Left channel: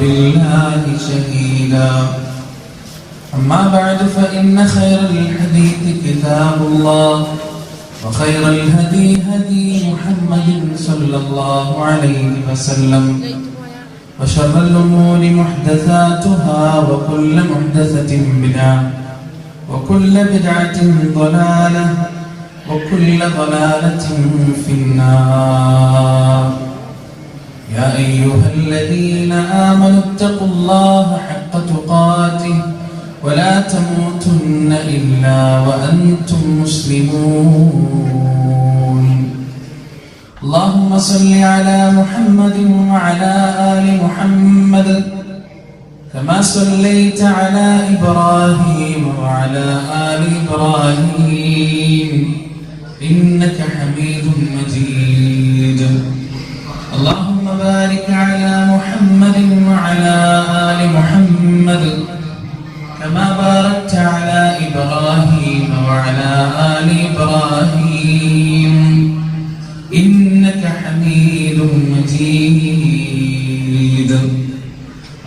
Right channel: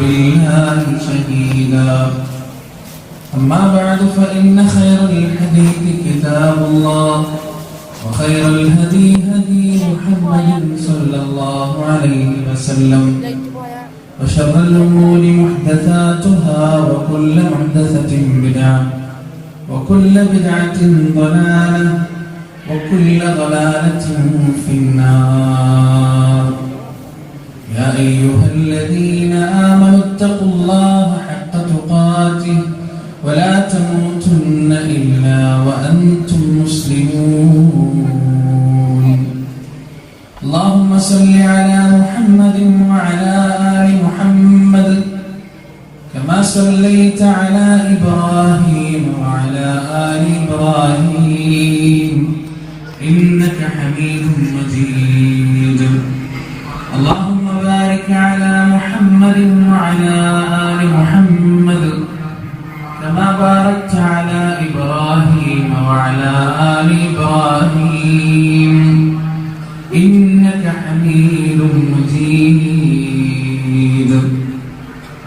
بالله شهيدا أما بعد فإن خير الحديث كتاب الله وخير الهدي هدي محمد صلى الله عليه وسلم وشر الأمور محدثاتها وكل محدثة بدعة وكل بدعة ضلالة وكل ضلالة في النار يا أيها الذين آمنوا اتقوا الله حق تقاته ولا تموتن إلا وأنتم مسلمون اللهم صل على محمد وعلى آل محمد كما صليت على إبراهيم وعلى آل إبراهيم إنك حميد مجيد اللهم بارك على محمد وعلى آل محمد كما باركت على إبراهيم وعلى آل إبراهيم إنك حميد مجيد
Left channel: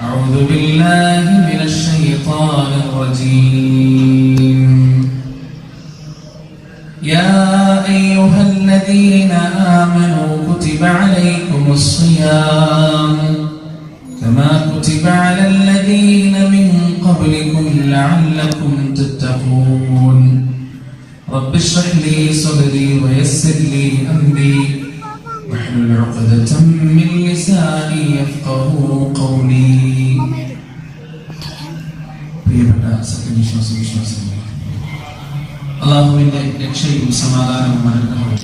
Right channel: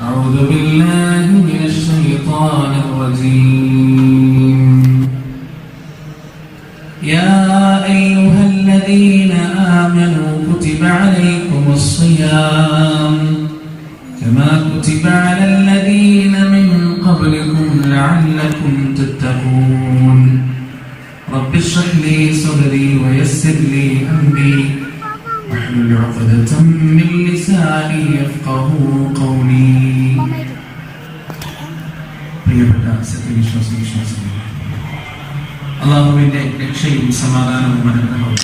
أعوذ بالله من الشيطان الرجيم يا أيها الذين آمنوا كتب عليكم الصيام كما كتب على الذين من قبلكم لعلكم تتقون رب اشرح لي صدري ويسر لي أمري واحلل عقدة من لساني يفقهوا قولي പ്രിയപ്പെട്ട സത്യവിശ്വാസികളെ അല്ലാഹുവിന്റെ രക്ഷയും സമാധാനവും അനുഗ്രഹവും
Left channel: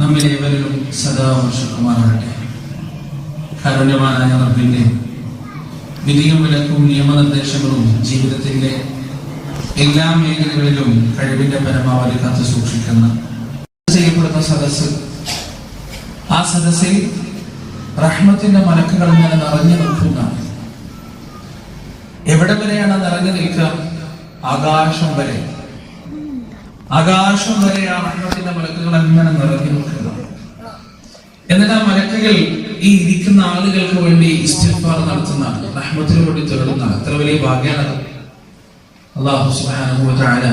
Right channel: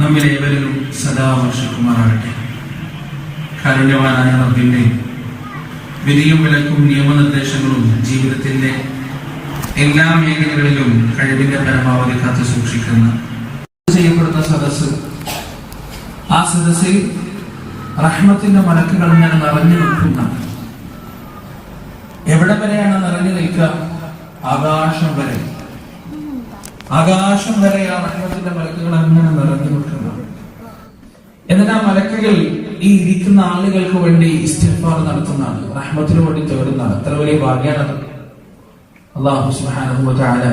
നമ്മിലെ ഏവരിലും സദാ വർഷിക്കുമാറാകട്ടെ. കാരുണ്യവാനായ റബ്ബിന്റെ വിധിയും വിലക്കും നിയമനിർദ്ദേശങ്ങളും ജീവിതത്തിന്റെ എല്ലാ മേഖലകളിലും കഴിവിന്റെ പരമാവധി കാത്തു സൂക്ഷിക്കുന്ന ചെയ്യപ്പെടുന്ന സദസ്സ്, ആ സദസ്സിൽ റഹ്മത്തിന്റെ മലക്കുകൾ ഇങ്ങനെ നിറഞ്ഞു നിൽക്കുന്ന, എവിടെ വരെയാണ് നിറഞ്ഞു നിൽക്കുക? ആകാശം വരെ. ആകാശം വരെ ആ റഹ്മത്തിന്റെ മലക്കുകൾ അങ്ങനെ നിറഞ്ഞു നിൽക്കുന്ന. എന്നിട്ട് ആ മലക്കുകൾ ഈ ഇരിക്കുന്ന ആളുകൾക്ക് വേണ്ടി ഇസ്തിഗ്ഫാർ നടത്തുന്നതാണ്, റഹ്മത്തിന് വേണ്ടി തേടുന്നതാണ്. എത്ര വലിയ ഭാഗ്യമാണ്. അല്ലാഹു സുബ്ഹാനഹു വ തആല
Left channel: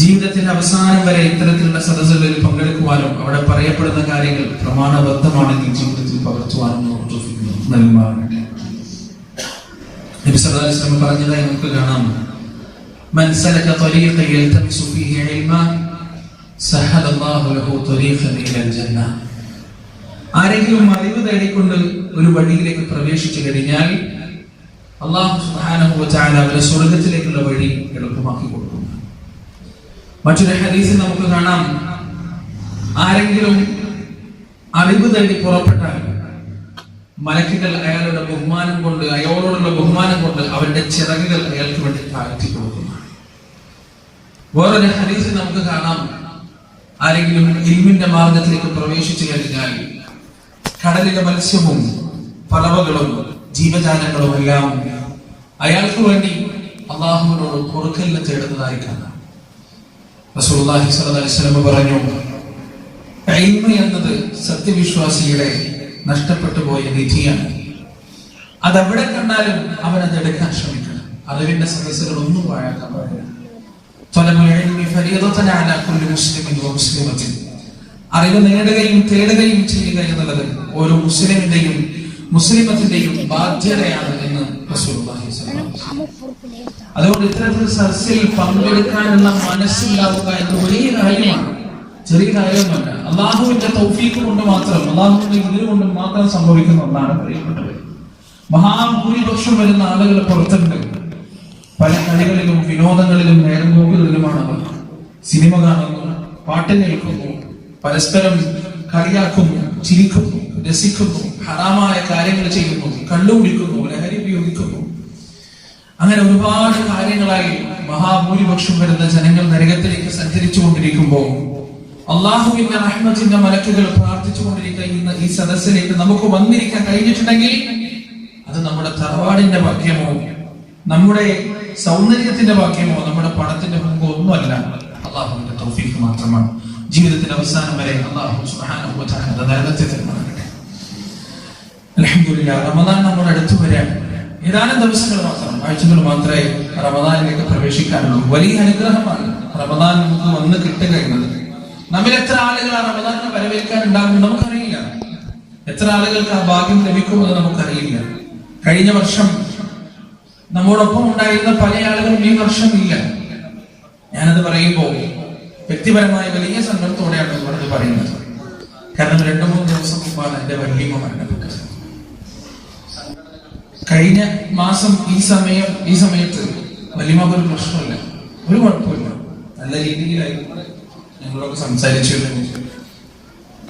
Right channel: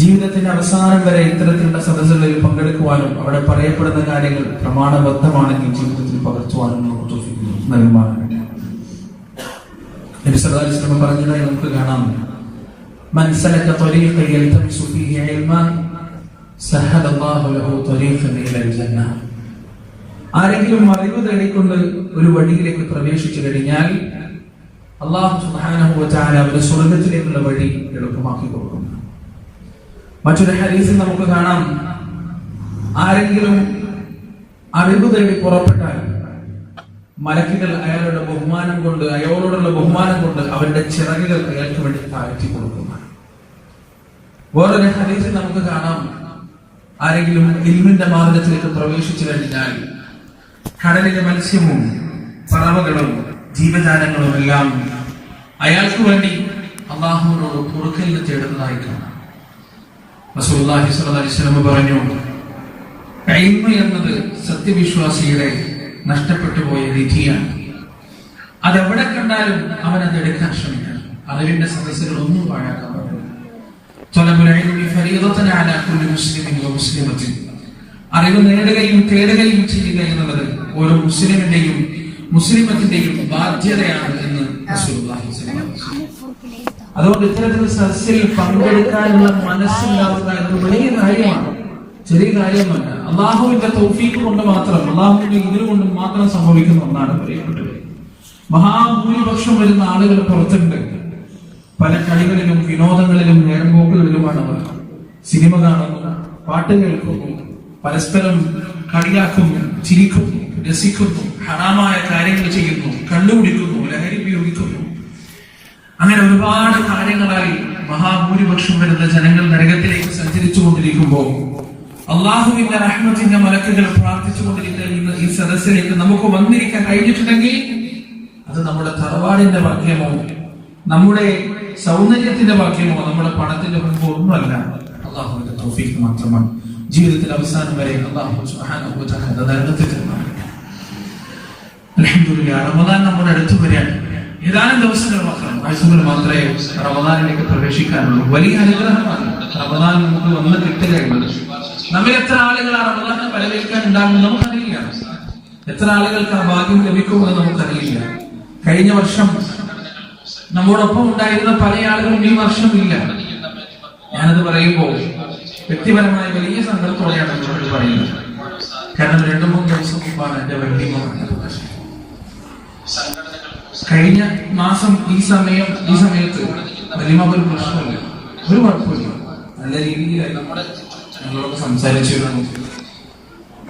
ജീവിതത്തിന്റെ അവസാനം വരെ ഇത്തരത്തിലുള്ള സദസ്സുകളിൽ പങ്കെടുക്കുവാനും അവിടെ പറയപ്പെടുന്ന കാര്യങ്ങൾ പ്രമാണബദ്ധമാണെങ്കിൽ ജീവിതത്തിൽ പകർത്തുവാനും നൽകുമാറാകട്ടെ. നബി സല്ലല്ലാഹു അലൈഹി വസല്ലം പറഞ്ഞതായി നമുക്ക് കാണാം, من سلك طريقا يلتمس فيه علما سهل الله له طريقا الى الجنه. ആരെങ്കിലും അറിവ് തേടിക്കൊണ്ട് ഒരു വഴിയിലേക്ക് പ്രവേശിച്ചു കഴിഞ്ഞാൽ അല്ലാഹു സുബ്ഹാനഹു വ തആല അവരുടെ സ്വർഗ്ഗത്തിലേക്കുള്ള വഴി എളുപ്പമാക്കി കൊടുക്കും. മറ്റൊരു ഹദീസിൽ നമുക്ക് കാണാം, ആരെങ്കിലും അറിവ് തേടി പുറപ്പെട്ടാൽ മലക്കുകൾ അയാളുടെ ബഹുമാനം കൊണ്ട്, അയാളോടുള്ള ബഹുമാനം കൊണ്ട് അവരുടെ ചിറകുകൾ അയാൾക്ക് വേണ്ടി താഴ്ത്തി കൊടുക്കുന്നു. വേറൊരു ഹദീസിൽ നമുക്ക് കാണാം, ആരെങ്കിലും ഇൽമിന്റെ മാർഗത്തിലേക്ക് പ്രവേശിച്ചു കഴിഞ്ഞാൽ കടലിലെ മത്സ്യവും പറവകളും ജീവജാലങ്ങളും എല്ലാം അയാൾക്ക് വേണ്ടി അല്ലാഹുവിനോട് പൊറുക്കലിന് തേടുന്നതായി കാണാം. റസൂലുള്ളാഹി സ്വല്ലല്ലാഹു അലൈഹി വസല്ലം പറഞ്ഞു, ഇൽമ് എന്നത് സത്യവിശ്വാസിയുടെ നഷ്ടപ്പെട്ടു പോയ നിധിയാണ്. അതെവിടെ കണ്ടാലും അവൻ അത് എടുക്കാൻ ശ്രമിക്കണം. അറിവിന്റെ സദസ്സുകൾ ഒന്നും വാഴാക്കാൻ പാടില്ല. അറിവ് നേടുകയും തേടുകയും ചെയ്യുക എന്നുള്ളത് ഓരോ മുസ്ലിമിന്റെയും മുസ്ലിമത്തിന്റെയും ബാധ്യതയാണ് എന്ന് റസൂലുള്ളാഹി സ്വല്ലല്ലാഹു അലൈഹി വസല്ലം. അതുകൊണ്ട് ഇത്തരത്തിലുള്ള സദസ്സിൽ പങ്കെടുക്കാനുള്ള മനസ്സുണ്ടാവുക എന്നത് വലിയ കാര്യമാണ്, ചെറിയ കാര്യമല്ല. അള്ളാഹുവിന്റെ തൗഫീഖ് കൊണ്ട് മാത്രം, അള്ളാഹുവിന്റെ ഇതിന് കൊണ്ട് മാത്രം സംഭവിക്കുന്ന ഒന്നാണ് പ്രിയപ്പെട്ടവർ. മഹാഭൂരിപക്ഷം വരുന്ന ആളുകൾ പുറത്തുണ്ട്. പല കളികളിലും വിനോദങ്ങളിലും നേർമ്പോക്കുകളിലുമാണ് അവർ. സിനിമ കാണുന്നു, പാട്ട് കേൾക്കുന്നു, പരസ്പരം കളിയാക്കുന്നു, ചിരിക്കുന്നു, രസിക്കുന്നു, ഹറാമായ കാര്യങ്ങൾ ചെയ്യുന്നു, കള്ളുകുടിക്കുന്നു, ലഹരി ഉപയോഗിക്കുന്നു. അങ്ങനെ ഒരുപാട് കാര്യങ്ങളായി മഹാഭൂരിപക്ഷം വരുന്ന ജനങ്ങൾ നരകത്തിലേക്ക് സഞ്ചരിച്ചു കൊണ്ടിരിക്കുമ്പോൾ അള്ളാഹുവിന്റെ റഹ്മത്തിന്റെ മലക്കുകൾ പ്രാർത്ഥിച്ചുകൊണ്ടിരിക്കുന്ന ഈ സദസ്സിലേക്ക് നമുക്ക് വന്നിരിക്കാൻ കഴിഞ്ഞിട്ടുണ്ടെങ്കിൽ അത് നമ്മുടെ തറവാടിന്റെ ഭാഗ്യമോ നമ്മുടെ സൗന്ദര്യത്തിന്റെ ഭാഗ്യമോ നമ്മുടെ പണത്തിന്റെ ഭാഗ്യമോ ഒന്നുമല്ല, അള്ളാഹുവിന്റെ തൗഫീഖ് മാത്രമാണ്. ജീവിതത്തിന്റെ അവസാനം വരെ അള്ളാഹു സുബ്ഹാനഹു വ തആല നരകത്തിൽ തരുമാറാകട്ടെ. അൽഹംദുലില്ലാഹ് റമദാൻ നമ്മുടെ അടുത്ത് വരാൻ ഏതാനും ദിവസങ്ങൾ മാത്രം, ആഴ്ചകൾ മാത്രമേ റമദാനിലേക്ക് പ്രവേശിക്കാനുള്ളൂ. വലിയ അനുഗ്രഹമാണ് റമദാൻ നമുക്ക് വന്ന് കിട്ടുക എന്നത്. നമ്മിൽ എത്ര ആളുകളാണ് റമദാനിനെ വരവേൽക്കാൻ ഉണ്ടാകുന്നത് നമുക്കറിയില്ല. എത്ര ആളുകൾക്ക് ആ ഭാഗ്യം ലഭിക്കുമെന്ന് നമുക്കറിയില്ല. കഴിഞ്ഞ വർഷം നമ്മോടൊപ്പം ഉണ്ടായിരുന്ന പല ആളുകളും ഈ വർഷം ഇല്ല. ഞാനത് പറയുമ്പോൾ വ്യക്തിപരമായ വലിയ സങ്കടത്തോടെയാണ് നിങ്ങളോട് പറയുന്നത്. കാരണം 2-3 ദിവസം മുമ്പാണ് എന്റെ വല്യമ്മ. കഴിഞ്ഞ മാസം ഈ സമയത്ത് വല്യമ്മക്ക് ഒരു പ്രശ്നമില്ല, ഒരു കുഴപ്പമില്ല, നല്ല രീതിയിലായിരുന്നു ഞങ്ങളൊക്കെ സംസാരിച്ചിരുന്നു.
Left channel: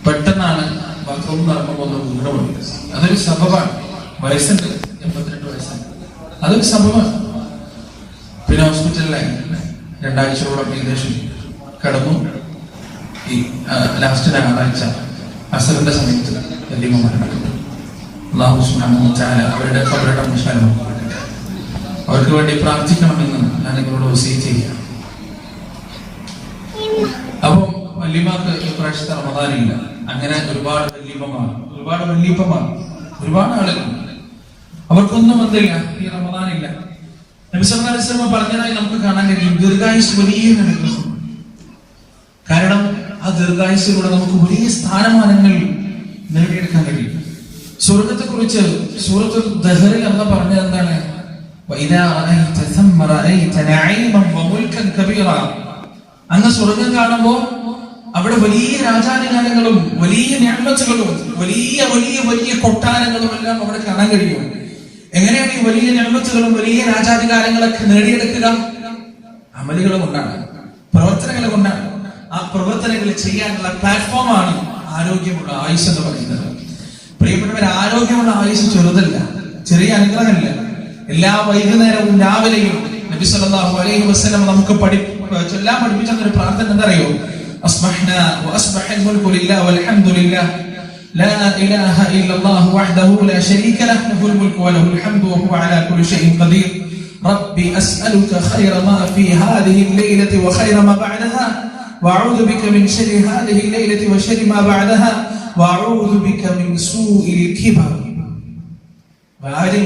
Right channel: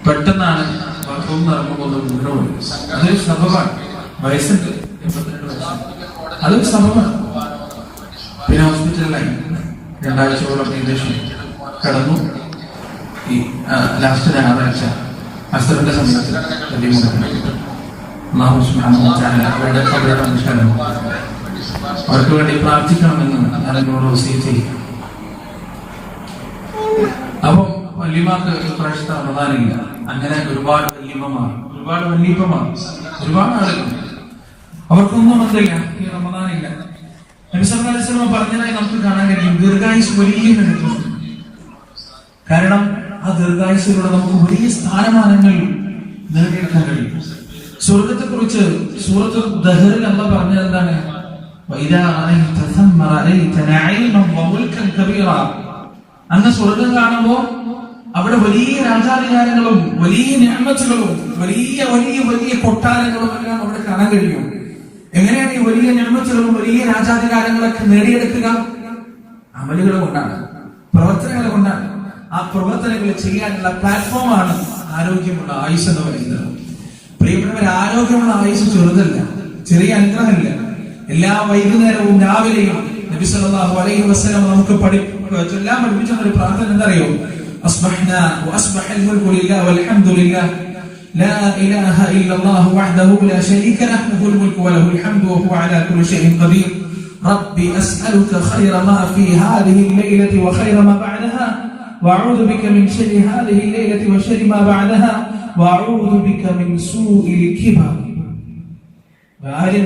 പെട്ടെന്നാണ് ബാത്റൂം നടക്കുമ്പോൾ വീണ്ടും അതൊരു സബബാണ്. വയസ്സുണ്ട്, 82 വയസ്സുണ്ട്, അതൊരു സബബാണ്. പിന്നെ ഹോസ്പിറ്റലിലായി 2 ആഴ്ചയോളം ഏകദേശം കടന്നു. ഈ ലാസ്റ്റ് ഞായറാഴ്ച അസറിന്റെ സമയത്ത് അല്ലാഹു സുബ്ഹാനഹു വ തആല അവരുടെ ഖബറുകൾ വിശാലമാക്കി അവർക്ക് വേണ്ടി പ്രാർത്ഥിക്കണമെന്ന് ഞാൻ നിങ്ങളോട് വസിയത്ത് ചെയ്യാം. അപ്പൊ വല്യമ്മക്ക് ഇപ്രാവശ്യത്തെ റമദാനില്ല. അങ്ങനെ ഒരുപാട് വല്യമ്മമാർ, ഒരുപാട് ആളുകൾ അവർക്കൊന്നും വന്നില്ല, ഈ റമദാനില്ല. നബി സല്ലല്ലാഹു അലൈഹി വസല്ലം പറഞ്ഞതായി നമുക്ക് കാണാൻ കഴിയും. ദീർഘായുസ് വലിയ നൽകുന്നു. കാരണം ആ ദീർഘായുസിലൂടെ നമുക്ക് വലിയ സ്ഥാനമാനങ്ങൾ നേടിയെടുക്കാൻ കഴിയും. സ്വർഗത്തെ കുറിച്ച് സൂറത്തുൽ ദഹറിൽ അല്ലാഹു പറഞ്ഞത് എന്താണ്? വഇദാ റഅയ്ത തമ്മ റഅയ്ത നഈമൻ വമുൽകൻ കബീറ. അങ്ങ് സ്വർഗം കാണുമ്പോൾ അവിടെ വലിയ രാജാധികാരങ്ങളും വലിയ നിഅമത്തുകളും വലിയ വലിയ വലിയ കൊട്ടാരങ്ങളും എല്ലാം അവിടെ കാണാൻ കഴിയും. എങ്ങനെയാണ് ഈ വലിയ നിഅമത്തുകളും വലിയ രാജാധികാരങ്ങളൊക്കെ നേടിയെടുക്കുക? അമലുകൾ കൊണ്ടാണ്, പ്രവർത്തനങ്ങൾ കൊണ്ടാണ്. ആ പ്രവർത്തനങ്ങൾ ചെയ്യാനുള്ള പ്ലാറ്റ്ഫോമാണ് ആരോഗ്യമുള്ള ആയുസ് എന്ന് പറയുന്നത്. പ്രിയപ്പെട്ടവർ, ആരോഗ്യമുള്ള ആയുസ് ചെറുതല്ല, ചെറിയ അനുഗ്രഹമല്ല. എല്ലാ വൈകുന്നേരവും രാവിലെയും നബി സല്ലല്ലാഹു അലൈഹി വസല്ലം നമുക്ക് ചൊല്ലാൻ പഠിപ്പിച്ച ഒരു പ്രാർത്ഥന എന്തറിയോ? അസ്ബഹ്നാ വഅസ്ബഹൽ മുൽകു ലില്ലാഹി വൽഹംദുലില്ലാഹ് ലാ ഇലാഹ ഇല്ലല്ലാഹു വഹ്ദഹു ലാ ശരീക ലഹു ലഹുൽ മുൽകു വലഹുൽ ഹംദു വഹുവ അലാ കുല്ലി ഷൈഇൻ ഖദീർ റബ്ബി അസ്അലുക ഖൈറ മാ ഫീ ഹാദിഹി അൽ-ലൈലതി വഖൈറ മാ ബഅദഹാ വഅഊദു ബിക മിൻ ശർരി ഹാദിഹി അൽ-ലൈലതി വശർരി മാ ബഅദഹാ വഅഊദു ബിക മിൻ സൂഇൽ കിബർ.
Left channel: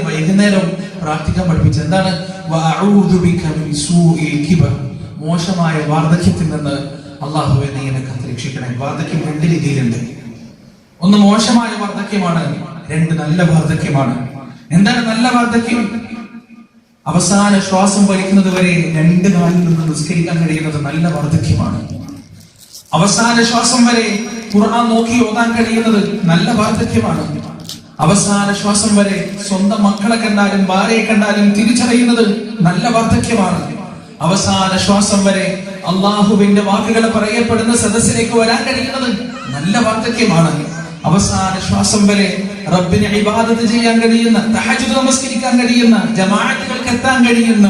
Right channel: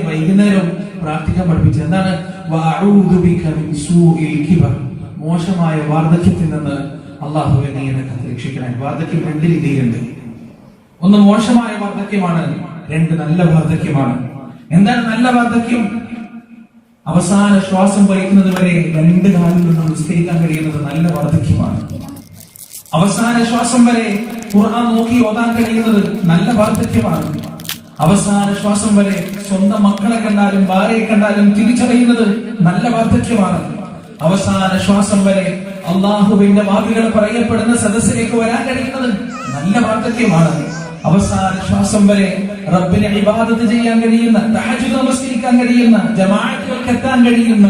വൈകുന്നേരം പ്രാർത്ഥിക്കാൻ പഠിപ്പിച്ച എന്താണ്? വഅഊദു ബിക മിൻ സൂഇൽ കിബർ. മോശമായ വാർദ്ധക്യത്തിൽ നിന്ന് അല്ലാഹുവേ നീ എന്നെ രക്ഷിക്കണേ. വാർദ്ധക്യം 2 രീതിയിലുണ്ട്. ഒന്ന് മോശമായ വാർദ്ധക്യമാണ്, 2 നല്ല വാർദ്ധക്യമാണ്. എന്താണ് നല്ല വാർദ്ധക്യം? അവസാന ശ്വാസം വലിക്കുന്നത് വരെ 2 കാലിൽ നിന്ന് നിസ്കരിക്കാൻ കഴിയുന്നത് നല്ല വാർദ്ധക്യമാണ്. അവസാന ശ്വാസം വരെ ഖുർആൻ നോക്കി ഓതാൻ കഴിയുന്നത് നല്ല വാർദ്ധക്യമാണ്. അവസാന ശ്വാസം വരെ സ്വന്തം മക്കളെ കണ്ടാലും ഭാര്യയെ കണ്ടാലും തിരിച്ചറിയുന്നത് നല്ല വാർദ്ധക്യമാണ്. അവസാന ശ്വാസം വരെ അള്ളാഹുവിന്റെ വാക്കുകൾ പറയപ്പെടുന്ന സദസ്സിലേക്ക് വരാൻ കഴിയുന്നത് നല്ല വാർദ്ധക്യമാണ്. അവസാന ശ്വാസം വരെ റബ്ബിനെ ഇബാദത്ത് ചെയ്യാൻ കഴിയുന്ന, തഹജ്ജുദ് നമസ്കരിക്കാൻ കഴിയുന്ന, ജമാഅത്തുകൾക്ക് എത്താൻ കഴിയുന്ന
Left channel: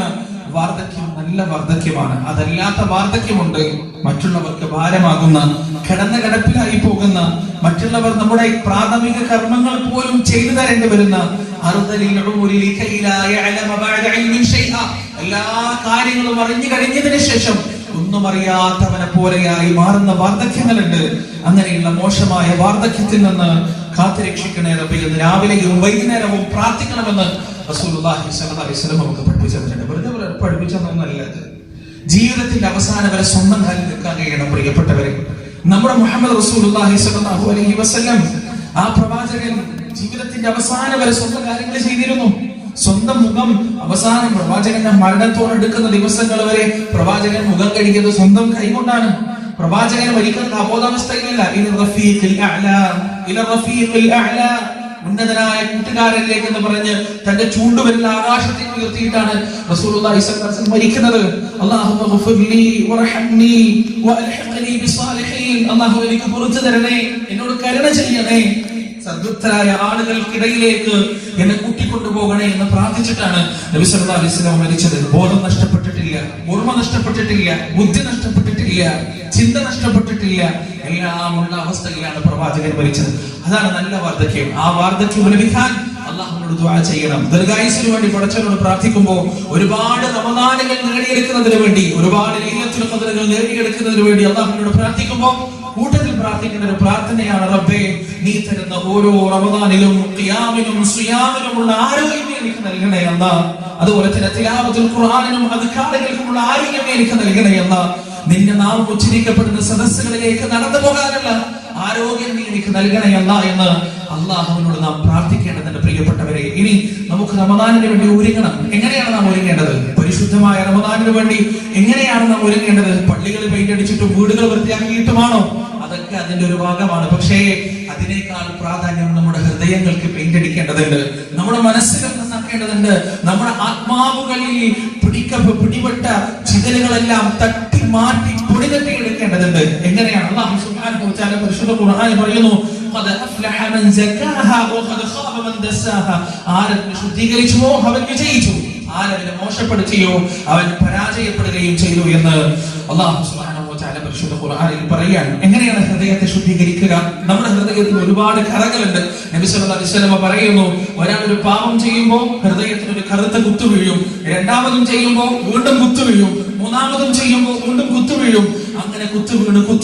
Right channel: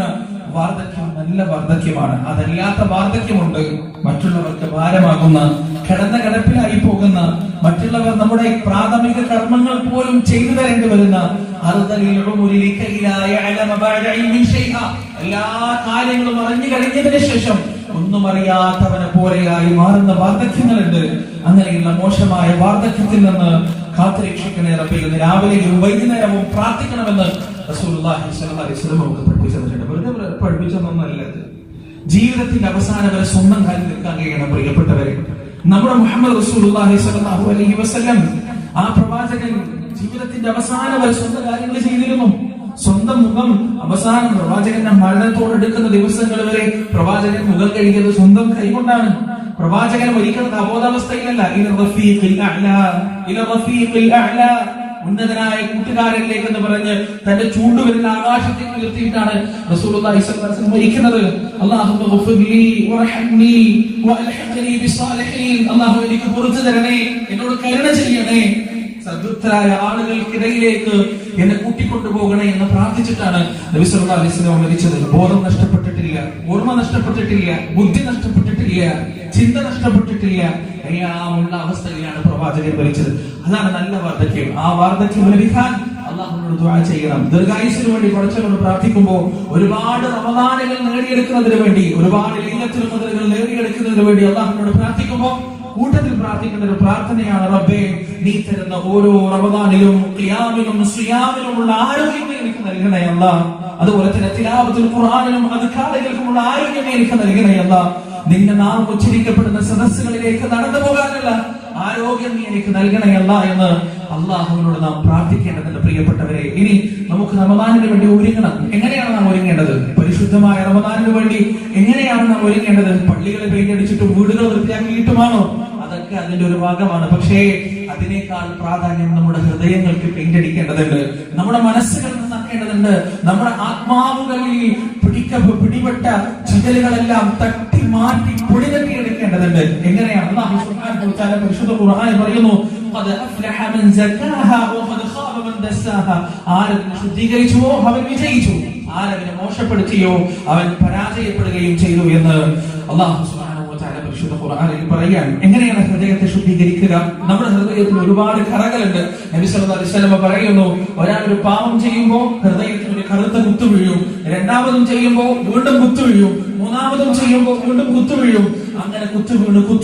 വാർദ്ധക്യം നല്ല വാർദ്ധക്യമാണ്. അതല്ലാത്ത വാർദ്ധക്യമുണ്ട്, മറ്റുള്ളവർക്ക് ഭാരമാകുന്ന, കിടപ്പിലായി പോകുന്ന, മറ്റുള്ളവർ നമ്മുടെ പ്രാഥമിക കർമ്മങ്ങൾ പോലും ചെയ്തു തരേണ്ടി വരുന്ന, എല്ലാ കാര്യങ്ങളും അറിഞ്ഞു കഴിഞ്ഞതിന് ശേഷം ഒന്നും അറിയാത്തവനെ പോലെയായി മാറുന്ന വാർദ്ധക്യങ്ങളുണ്ട്. അങ്ങനെയുള്ള മോശമായ വാർദ്ധക്യത്തിൽ നിന്ന് കാത്തുരക്ഷിക്കണേ റബ്ബേ എന്ന് രാവിലെയും വൈകുന്നേരവും പ്രാർത്ഥിക്കണമെന്ന് റസൂലുള്ളാഹി സ്വല്ലല്ലാഹു അലൈഹി വസല്ലം നമുക്ക് പഠിപ്പിച്ചു തന്നിട്ടുണ്ട്. വെറുതെ പഠിപ്പിച്ചതൊന്നുമല്ല ഇത്. ജീവിതത്തിന്റെ അവസാനം വരെ സ്വന്തം കാലിൽ നിൽക്കാൻ കഴിയണം. പ്രിയപ്പെട്ടവരെ, നമ്മുടെ മുഹമ്മദ് റസൂലുള്ളാഹി സ്വല്ലല്ലാഹു അലൈഹി വസല്ലം, ആ പ്രവാചകൻ ജീവിതത്തിന്റെ അവസാനം വരെ സ്വന്തം കാര്യങ്ങൾ ചെയ്തിരുന്നു. സ്വന്തം മുഖം അവസാനം പ്രവാചകന്റെ മരണത്തോടെടുക്കുന്ന ദിവസങ്ങൾ വരെ പ്രവാചകൻ മുഖം കഴുകിയത് സ്വന്തം കൈകൊണ്ടാണ്. പ്രവാചകൻ ഒരിക്കലും അബോധാവസ്ഥയിലല്ല, ഉന്നതനായ കൂട്ടുകാരനിലേക്ക് എന്ന് പറഞ്ഞ് തന്റെ ചൂണ്ടുവിരൽ ആകാശത്തേക്ക് ഉയർത്തിയിട്ടാണ് റസൂലുള്ളാഹി സ്വല്ലല്ലാഹു അലൈഹി വസല്ലം മരിക്കുന്നത്. അല്ലാഹുമ്മ ഗഫിർലി വർഹംനി വഅൽഹിഖ്നി ബിസ്സാലിഹീൻ. അല്ലാഹു എനിക്ക് പുറത്തു തരണേ, എന്നോട് കരുണ ചെയ്യണേ, സദ്വൃത്തരായ ആളുകൾക്കിടയിലേക്ക് എന്നെ കൂട്ടിക്കൊണ്ടുപോകണേ എന്ന് പ്രാർത്ഥിച്ചിട്ടാണ് നബി സല്ലല്ലാഹു അലൈഹി വസല്ലം മരിച്ചത്. ബോധം നഷ്ടപ്പെട്ടിട്ടില്ല, ഓർമ്മ നഷ്ടപ്പെട്ടിട്ടില്ല, ബുദ്ധി നഷ്ടപ്പെട്ടിട്ടില്ല, ചിന്ത നഷ്ടപ്പെട്ടിട്ടില്ല, എല്ലാം ഉള്ള അവസ്ഥയിലാണ് പ്രവാചകൻ മരിച്ചത്. അതാണ് നല്ല വാർദ്ധക്യം. ആ വാർദ്ധക്യം ലഭിക്കാൻ അല്ലാഹുവിനോട് ദുആ ചെയ്യണം. ദീർഘായുസ്സിന് വേണ്ടി പടച്ചവനോട് പ്രാർത്ഥിക്കുമ്പോൾ ഒരുപാട് റമദാനുകൾ നേടിയെടുക്കുന്നതിന് വേണ്ടി, ഒരുപാട് ലൈലത്തുൽ ഖദ്റുകൾ നേടിയെടുക്കുന്നതിന് വേണ്ടി അല്ലാഹുവിനോട് പ്രാർത്ഥിക്കുമ്പോൾ കൂട്ടത്തിൽ പ്രാർത്ഥിക്കുന്ന ഒരു പ്രാർത്ഥനയാണ്, റബ്ബേ നീ തരുന്ന ഓരോ റമദാനിലും ഖിയാമിലും സിയാമിലുമുള്ള ആരോഗ്യം എനിക്ക് നൽകണേ അല്ലാഹ്. അതുപോലെ തന്നെ തിലാവത്തുൽ ഖുർആനിലും അദ്കാറുകൾക്കുമുള്ള ആരോഗ്യം എനിക്ക് നൽകണേ അല്ലാഹ്. നിന്റെ നാമം ഉച്ചരിക്കപ്പെടുന്ന സദസ്സുകളിലേക്ക് നടന്നു പോകാനുള്ള ആരോഗ്യം നീ എനിക്ക് നൽകണേ അല്ലാഹ് എന്ന് അല്ലാഹുവിനോട് നാം പ്രാർത്ഥിക്കേണ്ടതുണ്ട്. പ്രിയപ്പെട്ടവരെ, ഇനി നമുക്ക് റമദാനിന് വേണ്ടി ഒരുങ്ങണം. എങ്ങനെയാണ് നാം ഒരുങ്ങേണ്ടത്? പരിശുദ്ധമായ റമദാനിന് വേണ്ടി എങ്ങനെയാണ് നാം ഒരുങ്ങേണ്ടത്? പള്ളികൾ പെയിന്റ് അടിച്ചിട്ടും വീടുകൾ വൃത്തിയാക്കിയിട്ടുമാണോ? അതൊക്കെ അതിന്റെ ഒരു ഭാഗമാണ്. പക്ഷേ അതിനേക്കാൾ പ്രാധാന്യം നമ്മുടെ ഹൃദയങ്ങൾക്ക് പെയിന്റ് അടിക്കേണ്ടതുണ്ട്, നമ്മുടെ മനസ്സുകൾ നന്നാക്കേണ്ടതുണ്ട്, നമ്മുടെ ആത്മാവുകളിൽ പിടിപെട്ട ചിതലുകളെല്ലാം തട്ടി മാറ്റി പൊടി തട്ടി എടുക്കേണ്ടതുണ്ട്. എങ്ങനെയാണ്? അല്ലാഹു സുബ്ഹാനഹു വ തആല പരിശുദ്ധ ഖുർആനിൽ പറയുന്നു, ഖദ് അഫ്ലഹ മൻ സക്കാഹാ വഖദ് ഖാബ മൻ ദസ്സാഹാ. ആരെങ്കിലും ശുദ്ധീകരിച്ചുവോ അവൻ വിജയിച്ചു, ആരെങ്കിലും മോശപ്പെടുത്തിയോ അവൻ പരാജയപ്പെടുകയും ചെയ്തു എന്ന് അല്ലാഹു സുബ്ഹാനഹു വ തആല പരിശുദ്ധ ഖുർആനിൽ പറയുകയാണ്. എങ്ങനെയാണ് ഹൃദയത്തെ ശുദ്ധീകരിക്കുക? നമ്മുടെ ഹൃദയത്തിൽ ഒരുപാട് കറകളുണ്ട്. നബി സല്ലല്ലാഹു അലൈഹി വസല്ലം പറയുന്നു, ഒരാൾ ഒരു പാപം ചെയ്യുമ്പോൾ ഹൃദയത്തിൽ ഒരു കറുത്ത കുത്തു വീഴും, രണ്ടാമതും ചെയ്യുമ്പോൾ വീണ്ടും കുത്തു വീഴും, മൂന്നാമതും ചെയ്യുമ്പോൾ വീണ്ടും കുത്തു വീഴും. അങ്ങനെ കുത്തു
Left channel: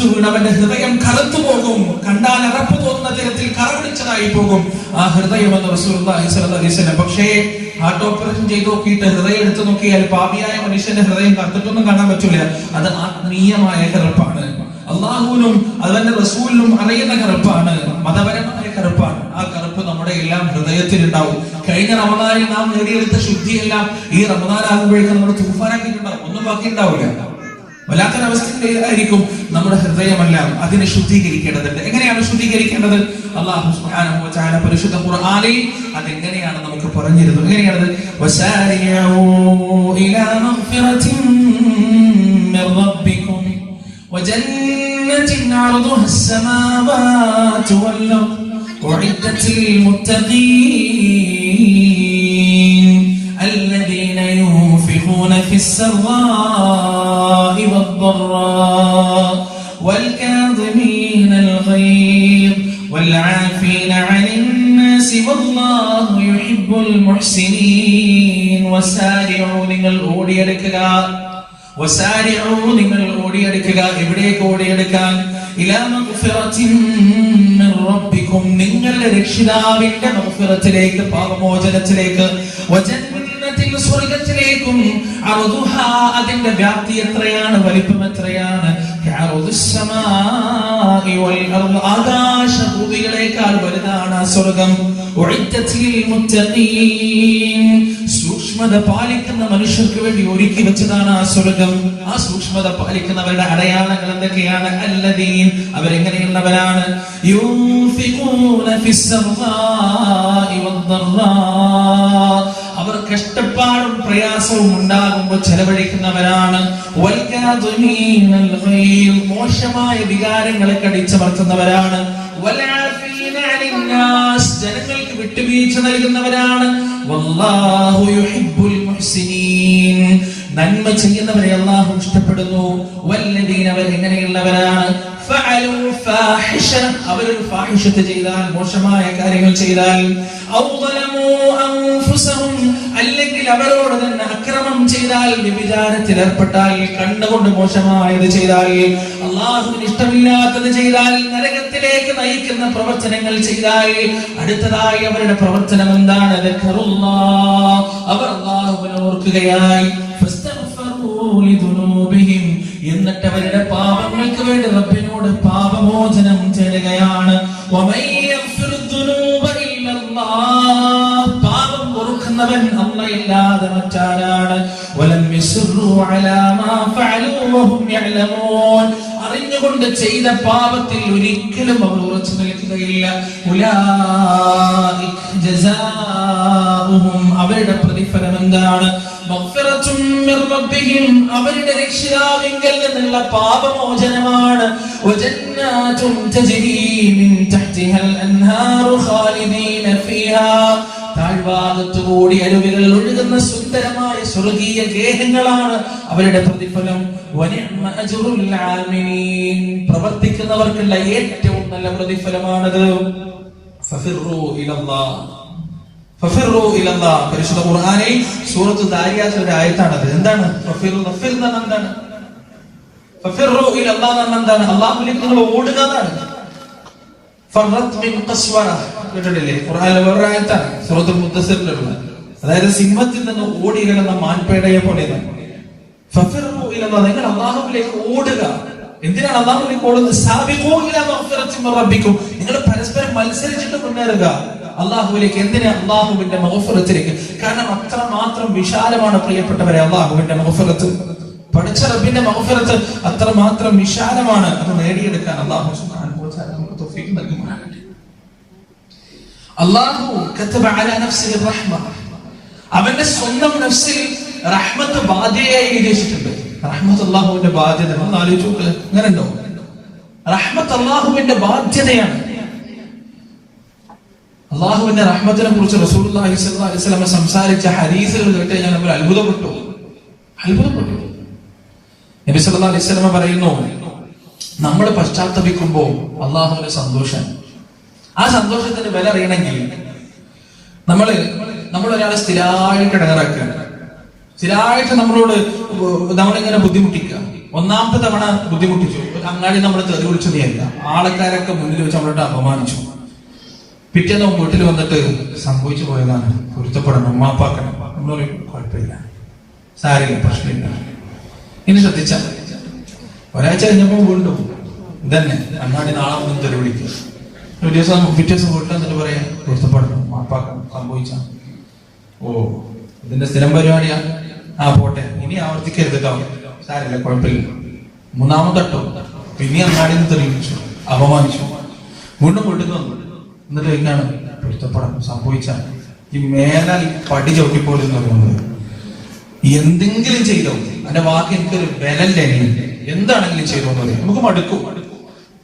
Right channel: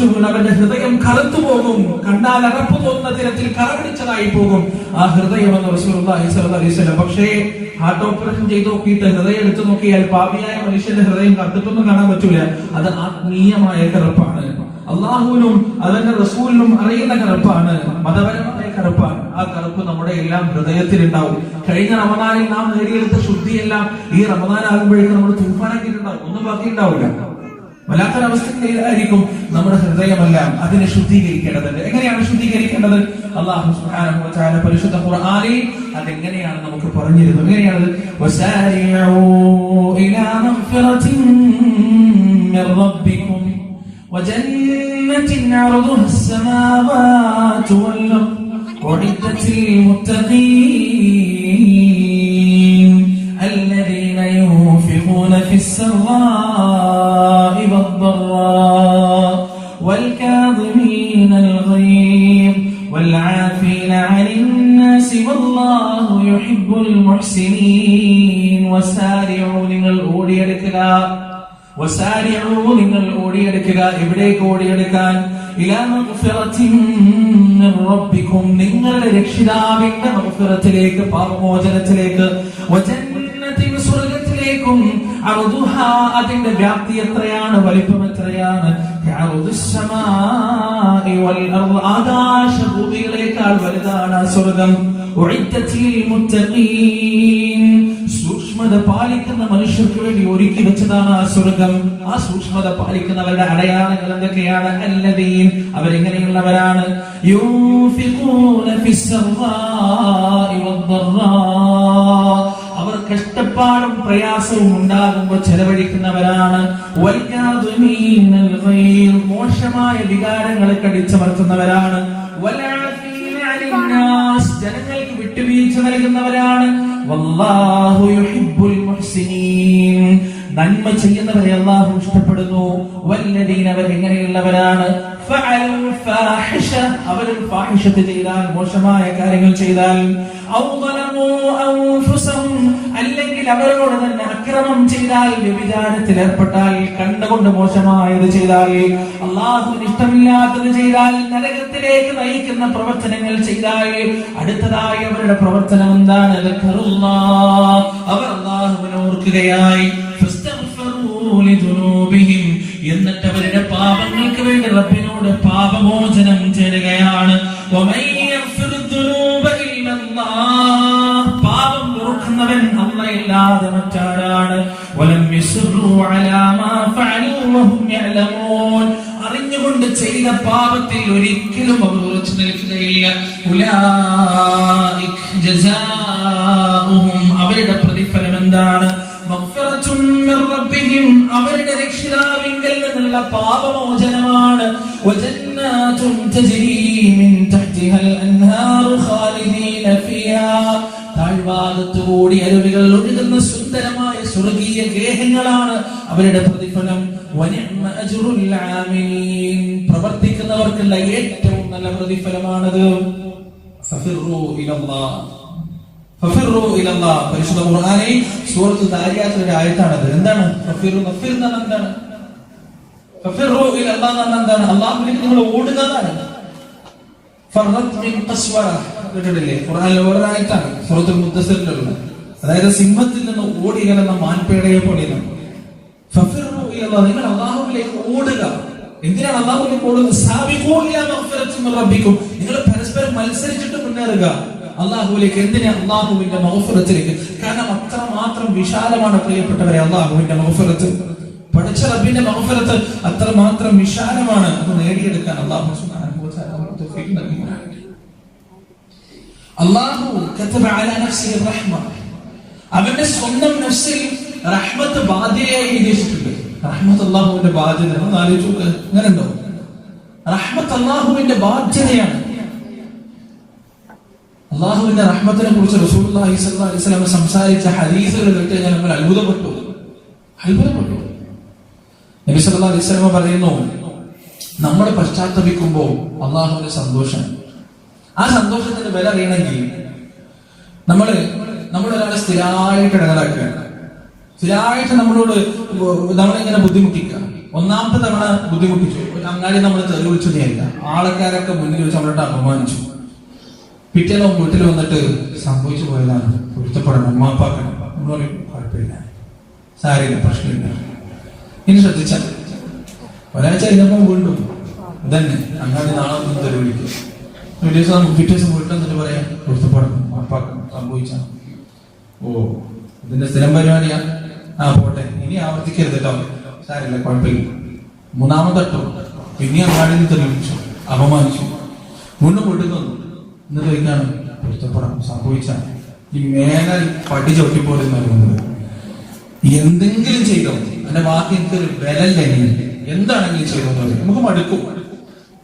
വീണ് അവന്റെ ഹൃദയം കറുത്തു പോകും, കണ്ടാൽ അറപ്പ് തോന്നുന്ന തരത്തിൽ കറപിടിച്ചതായി പോകും ആ ഹൃദയം എന്ന് റസൂലുള്ളാഹി സ്വല്ലല്ലാഹു അലൈഹി വസല്ലം. പക്ഷേ ഹാർട്ട് ഓപ്പറേഷൻ ചെയ്ത് നോക്കിയിട്ട് ഹൃദയം എടുത്തു നോക്കിയാൽ പാപിയായ മനുഷ്യന്റെ ഹൃദയം കറുത്തിട്ടൊന്നും കാണാൻ പറ്റൂല. അത് ആത്മീയമായ കറുപ്പാണ്, അള്ളാഹുവിനും അതിന്റെ റസൂലിനും അറിയുന്ന കറുപ്പാണ്, മതപരമായ കറുപ്പാണ്. ആ കറുപ്പ് നമ്മുടെ എല്ലാം ഹൃദയത്തിലുണ്ടാവും. കഴിഞ്ഞ റമദാനിൽ നാം നേടിയെടുത്ത ശുദ്ധിയെല്ലാം ഈ റമദാൻ ആകുമ്പോഴേക്കും നമ്മൾ തൂഫാനാക്കിയിട്ടുണ്ടാവും, ഒന്നും ബാക്കി ഉണ്ടാവില്ല. വല്ലാത്തൊരവസ്ഥയിലായിരിക്കും നമ്മുടെ ഹൃദയമെല്ലാം. അതിനെ ശുദ്ധീകരിക്കേണ്ടതുണ്ട്. എങ്ങനെയാണ് ശുദ്ധീകരിക്കേണ്ടത്? അല്ലാഹു സുബ്ഹാനഹു വ തആല പരിശുദ്ധ ഖുർആനിൽ അതെങ്ങനെയാണ് നമുക്ക് പറഞ്ഞിരുന്നു. എങ്ങനെയാണ്? വസാരിഊ ഇലാ മഗ്ഫിറത്തിൻ മിർ റബ്ബികും വജന്നത്തിൻ അർദുഹാ അസ്സമാവാതു വൽ അർദ് ഉഇദ്ദത്തിൽ മുത്തഖീൻ الذين ينفقون في السراء والضراء والكاظمين الغيظ والعافين عن الناس والله يحب المحسنين. وسارعوا നിങ്ങൾ ഓടിയെടുക്കുക, വസാരിഊ നിങ്ങൾ ഓടിയെടുക്കുക. എവിടേക്ക് ഓടിയെടുക്കാൻ? ഇലാ മഗ്ഫിറത്തിൻ മിർ റബ്ബികും നിങ്ങളുടെ രക്ഷിതാവിന്റെ മഗ്ഫിറത്തിലേക്ക്, പാപമോചനത്തിലേക്ക്, വജന്നത്തിൻ സ്വർഗ്ഗത്തിലേക്കും, അർദുഹാ അതിന്റെ വ്യാപ്തി എത്രയാണ്, വലിപ്പം എത്രയാണ്, കഅർദിസ് സമാഇ വൽ അർദ് ആകാശഭൂമികളേക്കാൾ വലുതാണ് ആ സ്വർഗ്ഗം. ഉഇദ്ദത്തിൽ മുത്തഖീൻ സൂക്ഷ്മത പാലിക്കുന്ന മനുഷ്യർക്ക് വേണ്ടി ഒരുക്കി വെച്ചതാണ് ആ സ്വർഗ്ഗം. ആ സൂക്ഷ്മത പാലിക്കുന്നവരുടെ അടയാളങ്ങൾ എന്തൊക്കെയാണ്? അല്ലദീൻ അവരെങ്ങനെയുള്ളവരാണ്? യൂൻഫിഖൂന ഫിസ്സറാഇ വദ്ദറാ അവർ കഷ്ടപ്പാടും പ്രയാസവും ഉണ്ടാകുമ്പോൾ ചെലവഴിക്കുന്നവരാണ്. വൽകാദിമീനൽ ഗൈദ് മോശമായ വികാരങ്ങളെ കടിച്ചമർത്തുന്നവരാണ്. വൽആഫീന അനിന്നാസ് ജനങ്ങൾക്ക് വിട്ടുവീഴ്ച നൽകുന്നവരാണ്. വല്ലാഹു യുഹിബ്ബുൽ മുഹ്സിനീൻ നന്മ ചെയ്യുന്നവരെ അല്ലാഹു ഇഷ്ടപ്പെടുന്നു. വല്ലദീന അവർ എങ്ങനെയുള്ളവരാണ്? ഫഅലു ഫാഹിഷ അവരൊരു ഫാഹിഷത്ത് ചെയ്താൽ, മോശമായ കാര്യങ്ങൾ ചെയ്താൽ, ഔ ളലമു അൻഫുസഹും അല്ലെങ്കിൽ അവരോട് തന്നെ അക്രമം ചെയ്താൽ, വ്യഭിചാരത്തിൽ ഏർപ്പെട്ടാൽ, കണ്ണുകൊണ്ട് മോശമായത് ചെയ്താൽ, അല്ലാഹുവിന് ഇഷ്ടമില്ലാത്തത് ചെയ്താൽ, നരകത്തിലേക്ക് നയിക്കുന്ന പ്രവർത്തനങ്ങൾ ചെയ്താൽ, അടുത്തതായി അവരുടെ പ്രവർത്തനം എന്താണ്? അവർ അല്ലാഹുവിനെ ഓർക്കുകയായി, എന്നിട്ട് അവരുടെ പാപങ്ങൾക്ക് വേണ്ടി റബ്ബിനോട് പാപമോചനം തേടുകയാണ്. പാപം പൊറുക്കുന്നവൻ അല്ലാഹുവല്ലാതെ മറ്റാരാണ്? അറിഞ്ഞുകൊണ്ട് ചെയ്ത പാപത്തിൽ ഒരിക്കലും അവർ ഉറച്ചു നിൽക്കുകയില്ല. അവരുടെ പ്രതിഫലം എന്താണ്? അവരുടെ രക്ഷിതാവിങ്കൽ നിന്നുള്ള പാപമോചനമാണ്. താഴ്ഭാഗത്തുകൂടി അരുവികൾ ഒഴുകുന്ന സുന്ദരമായ സ്വർഗീയ ഗേഹങ്ങളാണ് അവരുടെ പ്രതിഫലം. പ്രവർത്തിക്കുന്നവർക്കുള്ള ഏറ്റവും നല്ല പ്രതിഫലമാണത്. പരിശുദ്ധ ഖുർആനിൽ സൂറത്ത് ദാരിയാത്തിന്റെ ആയത്താണത്. എന്താണ് എന്താണ്? അള്ളാഹുവിലേക്ക് നിങ്ങൾ ഓടുക. അതായത് സിംഹത്തിൽ നിന്ന് ഓടി കിടന്ന മാൻപേടയെ പോലെ നിങ്ങൾ അല്ലാഹുവിലേക്ക് ഓടുക. എന്തിനാണ് അല്ലാഹുവിലേക്ക് ഓടുന്നത്? നിങ്ങൾ പരസ്പരം മത്സരിച്ചിട്ട് മുന്നേറുക അല്ലാഹുവിലേക്ക്. എന്തിനാ? അല്ലാഹുവിന്റെ മഗ്ഫിറത്തിലേക്ക്. കാരണം അത്രമാത്രം വിശാലമാണ് പ്രിയപ്പെട്ടവരെ അല്ലാഹുവിന്റെ മഗ്ഫിറത്ത്. പഠിച്ച റബ്ബിന്റെ മഗ്ഫിറത്ത് അത്രമാത്രം വിശാലമാണ്. അത് നേടിയെടുക്കാൻ അല്ലാഹു സുബ്ഹാനഹു വ തആല നമുക്ക് തൗഫീഖ് നൽകുമാറാകട്ടെ. അല്ലാഹു കതബ അലാ നഫ്സിഹി റഹ്മ, അവന്റെ സ്വന്തം നഫ്സിൽ റഹ്മത്ത് ബാധ്യതയായി എഴുതിയിട്ടുണ്ട്. റഹ്മത്ത് അല്ലാഹുവിന്റെ ബാധ്യത ഒന്ന് ആലോചിച്ചു നോക്ക്. അങ്ങനെ ഉണ്ടോ? റഹ്മത്ത് അല്ലാഹുവിന്റെ ബാധ്യതയാണ്. അല്ലാഹുവിന്റെ റഹ്മത്തിനെ കുറിച്ച് റസൂലുള്ളാഹി സ്വല്ലല്ലാഹു അലൈഹി വസല്ലം സംസാരിച്ച ഹദീസുകൾ കേട്ട് ഞാൻ നമ്മൾ അത്ഭുതപ്പെട്ടു. നബി സല്ലല്ലാഹു അലൈഹി വസല്ലം പറയുന്നു, നമ്മൾ പശ്ചാത്തപിക്കുമ്പോൾ അല്ലാഹുവിന്റെ സന്തോഷം, ആ സന്തോഷത്തിന്റെ വില അറിയണമെങ്കിൽ നമ്മളൊരാളെ സ്ഥിരമായിട്ട് ഇടങ്ങാറാക്കുകയാണ്, സ്ഥിരമായിട്ട് നമ്മളിങ്ങനെ ബുദ്ധിമുട്ടിക്കുക. ഒന്നാമത്തെ തവണ ബുദ്ധിമുട്ടിച്ചു, ഒരു അങ്ങാടി നമ്മൾ തെറി വിളിച്ചു നേരില്ല, ആൾക്കാരൊക്കെ മുന്നിൽ വെച്ച് നമ്മളോട് അപമാനിച്ചു. പിറ്റേന്ന് വീട്ടിൽ വന്നിട്ട് സംഭവിച്ചു പോയതാണ്, പൊരുത്തപ്പെടണം, ഉമ്മാപ്പാക്കണം എന്ന് പറയും. കുഴപ്പമില്ല, സാരില്ല, പ്രശ്നമില്ല. ഇനി ശ്രദ്ധിച്ചാൽ ഒരാഴ്ച കഴിഞ്ഞപ്പോൾ വീണ്ടും ഇതന്നെ അങ്ങാടി നാളെ മുന്നിൽ തെറി വിളിക്കും. പിറ്റേ ദിവസം വീട്ടിൽ വന്നിട്ട് പറയാം, പൊരുത്തപ്പെടണം, ഉമ്മാപ്പാക്കണം, സംഭവിച്ചാൽ. ഓ, ഇതിന്റെ സ്ഥിരം പരിപാടിയാ, ആ പോട്ടെ, ഇനി ആവർത്തിക്കരുത്, സാരില്ല, കുഴപ്പമില്ല. മൂന്നാമത്തട്ടോ പിന്നെ അങ്ങാടിയിൽ തെളിയിച്ചു, അപമാനിച്ചു, വീണ്ടും വീട്ടിൽ വന്നു. എന്നിട്ട് ചോദിക്കാണ്, പൊരുത്തപ്പെടാൻ സംഭവിച്ചാൽ ഈ മേലാൽ പടി ചവിട്ടിപ്പോലെ പോകുന്നത്, എന്തെങ്കിലും ചെയ്തോ എന്റെ വാക്ക് എനിക്കൊരു വിലല്ലേ, എന്താണെങ്കിലും ചെയ്തോ നമുക്ക് മടുക്കും.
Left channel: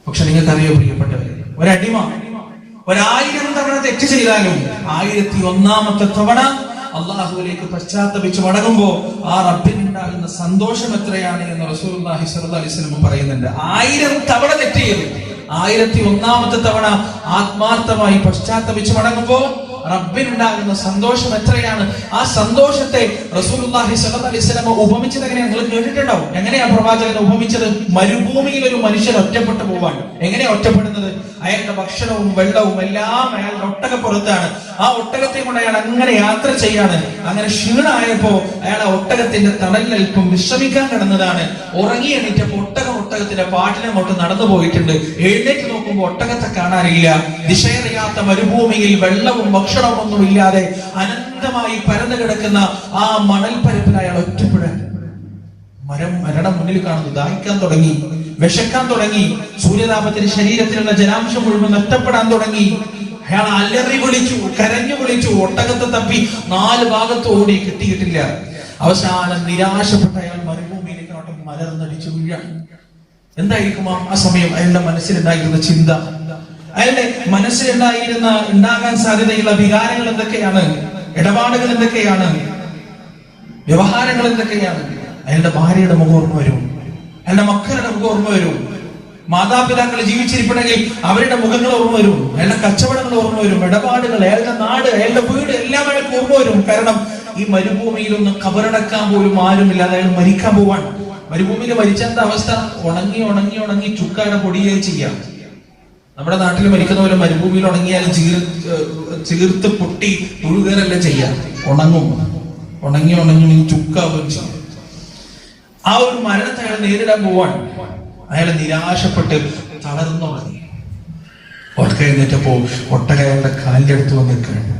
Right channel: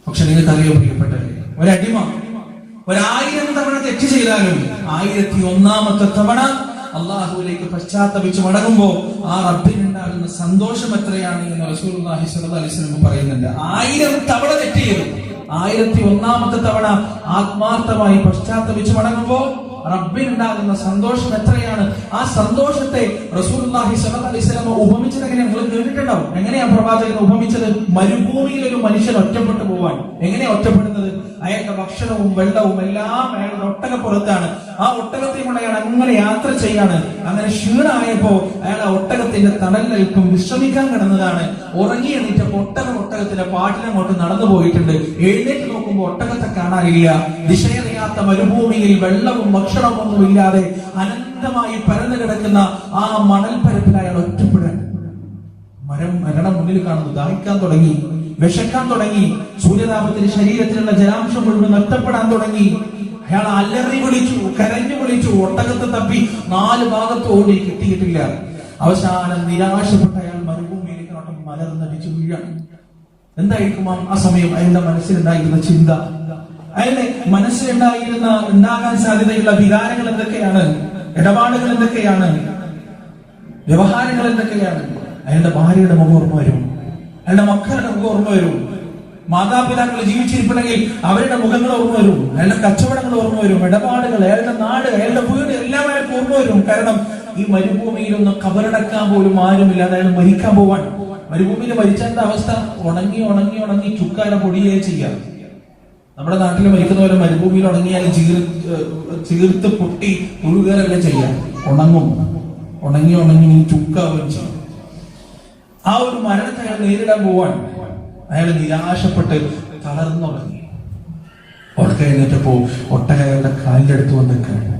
പക്ഷെ നിങ്ങൾക്കറിയോ പ്രിയപ്പെട്ടവരെ, ഒരടിമ 1000 തവണ തെറ്റ് ചെയ്താലും 1001ാമത്തെ തവണ അള്ളാഹുവിലേക്ക് പശ്ചാത്തപിച്ച് മടങ്ങുമ്പോ ആ റബ്ബിനുണ്ടാകുന്ന സന്തോഷം എത്രയാണ് എന്ന് റസൂലുള്ളാഹി സ്വല്ലല്ലാഹു അലൈഹി വസല്ലം പറയുന്നുണ്ട്. 1000 തവണ തെറ്റ് ചെയ്തു, 1001ാമത്തെ തവണ ആത്മാർത്ഥമായി പശ്ചാത്തപിച്ച് മടങ്ങുമ്പോ റബ്ബിനുണ്ടാകുന്ന സന്തോഷം എത്രയാണ്. ആ സന്തോഷത്തെ റസൂലുള്ളാഹി സ്വല്ലല്ലാഹു അലൈഹി വസല്ലം ഉപമിച്ചത് എങ്ങനെയാ നിങ്ങൾ കേട്ടിട്ടുണ്ടോ? എങ്ങനെയാ പ്രവാചകൻ ഉപമിച്ചത്? മരുഭൂമിയിൽ ഒരു മനുഷ്യൻ ഒറ്റപ്പെട്ടു പോവാൻ. എങ്ങനെയാ ഒറ്റപ്പെടുന്നത്? അയാളുടെ ഭക്ഷണവും വെള്ളവും എല്ലാം അയാളുടെ ഒട്ടകപ്പുറത്താണ്. ആ ഒട്ടകത്തെ കൊണ്ട് അയാൾ അങ്ങനെ യാത്ര ചെയ്യാണ്. അങ്ങനെ ക്ഷീണമായപ്പോ അയാൾ ആ ഒട്ടകത്തിന്റെ തണലിൽപ്പം വിശ്രമിക്കാൻ കിടന്നതാണ്. ഉറങ്ങി എണീറ്റപ്പോ ഒട്ടകത്തിന്റെ പാട്ടിനങ്ങോട്ട് നടന്നു പോയിട്ടുണ്ട്. എഴുന്നേറ്റ് നോക്കുമ്പോൾ ഒട്ടകത്തെ കാണാനില്ല. ദിശയറിയാത്ത മരുഭൂമിയിൽ വെള്ളവും ഭക്ഷണവും ഒന്നും ഇല്ലാതെ അനന്തമായി പരന്നു കിടക്കുന്ന ആ മണൽപ്പരപ്പിൽ അയാൾ ഒറ്റപ്പെടാൻ. മരണം മുന്നിൽ കാണുന്നു. ദാഹിക്കാൻ തുടങ്ങി, വിശക്കാൻ തുടങ്ങി, സൂര്യതാപത്തിന് ശരീരത്തിലുള്ള ജലാംശം മുഴുവൻ നഷ്ടപ്പെടാൻ തുടങ്ങി. അയാൾ അലറി വിളിച്ചു, കരഞ്ഞു വിളിച്ചു, ഒട്ടകത്തെ തപ്പി 4 ഭാഗത്ത് ഓടി, കിട്ടിയിട്ടില്ല. അവസാനം നിരാശപ്പെട്ട അയാൾ മരുഭൂമിയിലേക്ക് മലർന്നടിച്ചു വീഴാൻ. എന്തായിരിക്കും ആ സമയം അയാളുടെ മനസ്സിലുണ്ടായിരുന്ന ചിന്ത? അയാളുടെ ഉണ്ടാകാൻ സാധ്യതയുള്ള വികാരങ്ങൾ എന്തൊക്കെയാണ്? ഇടപാടുകൾ എന്തൊക്കെയാണ്? വ്യവഹാരങ്ങൾ എന്തൊക്കെയാണ്? അയാളുടെ ഭാര്യയുടെ മുഖം ഓർമ്മ വരും, അയാളുടെ മക്കളുടെ മുഖം ഓർമ്മ വരും, മാതാപിതാക്കൾ ജീവിച്ചിരിപ്പണമെങ്കിൽ അവരുടെ മുഖങ്ങൾ ഓർമ്മ വരും, അയാളുടെ കച്ചവടങ്ങൾ ഓർമ്മ വരും, ഇടപാടുകൾ, അയാളുടെ നാട്, അയാളുടെ വീട് എല്ലാം അയാൾക്ക് ഓർമ്മ വരും. കാരണം ഈ മരുഭൂമിയിലൊന്നും കബറടക്കാൻ പോലും ആരുമില്ലാതെ അയാൾ മരിക്കാൻ പോവാൻ. മരുഭൂമിയിൽ മരിച്ചെന്ത അവസ്ഥ? ഉണങ്ങി ഉണങ്ങി ഉണങ്ങി ചുക്കാടെ പൊടിയേ ചെയ്യാം. നമ്മുടെ നാട്ടിൽ മരിക്കുന്ന പോലെ മരുഭൂമിയിൽ ഉണങ്ങിയാൽ ചീർത്ത് പൊട്ടി മുഴുകരല്ല ചെയ്യാം. ഉണങ്ങും, ഉണങ്ങി ഉണങ്ങി ചുക്കാവുകയും ചെയ്യും. ആ ഒരു മരണത്തെ അയാൾ നേരിടാൻ പോവാൻ. അയാൾ നിരാശപ്പെട്ട് തളർന്നുറങ്ങി. ഒട്ടക എഴുന്നേറ്റപ്പോ ഒട്ടക അയാളുടെ കാലിന്റെ അടുത്ത് വന്നിരിക്കുകയാണ്.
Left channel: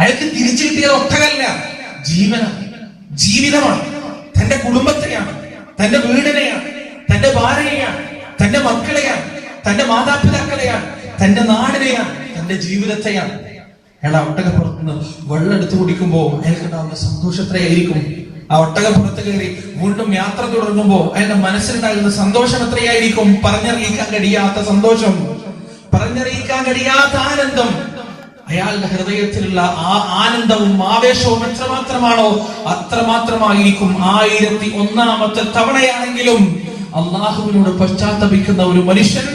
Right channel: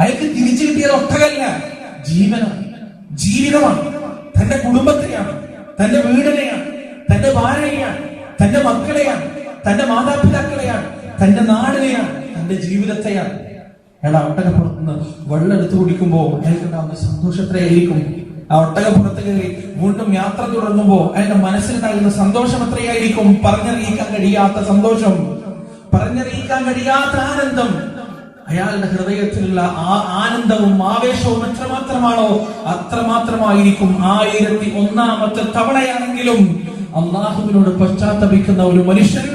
അയാൾക്ക് തിരിച്ചു കിട്ടിയ ഒട്ടകല്ല, ജീവിതമാണ്. തന്റെ കുടുംബത്തെയാണ്, തന്റെ വീടിനെയാണ്, തന്റെ ഭാര്യയെയാണ്, തന്റെ മക്കളെയാണ്, തന്റെ മാതാപിതാക്കളെയാണ്, തന്റെ നാടിനെയാണ്, തന്റെ ജീവിതത്തെയാണ്. അയാൾ ആ ഒട്ടകപ്പുറത്തുനിന്ന് വെള്ളം എടുത്തു കുടിക്കുമ്പോ അയാൾക്കുണ്ടാവുന്ന സന്തോഷത്രയായിരിക്കും. ആ ഒട്ടകപ്പുറത്ത് കയറി വീണ്ടും യാത്ര തുടങ്ങുമ്പോ അയാളുടെ മനസ്സിലുണ്ടാകുന്ന സന്തോഷം എത്രയായിരിക്കും? പറഞ്ഞറിയിക്കാൻ കഴിയാത്ത സന്തോഷം, പറഞ്ഞറിയിക്കാൻ കഴിയാത്ത ആനന്ദം. അയാളുടെ ഹൃദയത്തിലുള്ള ആ ആനന്ദവും ആവേശവും എത്രമാത്രമാണോ അത്രമാത്രമായിരിക്കും 1001ാമത്തെ തവണയാണെങ്കിലും അള്ളാഹുവിനോട് പശ്ചാത്തപിക്കുന്ന ഒരു മനുഷ്യൻ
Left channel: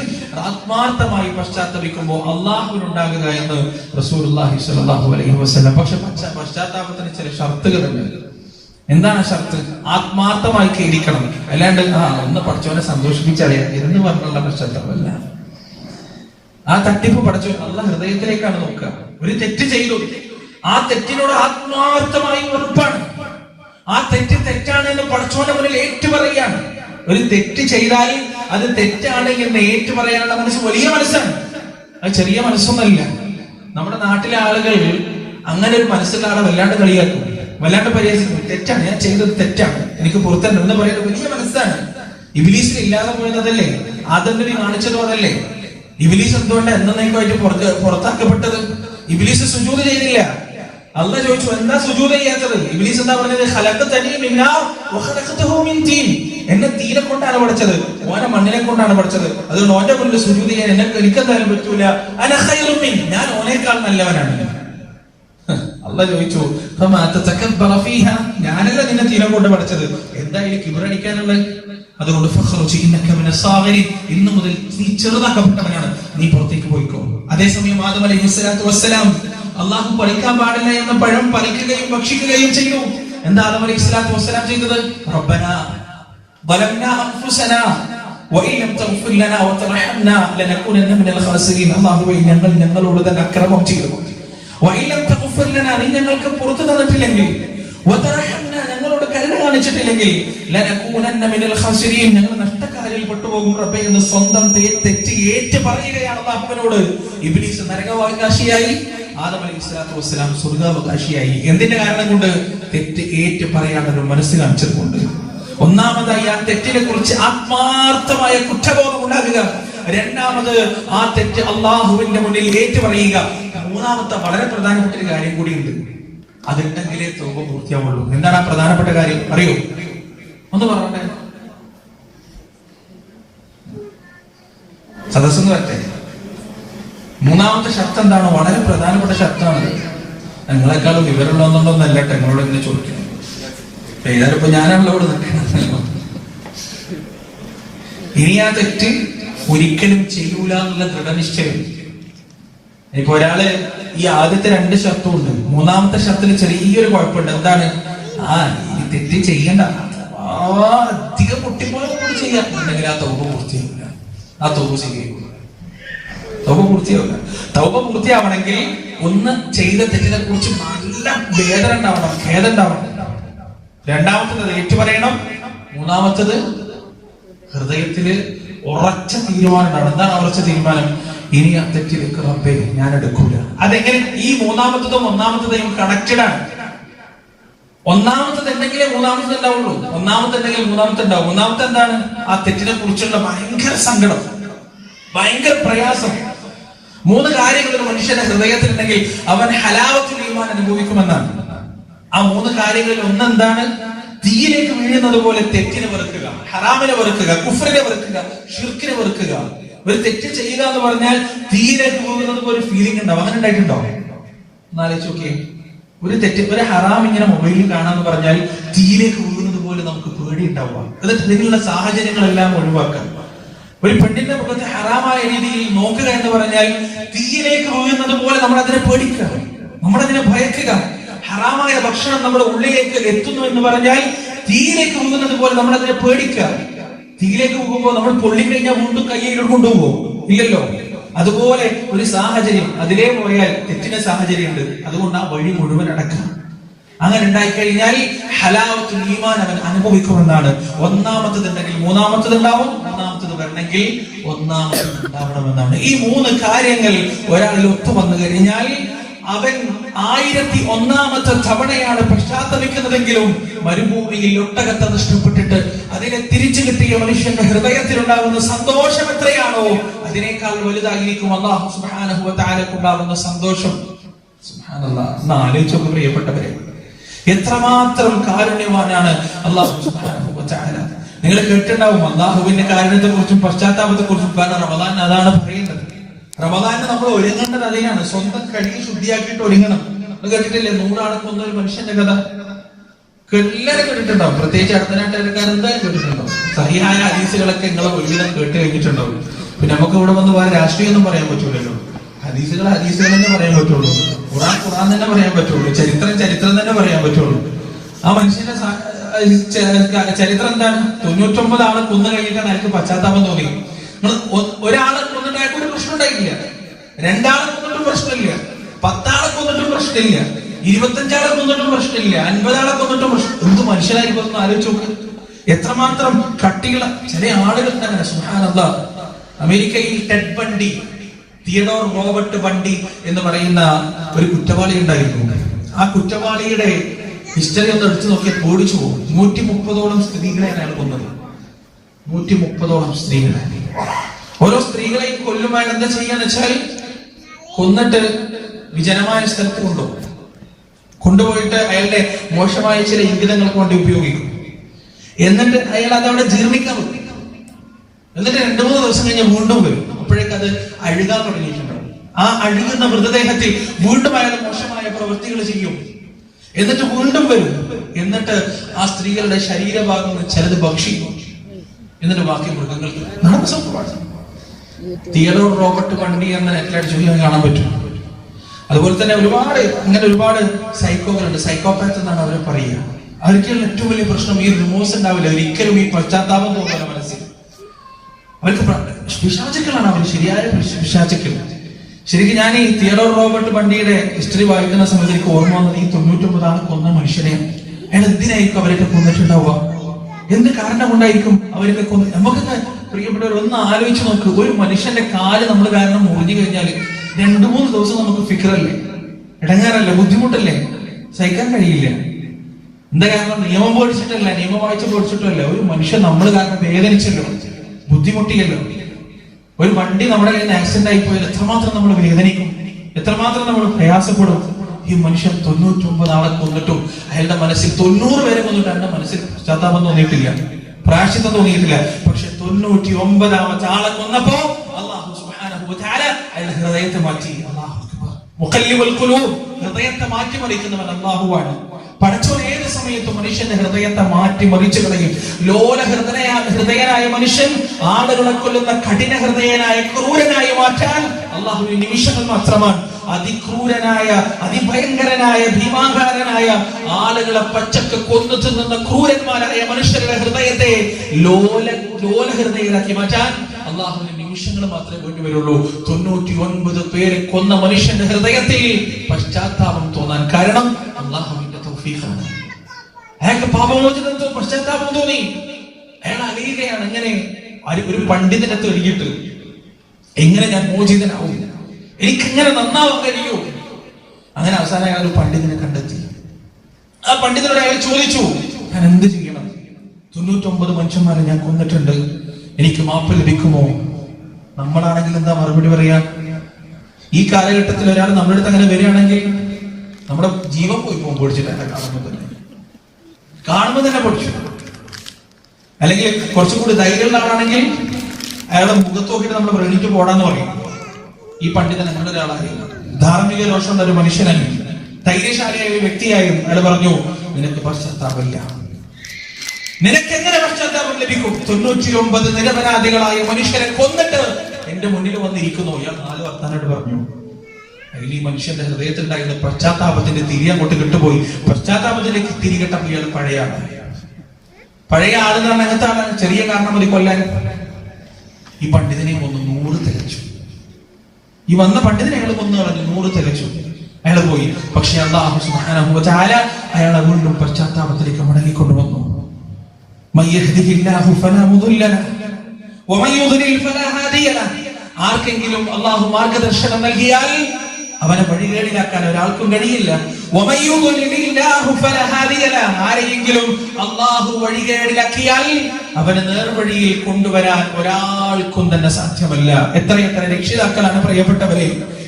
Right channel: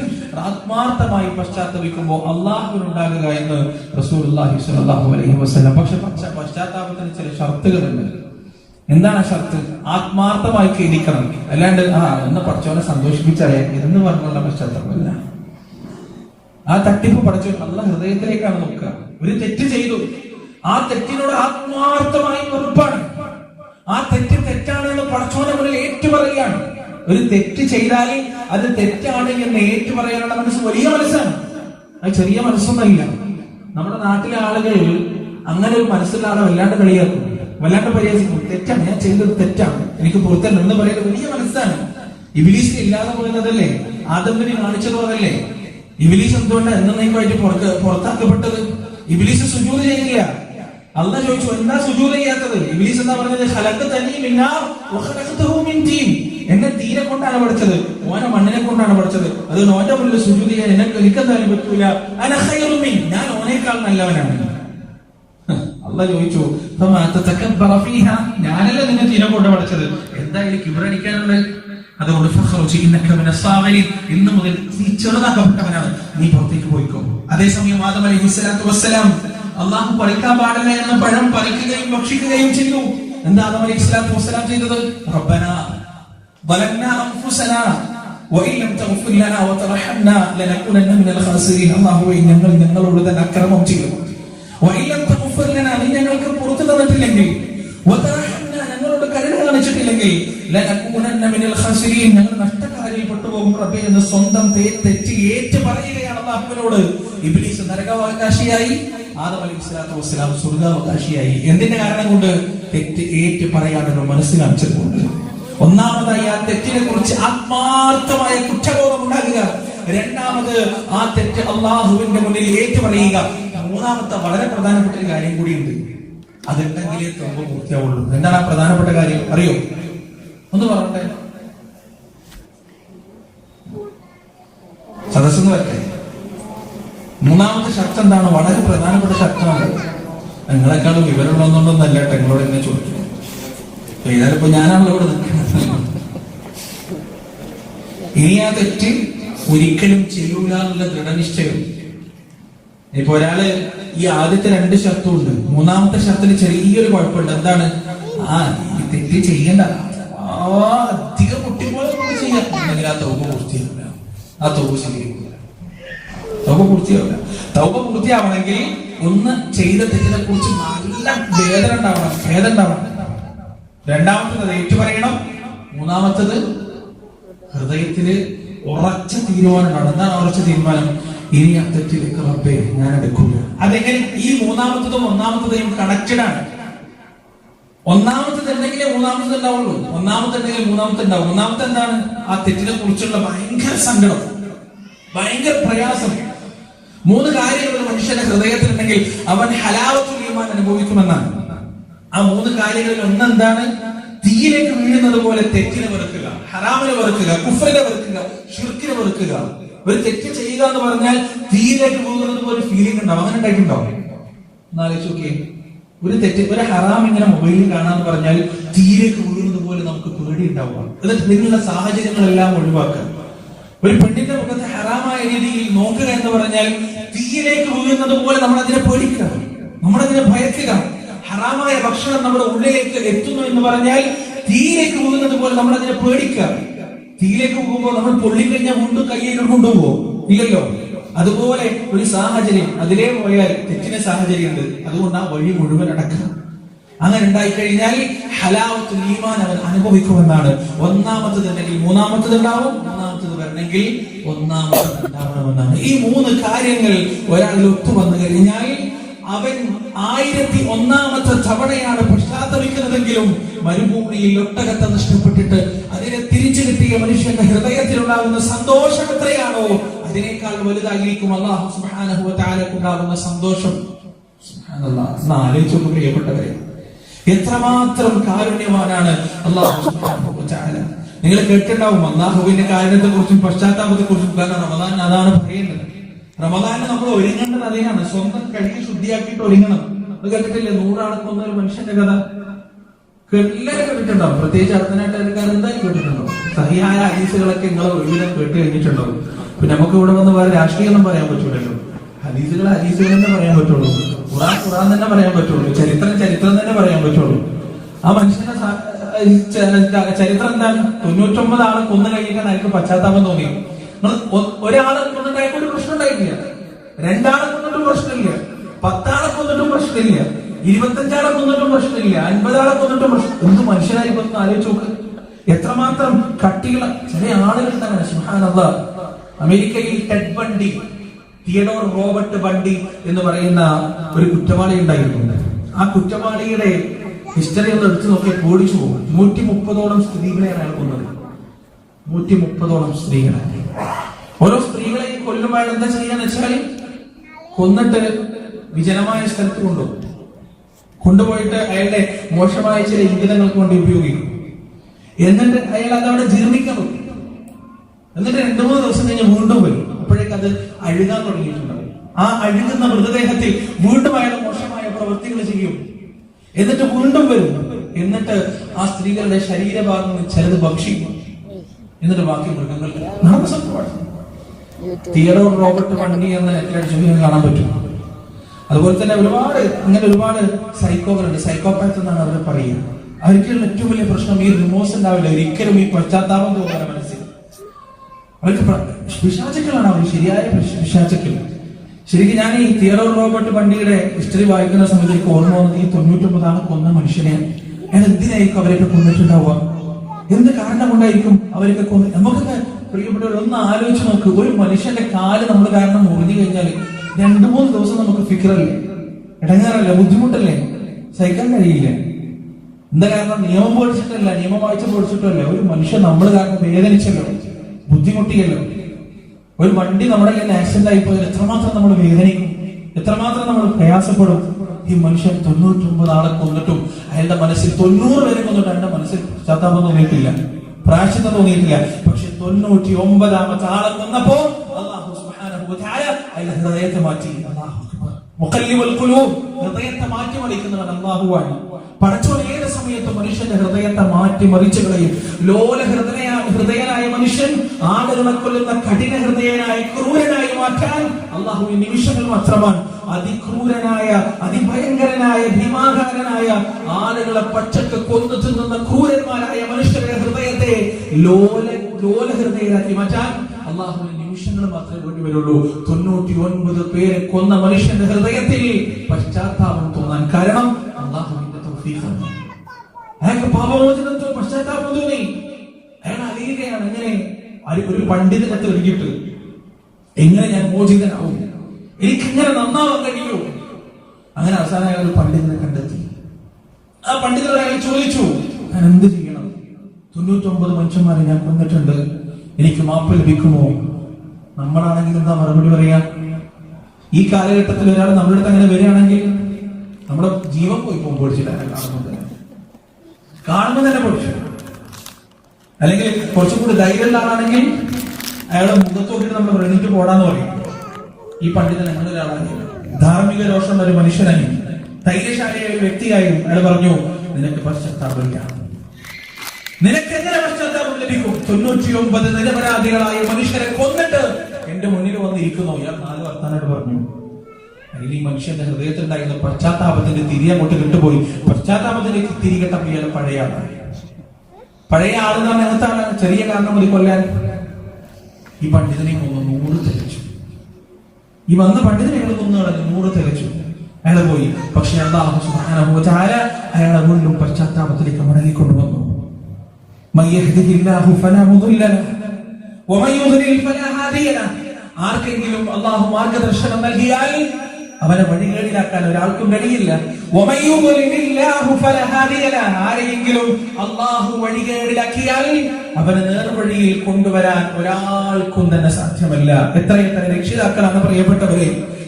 ആത്മാർത്ഥമായി പശ്ചാത്തപിക്കുമ്പോൾ അള്ളാഹുവിനുണ്ടാകുക എന്ന് റസൂലുള്ളാഹി സ്വല്ലല്ലാഹു അലൈഹി വസല്ലം. പക്ഷെ പശ്ചാത്താപത്തിന് ചില ഷർത്തുകളുണ്ട്. എന്താണ് ഷർത്ത്? ആത്മാർത്ഥമായി കേൾക്കണം. അല്ലാണ്ട് ഒന്ന് പഠിച്ചവനെ സന്തോഷിപ്പിച്ചാലേ എന്ന് പറഞ്ഞുള്ള പശ്ചാത്തലമല്ല. ആ തട്ടിപ്പ് പടച്ചു അള്ളാഹ് ഹൃദയത്തിലേക്കാണ് നോക്കുക. ഒരു തെറ്റ് ചെയ്തു, ആ തെറ്റിനോട് ആത്മാർത്ഥമായി ഉറപ്പാണ്. ആ തെറ്റ് തെറ്റാണ് എന്ന് പടച്ചോന്റെ മുന്നിൽ ഏറ്റു പറയുകയാണ്. ഒരു തെറ്റ് ചെയ്താൽ അത് തെറ്റാണ് എന്ന് ഏറ്റു പറയാനുള്ള മനസ്സ് വലിയ മനസ്സാണ്, അത് ചെറിയ മനസ്സൊന്നല്ല. നമ്മുടെ നാട്ടിലെ ആളുകൾ അങ്ങനെ ഒരു മനസ്സിന്റെ ആളെ വല്ലാണ്ട് കളിയാക്കും, വല്ലാണ്ട് പരിഹസിക്കും. തെറ്റാണ്, ഞാൻ ചെയ്തത് തെറ്റാണ്, എനിക്ക് പുറത്തന്നെ എന്ന് പറയുന്നത് വലിയ മനസ്സാണ്. ഇബ്ലീസിൽ ഇല്ലാതെ പോയതല്ലേ, ആദം നബി കാണിച്ചതും അതല്ലേ. ഇബ്ലീസ് എന്തുകൊണ്ട് എന്നേക്കുമായിട്ട് പുറത്താക്കപ്പെട്ടത്? ഇബ്ലീസ് സുജൂദ് ചെയ്തില്ല. അള്ളാഹ് ചോദിച്ചു എന്താ സുജൂദ് ചെയ്യാത്തത്? ഇബ്ലീസ് എന്താ പറഞ്ഞത്? ഖലഖതനി മിൻ നാർ വഖലഖതഹു മിൻ തീൻ. എന്നെ തീനെ കൊണ്ടാണ് പഠിച്ചത്, ഓനെ മണ്ണിനെ കൊണ്ടാണ് പഠിച്ചത്. അതുകൊണ്ട് ഓന്റെ മുന്നിൽ സുജൂദ് ചെയ്യാൻ എനിക്കെന്തായാലും പറ്റൂല. അന ഖൈറുൻ മിൻ, ഞാൻ ഓനേക്കാൾ നല്ലവനാണ്. അള്ളാഹ് ചോദിച്ചു ഫമാ തതകബ്ബറ ഫീഹാ, ഞാനല്ല നിന്നെ തീനെ കൊണ്ട് പഠിച്ചത്, എന്തായാലും കിബ്റടിക്കാനുള്ളത്? അതുകൊണ്ട് ഫഖറുജി ഇന്നക മിനസ് സാഗിരീൻ, ഇന്നു മുതൽ നീ ചെറുതാക്കപ്പെട്ടവനാണ്, നീ പുറത്തേക്ക് പോയിക്കോ. അതേസമയം ആദം അലൈഹിസ്സലാത്തു വസ്സലാം അള്ളാഹു പറിക്കാൻ പാടില്ല എന്ന പഴം പറിക്കുകയും ഭക്ഷിക്കുകയും ചെയ്തു. എന്താ ആദം അലൈഹിസ്സലാത്തു വസ്സലാം ചെയ്തത്? റബ്ബനാ ظلمنا أنفسنا وإن لم تغفر لنا وترحمنا لنكونن من الخاسرين. അല്ലാഹുവേ ഞങ്ങളോട് തന്നെ അക്രമം ചെയ്തു. وإن لم تغفر لنا, നീ ഞങ്ങൾക്ക് പുറത്തു തന്നിട്ടില്ലെങ്കിൽ, وترحمنا, ഞങ്ങളോട് കരുണ കാണിച്ചിട്ടില്ലെങ്കിൽ, لنكونن من الخاسرين, ഞങ്ങൾ നഷ്ടക്കാരിൽ പെട്ടുപോകും റബ്ബേ എന്ന് സ്വന്തം തെറ്റ് ഏറ്റു പറയുകയാണ് അപ്പനോട്. ഇബ്ലീസ് നരകാവകാശിയായി, ആദം അലൈഹിസ്സലാത്തു വസ്സലാം സ്വർഗ്ഗാവകാശിയായി. എന്തിന്റെ കാരണം കൊണ്ട്? തെറ്റ് ഏറ്റു പറയാനുള്ള മനസ്സ് കാണിച്ചതുകൊണ്ട്. ഒന്നാമതായി ആ തെറ്റിനെ കുറിച്ച് ആത്മാർത്ഥമായ കുറ്റബോധം ഉണ്ടാകുക. രണ്ടാമത് ആ തെറ്റ് അള്ളാഹുവിന്റെ മുന്നിൽ ഏറ്റു പറയുക. മൂന്നാമത്തെ വളരെ പ്രധാനപ്പെട്ട ഒരു കാര്യം കൂടിയുണ്ട്, അതുണ്ടെങ്കിലേ തൗബ പൂർത്തിയാവുള്ളൂ. എന്താണ് ആ പ്രധാനപ്പെട്ട കാര്യം? അറിയോ? ഒന്ന് പറഞ്ഞോട്ടെ, സദസ്സെന്ന് വരട്ടെ. മൂന്നാമത്തെ ശബ്ദം എന്താണ്? വളരെ പ്രധാനപ്പെട്ട ശബ്ദമാണ്. നിങ്ങളെക്കാളും വിവരമുണ്ടോന്നുണ്ടോന്നല്ല നിങ്ങളോട് എന്നെ ചോദിക്കുന്നു. ഏതായാലും ഞാനാണല്ലോ ഇവിടെ നിൽക്കുന്നത്. ഇനി ആ തെറ്റ് ഒരിക്കലും ചെയ്യൂല എന്നുള്ള ദൃഢനിശ്ചയം. ഇപ്പൊ ഒരാള് ഈ ആദ്യത്തെ 2 ശബ്ദമുണ്ട്, മൂന്നാമത്തെ ശബ്ദത്തിൽ ചെറിയൊരു കുഴപ്പമുണ്ട്. എന്താണ്? ഈ തെറ്റ് ചെയ്യണ്ട, അധികം കുട്ടികളെ ചെയ്യാൻ ഉണ്ടെങ്കിൽ ആ തൗബ പൂർത്തിയാവില്ല, ആ തൗബ ശരിയാവില്ല, തൗബ പൂർത്തിയാവില്ല. തൗബ പൂർത്തിയാവണമെങ്കിൽ ഒന്ന് ചെയ്ത തെറ്റിനെ കുറിച്ച് നല്ല വേദന ഉണ്ടാവണം, ഖേദം ഉണ്ടാവണം. രണ്ടാമത്തത് ഏറ്റു പറയണം. മൂന്നാമത്തത് ഹൃദയത്തില് ഉറച്ച തീരുമാനമാണ്. എന്താണ് ഉറച്ച തീരുമാനം? ഇനി ആ തെറ്റിലേക്ക് റബ്ബേ ഞാൻ എടുക്കൂല. അതെങ്ങനെ? ഈ മൂന്നാമത്തതും ഒന്നാമത്തതും കണക്റ്റഡ് ആണ്. ഒന്നാമത്തത് ഉണ്ടെങ്കിലേ മൂന്നാമത്തത് ഉണ്ടാവുള്ളൂ, ഒന്നാമത്തുണ്ടെങ്കിൽ മൂന്നാമത്തെ ഉണ്ടാവും. മൂന്നാമത്തെ എന്താണ്? ആ തെറ്റിനെ കുറിച്ചുള്ള ഭയങ്കര സങ്കടം, ഭയങ്കര പ്രയാസം. 3 കാര്യങ്ങൾ ഒരു മനുഷ്യന്റെ ഹൃദയത്തിലുണ്ടെങ്കിൽ അവൻ ഹലാവത്തുൽ ഈമാൻ അനുഭവിക്കുമെന്നാണ്. ആ 3 കാര്യങ്ങളിൽ ഒന്നെന്താണ്? തീയിലേക്ക് വീഴുന്നത് പോലെ തെറ്റിനെ വെറുക്കുക, ഹറാമിനെ വെറുക്കുക, കുഫ്രിനെ വെറുക്കുക, ഷിർക്കിനെ വെറുക്കുക. ഒരു തെറ്റ് ചെയ്യുക എന്ന് പറഞ്ഞാൽ തീയിലേക്ക് വീഴുന്നത് പോലെ ഫീലിംഗ് ഉണ്ടാവും. അങ്ങനെ ഉണ്ടായിട്ടുണ്ടോ? എന്നാലോചിച്ച് നോക്കിയേ. ഒരു തെറ്റ്, ഒരു ഹറാം ഇങ്ങനെ മൊബൈലിൽ കാണാന്ന് പറഞ്ഞാൽ തീയിലേക്ക് വീഴുന്നത് പോലെ നമുക്ക് പേടി ഉണ്ടാവുക. എന്നിട്ട് ഇതിനുള്ള സാഹചര്യങ്ങളെല്ലാം ഒഴിവാക്കുക. ഒരു പെണ്ണിന്റെ മുഖത്ത് ഹറാമായ രീതിയിൽ നോക്കുക എന്ന് പറഞ്ഞാൽ തീയിലേക്ക് വീഴുന്നത് പോലെ നമ്മൾ അതിനെ പേടിക്കുക, നമ്മളതിനെ ഭയക്കുക. ഹറാമായ ഭക്ഷണം നമ്മുടെ ഉള്ളിലേക്ക് എത്തുന്നു എന്ന് പറഞ്ഞാൽ തീയിലേക്ക് പോകുന്നത് പോലെ നമ്മൾ അതിനെ പേടിക്കുക. തീയിലേക്ക് പോകുമ്പോൾ നമ്മൾ പൊള്ളിക്കഴിഞ്ഞാൽ വീണ്ടും കയ്യിൽ കൊണ്ടുപോകുമോ? ഇല്ലല്ലോ. അതുപോലെ ഒരു സാഹചര്യം അതിലേ പോയാൽ തെറ്റിന്റെ സാഹചര്യമുണ്ട്. അതുകൊണ്ട് ആ വഴി മുഴുവൻ അടക്കണം. അങ്ങനെ ഉണ്ടായിക്കഴിഞ്ഞാൽ ഹലാവത്തുൽ ഈമാൻ അവൻ അനുഭവിക്കുമെന്നാണ്. ഒന്നാമത്തത് ഉണ്ടെങ്കിൽ മൂന്നാമത്തത് ഉണ്ടാവും, മൂന്നാമത്തത് വരണമെങ്കിൽ ഒന്നാമത്തത് ഉണ്ടാവണമെന്നാണ്. ഈ 3 കാര്യങ്ങൾ ഒരാളിൽ ഒത്തുവന്നു കഴിഞ്ഞാൽ അവൻ 1001ാമത്തെ തവണയാണ് പശ്ചാത്തപിക്കുന്നതെങ്കിലും മരുഭൂമിയിൽ ഒട്ടകത്തെ നഷ്ടപ്പെട്ടിട്ട് അതിനെ തിരിച്ചു കിട്ടിയ മനുഷ്യന്റെ ഹൃദയത്തിലുണ്ടാകുന്ന സന്തോഷം എത്രയാണോ അതിനേക്കാൾ വലുതായിരിക്കും അല്ലാഹു സുബ്ഹാനഹു വ തആലക്കുണ്ടാകുന്ന സന്തോഷം. സുബ്ഹാനല്ലാഹ്. ഒന്ന് ആലോചിച്ചു പ്രിയപ്പെട്ടവരെ, എത്രമാത്രം കാരുണ്യവാനാണ് അല്ലാഹു സുബ്ഹാനഹു വ തആല. നിങ്ങൾ കേട്ടിട്ടുണ്ടാവും അല്ലാഹുവിന്റെ കാരുണ്യത്തെ കുറിച്ചും പശ്ചാത്താപത്തെ കുറിച്ചും. കാരണം റമദാൻ അതാണ് പറയുന്നത്. റമദാനിന് നമ്മൾ ഒരുങ്ങേണ്ടത് അതിനാണ്. സ്വന്തം കഴുകി ശുദ്ധിയാക്കിയിട്ട് ഒരുങ്ങണം. കേട്ടിട്ടില്ലേ 100 ആളെ കൊന്ന ഒരു മനുഷ്യന്റെ കഥ? എല്ലാവരും കേട്ടിട്ടുണ്ടാവും, പ്രത്യേകിച്ച് അടുത്തനാട്ടുകാരക്കാർ എന്തായാലും കേട്ടിട്ടുണ്ടാവും. സഹിയായ ഹദീസുകളൊക്കെ നിങ്ങളെ ഒരുവിധം കേട്ട് കഴിഞ്ഞിട്ടുണ്ടാവും. പിന്നെ നമുക്ക് ഇവിടെ വന്ന് വേറെ രാഷ്ട്രീയമൊന്നും പറയാൻ പറ്റൂലല്ലോ. ഹദീസുകൾ തന്നെ പറയാൻ പറ്റുള്ളൂ, ഖുർആൻ തന്നെ പറയാൻ പറ്റുള്ളൂ, ചരിത്രം തന്നെ പറയാൻ പറ്റുള്ളൂ. ആ മനുഷ്യന്റെ ചരിത്രം എന്താണ്? 99 ആളെ കൊന്നു കഴിഞ്ഞിട്ടാണ് അയാൾക്ക് പശ്ചാത്താപം തോന്നി. ഒരാളെ കൊന്നിട്ട് അയാൾക്ക് ഒരു പ്രശ്നം ഉണ്ടായിട്ടില്ല. 25 ആളെ കൊന്നിട്ടും പ്രശ്നമില്ല, 50 ആളെ കൊന്നിട്ടും പ്രശ്നം. എന്ത് മനുഷ്യനായിരിക്കും ആലോചിച്ച് നോക്ക്. എത്രമാത്രം കട്ടിയുള്ള ചില ആളുകൾ തന്നെ. സുബ്ഹാനല്ലാഹ്. അമേരിക്കയിൽ ടെഡ് ബണ്ടി, തിയഡോർ റോബർട്ട് ബണ്ടി എന്ന് പറയുന്ന ഒരു കുറ്റവാളി ഉണ്ടായിരുന്നു. ആ കുറ്റവാളിയുടെ ഹിസ്റ്ററി ഒന്ന് എടുത്തു നോക്കിയാൽ പേടിച്ചു പോകും. 130ഓളം സ്ത്രീകളെ അയാൾ കൊന്നത്. 130ഓളം സ്ത്രീകളെ. ഓരോ സ്ത്രീകളെയും കൊല്ലുമ്പോൾ എന്താ ചെയ്യാന്ന് വെച്ചാൽ കൊന്നിട്ട് വിജനമായ സ്ഥലത്ത് കൊണ്ടുപോയിട്ട് അയാളുടെ മോശമായ ചില ഇംഗിതങ്ങൾക്ക് വേണ്ടി ഉപയോഗിക്കും. എന്നിട്ട് അയാൾ അതവിടെ ജീർണിക്കാൻ വെക്കും. എന്നിട്ട് 2-3 ദിവസം കഴിഞ്ഞാൽ വീണ്ടും വരും. അപ്പോഴേക്കത് അഴുകാൻ തുടങ്ങിയിട്ടുണ്ടാവും. ആ അഴുകുന്ന മൃതദേഹത്തിൽ വീണ്ടും അയാൾ മോശമായ പ്രവൃത്തികൾ ചെയ്യും. എന്നിട്ട് വീണ്ടും വരും. എന്നിട്ട് ആ സ്ത്രീകളുടെ ശരീരഭാഗങ്ങൾ ചിലത് ഭക്ഷിക്കും. എന്നിട്ട് ബാക്കി മൃഗങ്ങൾക്ക് നടന്ന സംഭവമാണ്. തിയഡോർ റോബർട്ട് ബണ്ടി എന്ന നെറ്റിലടിച്ചു കാണാൻ പറ്റും. അതുപോലെ തന്നെ ഒരുപാട് സൈക്കോകളുണ്ട്. സൈക്കോപാത്ത് എന്നാണ് അവരെ പറയുക. അവർക്കുള്ള ഏറ്റവും വലിയ പ്രശ്നം ഈ റിമോഴ്സ് ഉണ്ടാവില്ല. ഒരിക്കലും ഈ പശ്ചാത്താപം തോന്നാൻ മനസ്സിൽ. അവർക്ക് പിശാചുക്കളാണ് അവർ, ശരിയായ പിശാചുക്കൾ. ശരിക്കും ഞാൻ ഈ തിയഡോർ റോബർട്ട് ബണ്ടിയുടെ ഹിസ്റ്ററി വായിക്കുന്ന സമയത്ത് എനിക്ക് ഓർമ്മ വന്നത് ഈ 99 ആൾ കൊന്ന മനുഷ്യനെ അയാൾ എന്തിനായിരിക്കും അവരൊക്കെ കൊന്നിട്ടുണ്ടാവുക? എന്ത് കാരണം കൊണ്ടായിരിക്കും അവരൊക്കെ കൊന്നത്? നമുക്കൊക്കെ പ്രിയപ്പെട്ടവർ ഒന്ന് ആലോചിച്ച് നോക്ക്. ഒരു മനുഷ്യന്റെ കാല് നമ്മൾ കാരണം മുറിഞ്ഞു കഴിഞ്ഞാൽ 2-3 ദിവസം നമുക്ക് ഫിക്കറല്ലേ, ഇടങ്ങാറല്ലേ, ബുദ്ധിമുട്ടല്ലേ, സഹിക്കാൻ കഴിയില്ല. എന്താ കാരണം? നിയമം പഠിച്ചിട്ടല്ല, നിയമം വായിച്ച് പഠിച്ചിട്ടല്ല. ഒരു മനുഷ്യൻ നമ്മൾ കാരണം വേദനിച്ചല്ലോ, ബുദ്ധിമുട്ടിയല്ലോ. ഒരു വണ്ടി നമ്മുടെ കയ്യിൽ ആക്സിഡന്റ് ആയി പോയാൽ എത്രമാത്രം നമ്മൾ വേദനിക്കും, എത്രമാത്രം നമ്മൾ പ്രയാസപ്പെടും. ഈ മനുഷ്യൻ 99 ആളെ കൊന്നിട്ടും അയാളുടെ മനസ്സിൽ 90 പേരെ കൊന്നിട്ട് അയാളുടെ മനസ്സിൽ പശ്ചാത്താപം തോന്നിയിട്ടില്ല, പ്രായശ്ചിത്തം തോന്നിയിട്ടില്ല. പക്ഷെ 99ാമത്തെ ആളെ കൊന്നപ്പോ അല്ലാഹു സുബ്ഹാനഹു വ തആല അയാളുടെ ഹൃദയത്തെ മാറ്റി. അല്ലാഹു അക്ബർ. മുഖല്ലിബുൽ ഖുലൂബ്, ഹൃദയത്തെ മാറ്റി മറിക്കുന്നവൻ അല്ലാഹുവാണ്. പടച്ചോൻ ഏത് സമയത്തും മനുഷ്യന്റെ ഹൃദയത്തെ മാറ്റി മറിച്ചു കളയും. ലോല ഹൃദയനായ മനുഷ്യൻ ആളുകളെ കൊല്ലുന്ന കഠിന ഹൃദയനായി ക്രൂരനായി മാറ്റാൻ അല്ലാഹുവിന്റെ നിമിഷങ്ങൾ മാത്രമാണ്. അതിക്രൂരനായ, അതിഭയങ്കരനായ, ഭീമാകാരനായ, ആളുകളെ പച്ചക്ക് കൊന്നു തിന്നുന്ന ക്രൂരന്മാരായ മനുഷ്യരുടെ ഹൃദയത്തെ ലോല ഹൃദയരാക്കി മാറ്റാൻ അല്ലാഹുവിന്റെ നിമിഷങ്ങൾ മാത്രമേ കൊണ്ടുവരുള്ളൂ. 99 പേരെ കൊന്ന മനുഷ്യന്റെ ഹൃദയത്തിൽ പശ്ചാത്താപം തോന്നാൻ കാരണം അല്ലാഹുവിന്റെ തൗഫീഖാണ്. അയാൾക്ക് പാപമോചനത്തോ പശ്ചാത്താപം തോന്നി. അയാൾ അറിയുകയാണ് എങ്ങനെ ഒരു പണ്ഡിതനെ തെളിയിട്ട് എങ്ങനെ ഞാൻ മോചിതനാവും, എനിക്കിങ്ങനെ നന്നാവാൻ കഴിയൂ. അങ്ങനെ അവസാനം അയാൾ ഒരു പണ്ഡിതനെ കണ്ടെത്തി. ആ പണ്ഡിതനോട് അയാൾ ചോദിച്ചു, ഞാൻ എന്ത് ചെയ്യണം? 99 മനുഷ്യന്മാരെ ഞാൻ കൊന്നിട്ടുണ്ട്, എനിക്ക് മാപ്പ് ലഭിക്കുമോ? നമ്മളാണെങ്കിൽ എന്താ മറുപടി പറയാ? ഈ കാലഘട്ടത്തിൽ ഒരാൾ നമ്മുടെ അടുത്ത് അങ്ങനെ വരികയാണെങ്കിൽ നമ്മുടെ ജീവൻ പോയി പോകും. പൊടിച്ചിട്ടല്ല, കാണുമ്പോൾ തന്നെ പൊടിച്ചു. അല്ലെങ്കിൽ കുറച്ചുകൂടി ധൈര്യമുള്ള ആളാണെങ്കിൽ അയാളെ മുഖത്ത് നോക്കിയിട്ട് നമ്മൾ എണീറ്റ് പോടാന്ന് പറയും. ഈ പണ്ഡിതൻ അങ്ങനെ ഒരാളായിരുന്നു, ധാർമ്മിക രോഷമുള്ള ഒരു മനുഷ്യനായി, ധൈര്യശാലിയായ ഒരു വ്യക്തിയായിരുന്നു. അയാൾ പറഞ്ഞു, നിനക്ക് പശ്ചാത്താപമില്ല. നിനക്ക് എങ്ങനെ പശ്ചാത്താപം ലഭിക്കും? 99 നിരപരാധികളായ മനുഷ്യരെ കൊന്നിട്ട് എന്റെ മുന്നിൽ വന്നിരിക്കുന്നു. ഇയാൾ 4 വർത്താനായിട്ട് പറഞ്ഞു. ഈ മനുഷ്യന്റെ ഹൃദയത്തിലുണ്ടായിരുന്ന പശ്ചാത്താപത്തിന്റെ തിരി അങ്ങോട്ട് കിട്ടുപോയി. പശ്ചാത്താപത്തിന്റെ തിരി കെട്ടപ്പോൾ ഇയാൾ പഴയ ആളായി. പഴയ ആളുകൾ അങ്ങനത്തെ ആളാണ്. ചെറിയ കാരണം മതി കൊല്ലാൻ. ഈ പണ്ഡിതനെയും ഒന്ന് 100 തികച്ചു. ഈ വന്ന പണ്ഡിതനെ അയാൾ കൊന്നു കളഞ്ഞു. 100 തികച്ചു. അയാൾ പോയി. പക്ഷെ അല്ലാഹു സുബ്ഹാനഹു വ തആല അയാളെ വീണ്ടും പശ്ചാത്താപത്തിലേക്ക് മടങ്ങിക്കൊണ്ടുവന്നു. ആർക്കെങ്കിലും അല്ലാഹു മാർഗദർശനം നൽകിയാൽ അവനെ വഴികേടിലാക്കാൻ ഒരാൾക്കും കഴിയില്ല. ആരെയെങ്കിലും അല്ലാഹു വഴികേടിലാക്കിയാൽ അവനെ നേർവഴിയിൽ കൊണ്ടുവരാൻ ഒരാൾക്കും തന്നെ സാധ്യമല്ല. എത്രയെത്ര രക്ഷിതാക്കളാണ് പ്രിയപ്പെട്ടവരെ,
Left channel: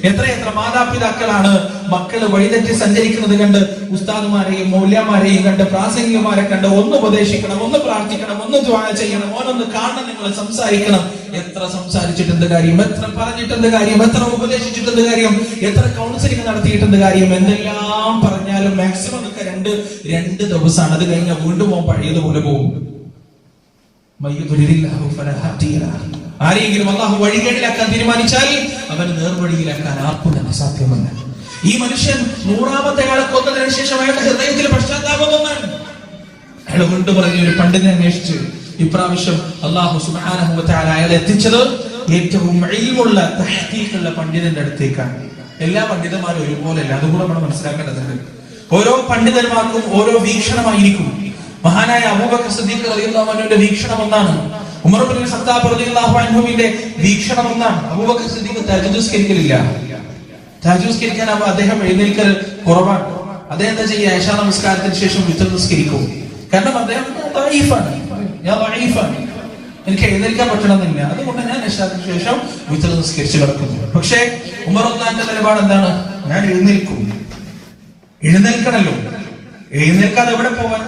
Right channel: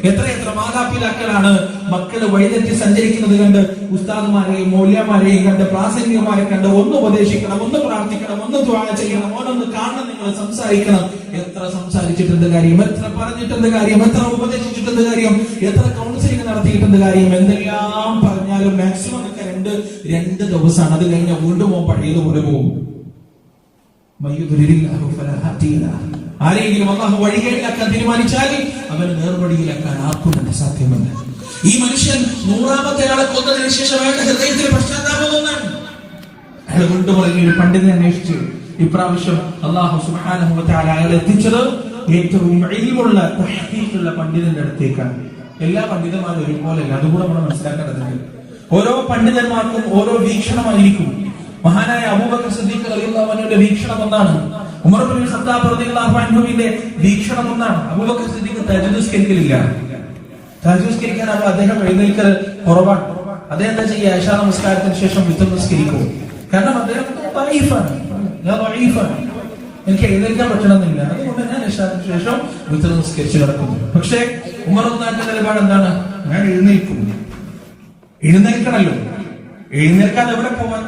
എത്രയെത്ര മാതാപിതാക്കളാണ് മക്കള് വഴിതെറ്റി സഞ്ചരിക്കുന്നത് കണ്ട് ഉസ്താദുമാരെയും മൗലവിമാരെയും കണ്ട് പ്രാസംഗികമാരെ കണ്ട് ഒന്ന് ഉപദേശിക്കണം, ഒന്ന് പ്രാർത്ഥിക്കണം, ഒന്ന് ദുആ ചെയ്യണം, ഓനൊന്ന് കാണണം, നിങ്ങൾ സംസാരിക്കണം. എത്ര സംസാരിച്ചിട്ടെന്ത് കാര്യം, എത്ര പറഞ്ഞിട്ടെന്ത് കാര്യം, എത്ര ഉപദേശിച്ചിട്ടെന്ത് കാര്യം, എത്ര കൗൺസിലിംഗ് നടത്തിയിട്ടെന്ത് കാര്യം. എന്തെല്ലാം പറഞ്ഞാലും മാക്സിമം ഒക്കെ രണ്ട് ദിവസമാണ്. അത് കഴിഞ്ഞാൽ വീണ്ടും പഴയതുപോലെ പോകും. ആരെയെങ്കിലും അല്ലാഹു വഴികേടിലാക്കാൻ തീരുമാനിച്ചാൽ അവന് നേർവഴിയിലാക്കാൻ ആർക്കും തന്നെ സാധ്യമല്ല. ഈ മനുഷ്യൻ 100ാമത്തെ ആളെ കൊന്നതിന് ശേഷം അയാളുടെ ഹൃദയത്തിൽ പശ്ചാത്താപം വന്നാണ്. അയാൾ വീണ്ടും പറഞ്ഞ ഒരു പണ്ഡിതനെ അന്വേഷിച്ചു. ഇപ്രാവശ്യം അല്ലാഹു സുബ്ഹാനഹു വ തആല അയാളെ എത്തിച്ചത് ഏറ്റവും ഇൽമുള്ള തഹ്ഖീഖുള്ള പണ്ഡിതന്റെ അടുത്തേക്കാണ്. എല്ലാ പണ്ഡിതന്മാരും ഒരുപോലെയല്ല, അതുകൂടെ നമ്മൾ മനസ്സിലാക്കേണ്ടതുണ്ട്. ഓരോ പണ്ഡിതന്മാർക്കും ഓരോ വീക്ഷണമായിരിക്കും. മഹാനായ അബൂബക്കർ സിദ്ദീഖ് റളിയല്ലാഹു അൻഹുവിന്റെ വീക്ഷണം ഒന്നാണ്. ഉമർ ഇബ്നുൽ ഖത്താബ് റളിയല്ലാഹു അൻഹുവിന്റെ വീക്ഷണം ഒന്നാണ്. അബൂബക്കർ സിദ്ദീഖ് തഹജ്ജുദ് നിസ്കരിക്കലില്ല. തഹജ്ജുദ് നിസ്കരിക്കാനാവുമ്പോൾ അദ്ദേഹം എഴുന്നേൽക്കൽ കുറവാണ്. അദ്ദേഹം എന്താ ചെയ്യുക? ഇശാ നമസ്കാരത്തിന് ശേഷം വിത്ർ നിസ്കരിക്കും. കാരണം അദ്ദേഹം ദഈഫാണ്, ഞാൻ ദഈഫാണ്, എനിക്ക് എഴുന്നേൽക്കാൻ പറ്റണമെന്നില്ല, അതുകൊണ്ട് ഞാൻ ഇശാക്ക് ശേഷം വിത്ർ നിസ്കരിച്ചു കിടക്കും. പക്ഷേ ഉമർ റളിയല്ലാഹു നിലപാട് എന്താണ്? ഞാൻ എഴുന്നേൽക്കും. എഴുന്നേൽക്കണല്ലോ, എഴുന്നേൽക്കാതെ എവിടെ പോവാൻ?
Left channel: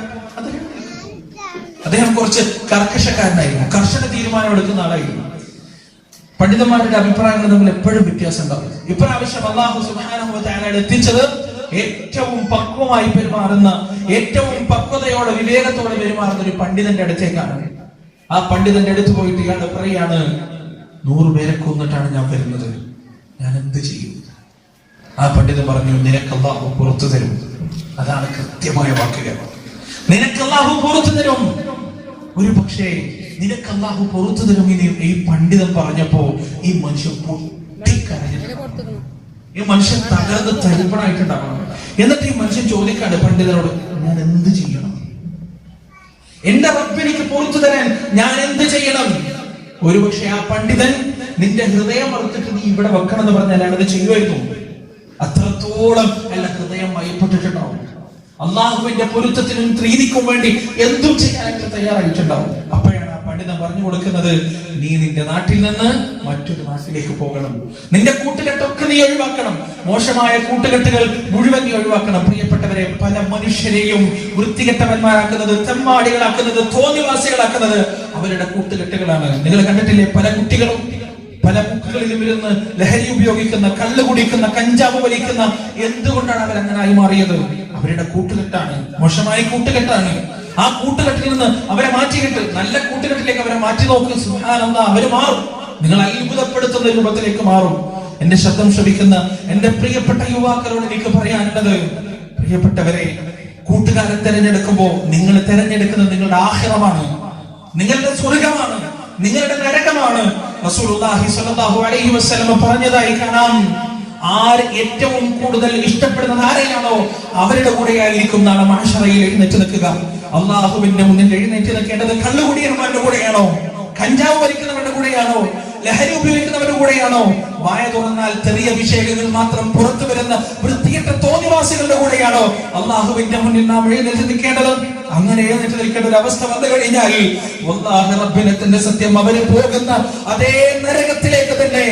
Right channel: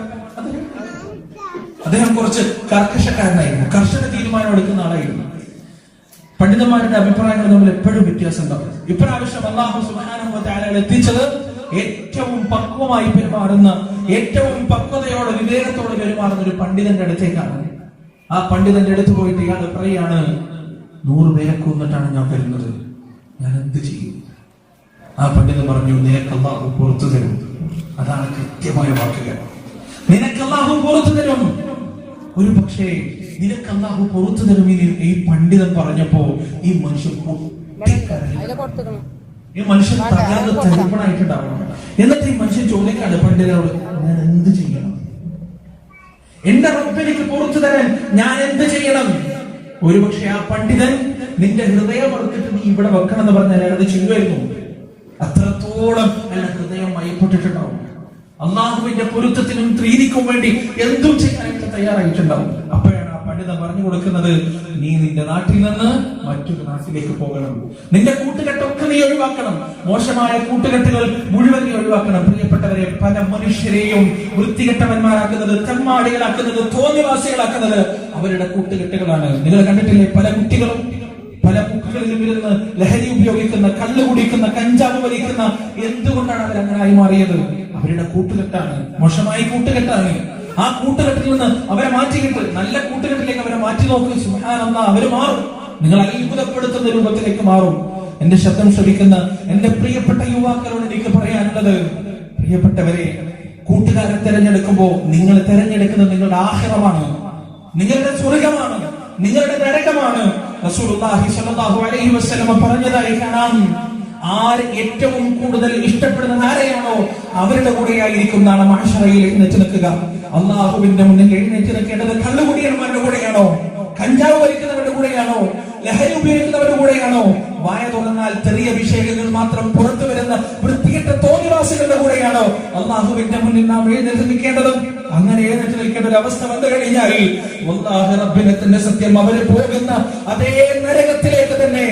അദ്ദേഹം കുറച്ച് കർക്കശക്കാരനായിരുന്നു, കർശന തീരുമാനം എടുക്കുന്ന ആളായിരുന്നു. പണ്ഡിതന്മാരുടെ അഭിപ്രായങ്ങൾ നമ്മൾ എപ്പോഴും വ്യത്യാസം ഉണ്ടാവും. ഇപ്രാവശ്യം അല്ലാഹു സുബ്ഹാനഹു വ തആല എത്തിച്ചത് ഏറ്റവും പക്വമായി പെരുമാറുന്ന, ഏറ്റവും പക്വതയോടെ വിവേകത്തോടെ പെരുമാറുന്ന ഒരു പണ്ഡിതന്റെ അടുത്തേക്കാണ്. ആ പണ്ഡിതന്റെ അടുത്ത് പോയിട്ട് ഇയാൾ പറയാണ്, 100 പേരെ കൊന്നിട്ടാണ് ഞാൻ വരുന്നത്, ഞാൻ എന്ത് ചെയ്യും? ആ പണ്ഡിതൻ പറഞ്ഞു, നിനക്ക് അല്ലാഹു പുറത്തു തരും. അതാണ് കൃത്യമായ വാക്കുകൾ. നിനക്ക് അല്ലാഹു പുറത്തു തരും. ഒരു പക്ഷേ നിനക്ക് അല്ലാഹു പുറത്തു തരും. ഈ പണ്ഡിതൻ പറഞ്ഞപ്പോ ഈ മനുഷ്യൻ ഈ മനുഷ്യൻ തകർന്ന് തരിപ്പണായിട്ടുണ്ടാവണം. എന്നിട്ട് ഈ മനുഷ്യൻ ചോദിക്കാണ് പണ്ഡിതനോട്, ഞാൻ എന്ത് ചെയ്യണം? എന്റെ റബ്ബ് എനിക്ക് പുറത്തു തരാൻ ഞാൻ എന്ത് ചെയ്യണം? ഒരുപക്ഷെ ആ പണ്ഡിതൻ നിന്റെ ഹൃദയം അറുത്തിട്ട് നീ ഇവിടെ വെക്കണം എന്ന് പറഞ്ഞാൽ അയാളത് ചെയ്യുമായിരുന്നു. അത്രത്തോളം അയാളുടെ ഹൃദയം മയപ്പെട്ടിട്ടുണ്ടാവും. അള്ളാഹുവിന്റെ പൊരുത്തത്തിനും പ്രീതിക്കും വേണ്ടി എന്തും ചെയ്യാനായിട്ട് തയ്യാറായിട്ടുണ്ടാവും. അപ്പോഴാണ് ആ പണ്ഡിതൻ പറഞ്ഞു കൊടുക്കുന്നത്, നീ നിന്റെ നാട്ടിൽ നിന്ന് മറ്റൊരു നാട്ടിലേക്ക് പോകണം. നിന്റെ കൂട്ടുകെട്ടൊക്കെ നീ ഒഴിവാക്കണം. മോശമായ കൂട്ടുകെട്ടുകൾ മുഴുവൻ നീ ഒഴിവാക്കണം. പ്രിയപ്പെട്ടവരെ, പല മനുഷ്യരെയും വൃത്തികെട്ടവന്മാരാക്കുന്നത്, തെമ്മാടികളാക്കുന്നത്, തോന്നിവാസികളാക്കുന്നത് അവരുടെ കൂട്ടുകെട്ടുകളാണ്. നിങ്ങൾ കണ്ടിട്ടില്ലേ? പല കുട്ടികളും പല ബുക്കുകളിലും ഇരുന്ന് ലഹരി ഉപയോഗിക്കുന്ന, കള്ളു കുടിക്കുന്ന, കഞ്ചാവ് വലിക്കുന്ന. എന്തുകൊണ്ടാണ് അവരങ്ങനായി മാറിയത്? അവരുടെ കൂട്ടുകെട്ടാണ്, മോശമായ കൂട്ടുകെട്ടാണ്. ആ കൂട്ടുകെട്ടിൽ നിന്ന് അവരെ മാറ്റിക്കിട്ട് നല്ല കൂട്ടുകെട്ടിലേക്ക് അവരെ മാറ്റി നോക്ക്. സുബ്ഹാനല്ലാഹ്, അവര് മാറും. നിങ്ങൾ അത്ഭുതപ്പെടുത്തുന്ന രൂപത്തിലേക്ക് മാറും. എന്റെ ശബ്ദം ശ്രവിക്കുന്ന എന്റെ പ്രിയപ്പെട്ട യുവാക്കളോട് എനിക്ക് പറയാനുള്ളത്, പ്രിയപ്പെട്ടവരെ, കൂട്ടുകാരെ തിരഞ്ഞെടുക്കുമ്പോ നിങ്ങൾ തിരഞ്ഞെടുക്കുന്നത് നിങ്ങളുടെ ആഖിറമാണ്, നിങ്ങളുടെ സ്വർഗമാണ്, നിങ്ങളുടെ നരകമാണ്. റസൂലുള്ളാഹി സ്വല്ലല്ലാഹു അലൈഹി വസല്ലം പറഞ്ഞതായി കാണാം, ആര് ഏറ്റവും കൂടുതൽ ഇഷ്ടപ്പെടുന്നത് ആരെയാണോ അവരുടെ കൂടെയായിരിക്കും നാളെ മഹ്ശറയിൽ എഴുന്നേറ്റ് നിൽക്കുക. അള്ളാഹുവിന്റെ മുന്നിൽ എഴുന്നേറ്റ് നിൽക്കേണ്ടത് കള്ളുകുടിയന്മാരുടെ കൂടെയാണോ? കഞ്ചാവ് വലിക്കുന്നവരുടെ കൂടെയാണോ? ലഹരി ഉപയോഗിക്കുന്നവരുടെ കൂടെയാണോ? വായ തുറന്നാൽ ചെറിയ വിഷയങ്ങൾ മാത്രം പുറത്തു വരുന്ന വൃത്തികെട്ട തോന്നിവാസികളുടെ കൂടെയാണോ അള്ളാഹുവിന്റെ മുന്നിൽ നാം എഴുന്നേറ്റ് നിൽക്കേണ്ടത്? അങ്ങനെ എഴുന്നേറ്റ് നിൽക്കേണ്ട ഒരു അവസ്ഥ വന്നു കഴിഞ്ഞാൽ വല്ലാഹി റബ്ബിനെ തന്നെ സത്യം, അവരെ പോകുന്ന അതേ നരകത്തിലേക്ക് തന്നെ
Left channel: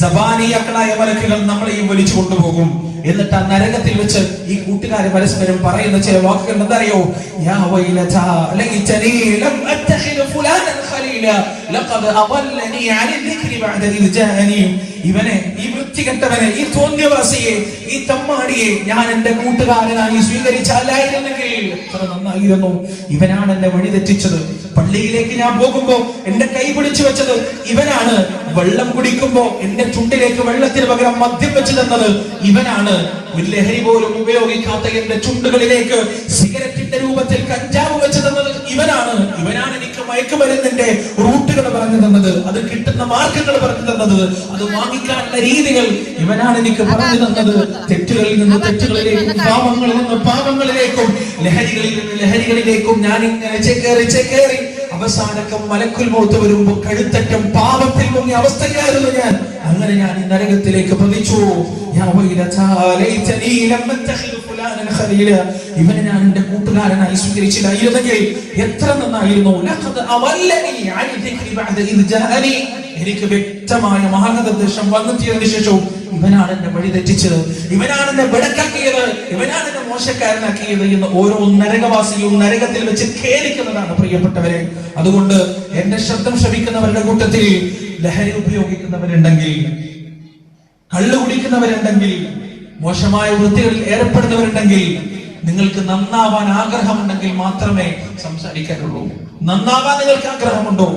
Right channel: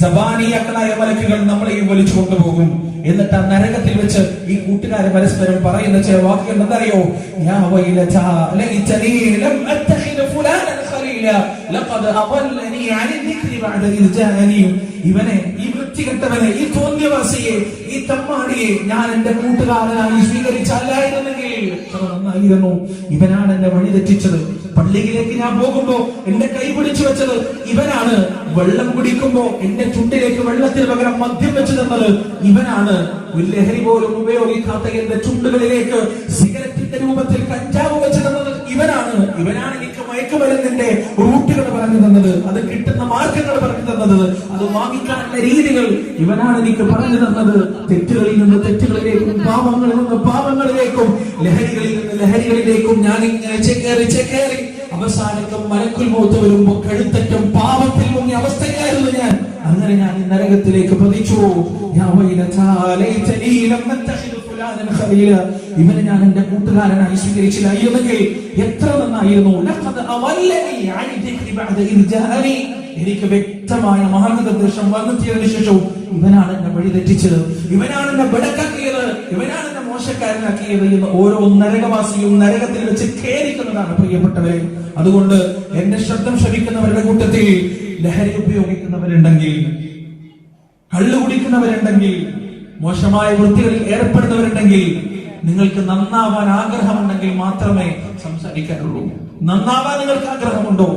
സബാനിയാക്കളായ മലക്കുകൾ നമ്മളെയും വലിച്ചു കൊണ്ടുപോകും. എന്നിട്ട് ആ നരകത്തിൽ വെച്ച് ഈ കൂട്ടുകാർ പരസ്പരം പറയുന്ന ചില വാക്കുകൾ എന്തറിയോ? യാ വൈലതാ ലൈതനി ലം അത്തഖിദ ഫുലാനൻ ഖലീല ലഖദ് അദല്ലനി അനി ദിക്രി ബഅദ ഇദ് ജാഅനി. ഇവനെ, ഈ വൃത്തികെട്ടവനെ, ഈ തോന്നിയവാസിയെ, ഈ തമ്മാടിയെ ഞാൻ എന്റെ കൂട്ടുകാരനായി സ്വീകരിച്ചാലായിരുന്നെങ്കിൽ എത്ര നന്നായിരുന്നു. ഇവനാണ് എന്നെ വഴിതെറ്റിച്ചത്. പള്ളിയിലേക്ക് ഞാൻ പോകുമ്പോ എന്റെ കൈ പിടിച്ചു വെച്ചത് ഇവനാണ്. വെള്ളം കുടിക്കുമ്പോ എന്റെ ചുണ്ടിലേക്ക് വെള്ളത്തിന് പകരം മദ്യം വെച്ച് തന്നത് ഇവനാണ്. ഒരു ലഹരി പോലും ഉപയോഗിക്കാത്ത എന്റെ ചുണ്ടുകളിലേക്ക് സിഗരറ്റിന്റെ രൂപത്തിൽ കഞ്ചാവ് വെച്ച് തന്നത് ഇവനാണ്. ഇവനാണ് എനിക്ക് മയക്കുമരുന്നിന്റെ റൂട്ടുകൾ പറഞ്ഞു തന്നത്, അത് കിട്ടുന്ന മാർഗങ്ങൾ പറഞ്ഞു തന്നത്, അത് വാങ്ങിക്കാനുള്ള രീതികൾ ഇവനാണ് എനിക്ക് പറഞ്ഞു തന്നത്. തെറ്റുകളിൽ നിന്ന് തെറ്റുകളിലേക്കും, പാവങ്ങളിൽ നിന്ന് പാവങ്ങളിലേക്കും, ലഹരികളിൽ നിന്ന് ലഹരികളിലേക്കും ഞാൻ ഇങ്ങനെ ചേക്കേറി അവസാനക്കം മലക്കുൽ മൗത്ത് വരുമ്പോ കഴുത്തറ്റം പാപത്തിൽ മുങ്ങിയ അവസ്ഥയിലായിരുന്നു ഞാൻ. അങ്ങനെ ഞാൻ ഈ നരകത്തിലേക്ക് പതിച്ചു. ഇവനെ ഞാൻ എന്റെ കൂട്ടുകാരനായി സ്വീകരിച്ചില്ലായിരുന്നെങ്കിൽ എത്ര നന്നായിരുന്നു. എനിക്ക് വ്യക്തമായ മാർഗനിർദ്ദേശം വന്നെത്തിയതിനു ശേഷവും ഇവനാണ് എന്നെ വഴി തെറ്റിച്ചത്, ഇവനാണ് എന്നെ ബടക്കാക്കിയത്, ഇവനാണ് എന്നെ മോശക്കാരനാക്കിയത് എന്ന് ഓരോ നരകവാസിയും നരകത്തിൽ വെച്ച് ഖേദിക്കുന്നതാണ് പ്രിയപ്പെട്ടവരെ. അതുകൊണ്ട് എന്റെ ശബ്ദം ശ്രവിക്കുന്നവരുടെ കൂട്ടത്തിൽ ലഹരി ഉപയോഗിക്കുന്നവരുണ്ടെങ്കിൽ, കള്ളു കുടിക്കുന്നവരുണ്ടെങ്കിൽ, മോശമായ വൃത്തികളിൽ ഏർപ്പെടുന്നവരുണ്ടെങ്കിൽ, നിങ്ങൾക്ക് നന്നാവാൻ ആഗ്രഹമുണ്ടെങ്കിൽ മാത്രമേ സംസാരിക്കാനുള്ളൂ. നന്നാവാൻ നിങ്ങൾക്ക് ആഗ്രഹമുണ്ടോ?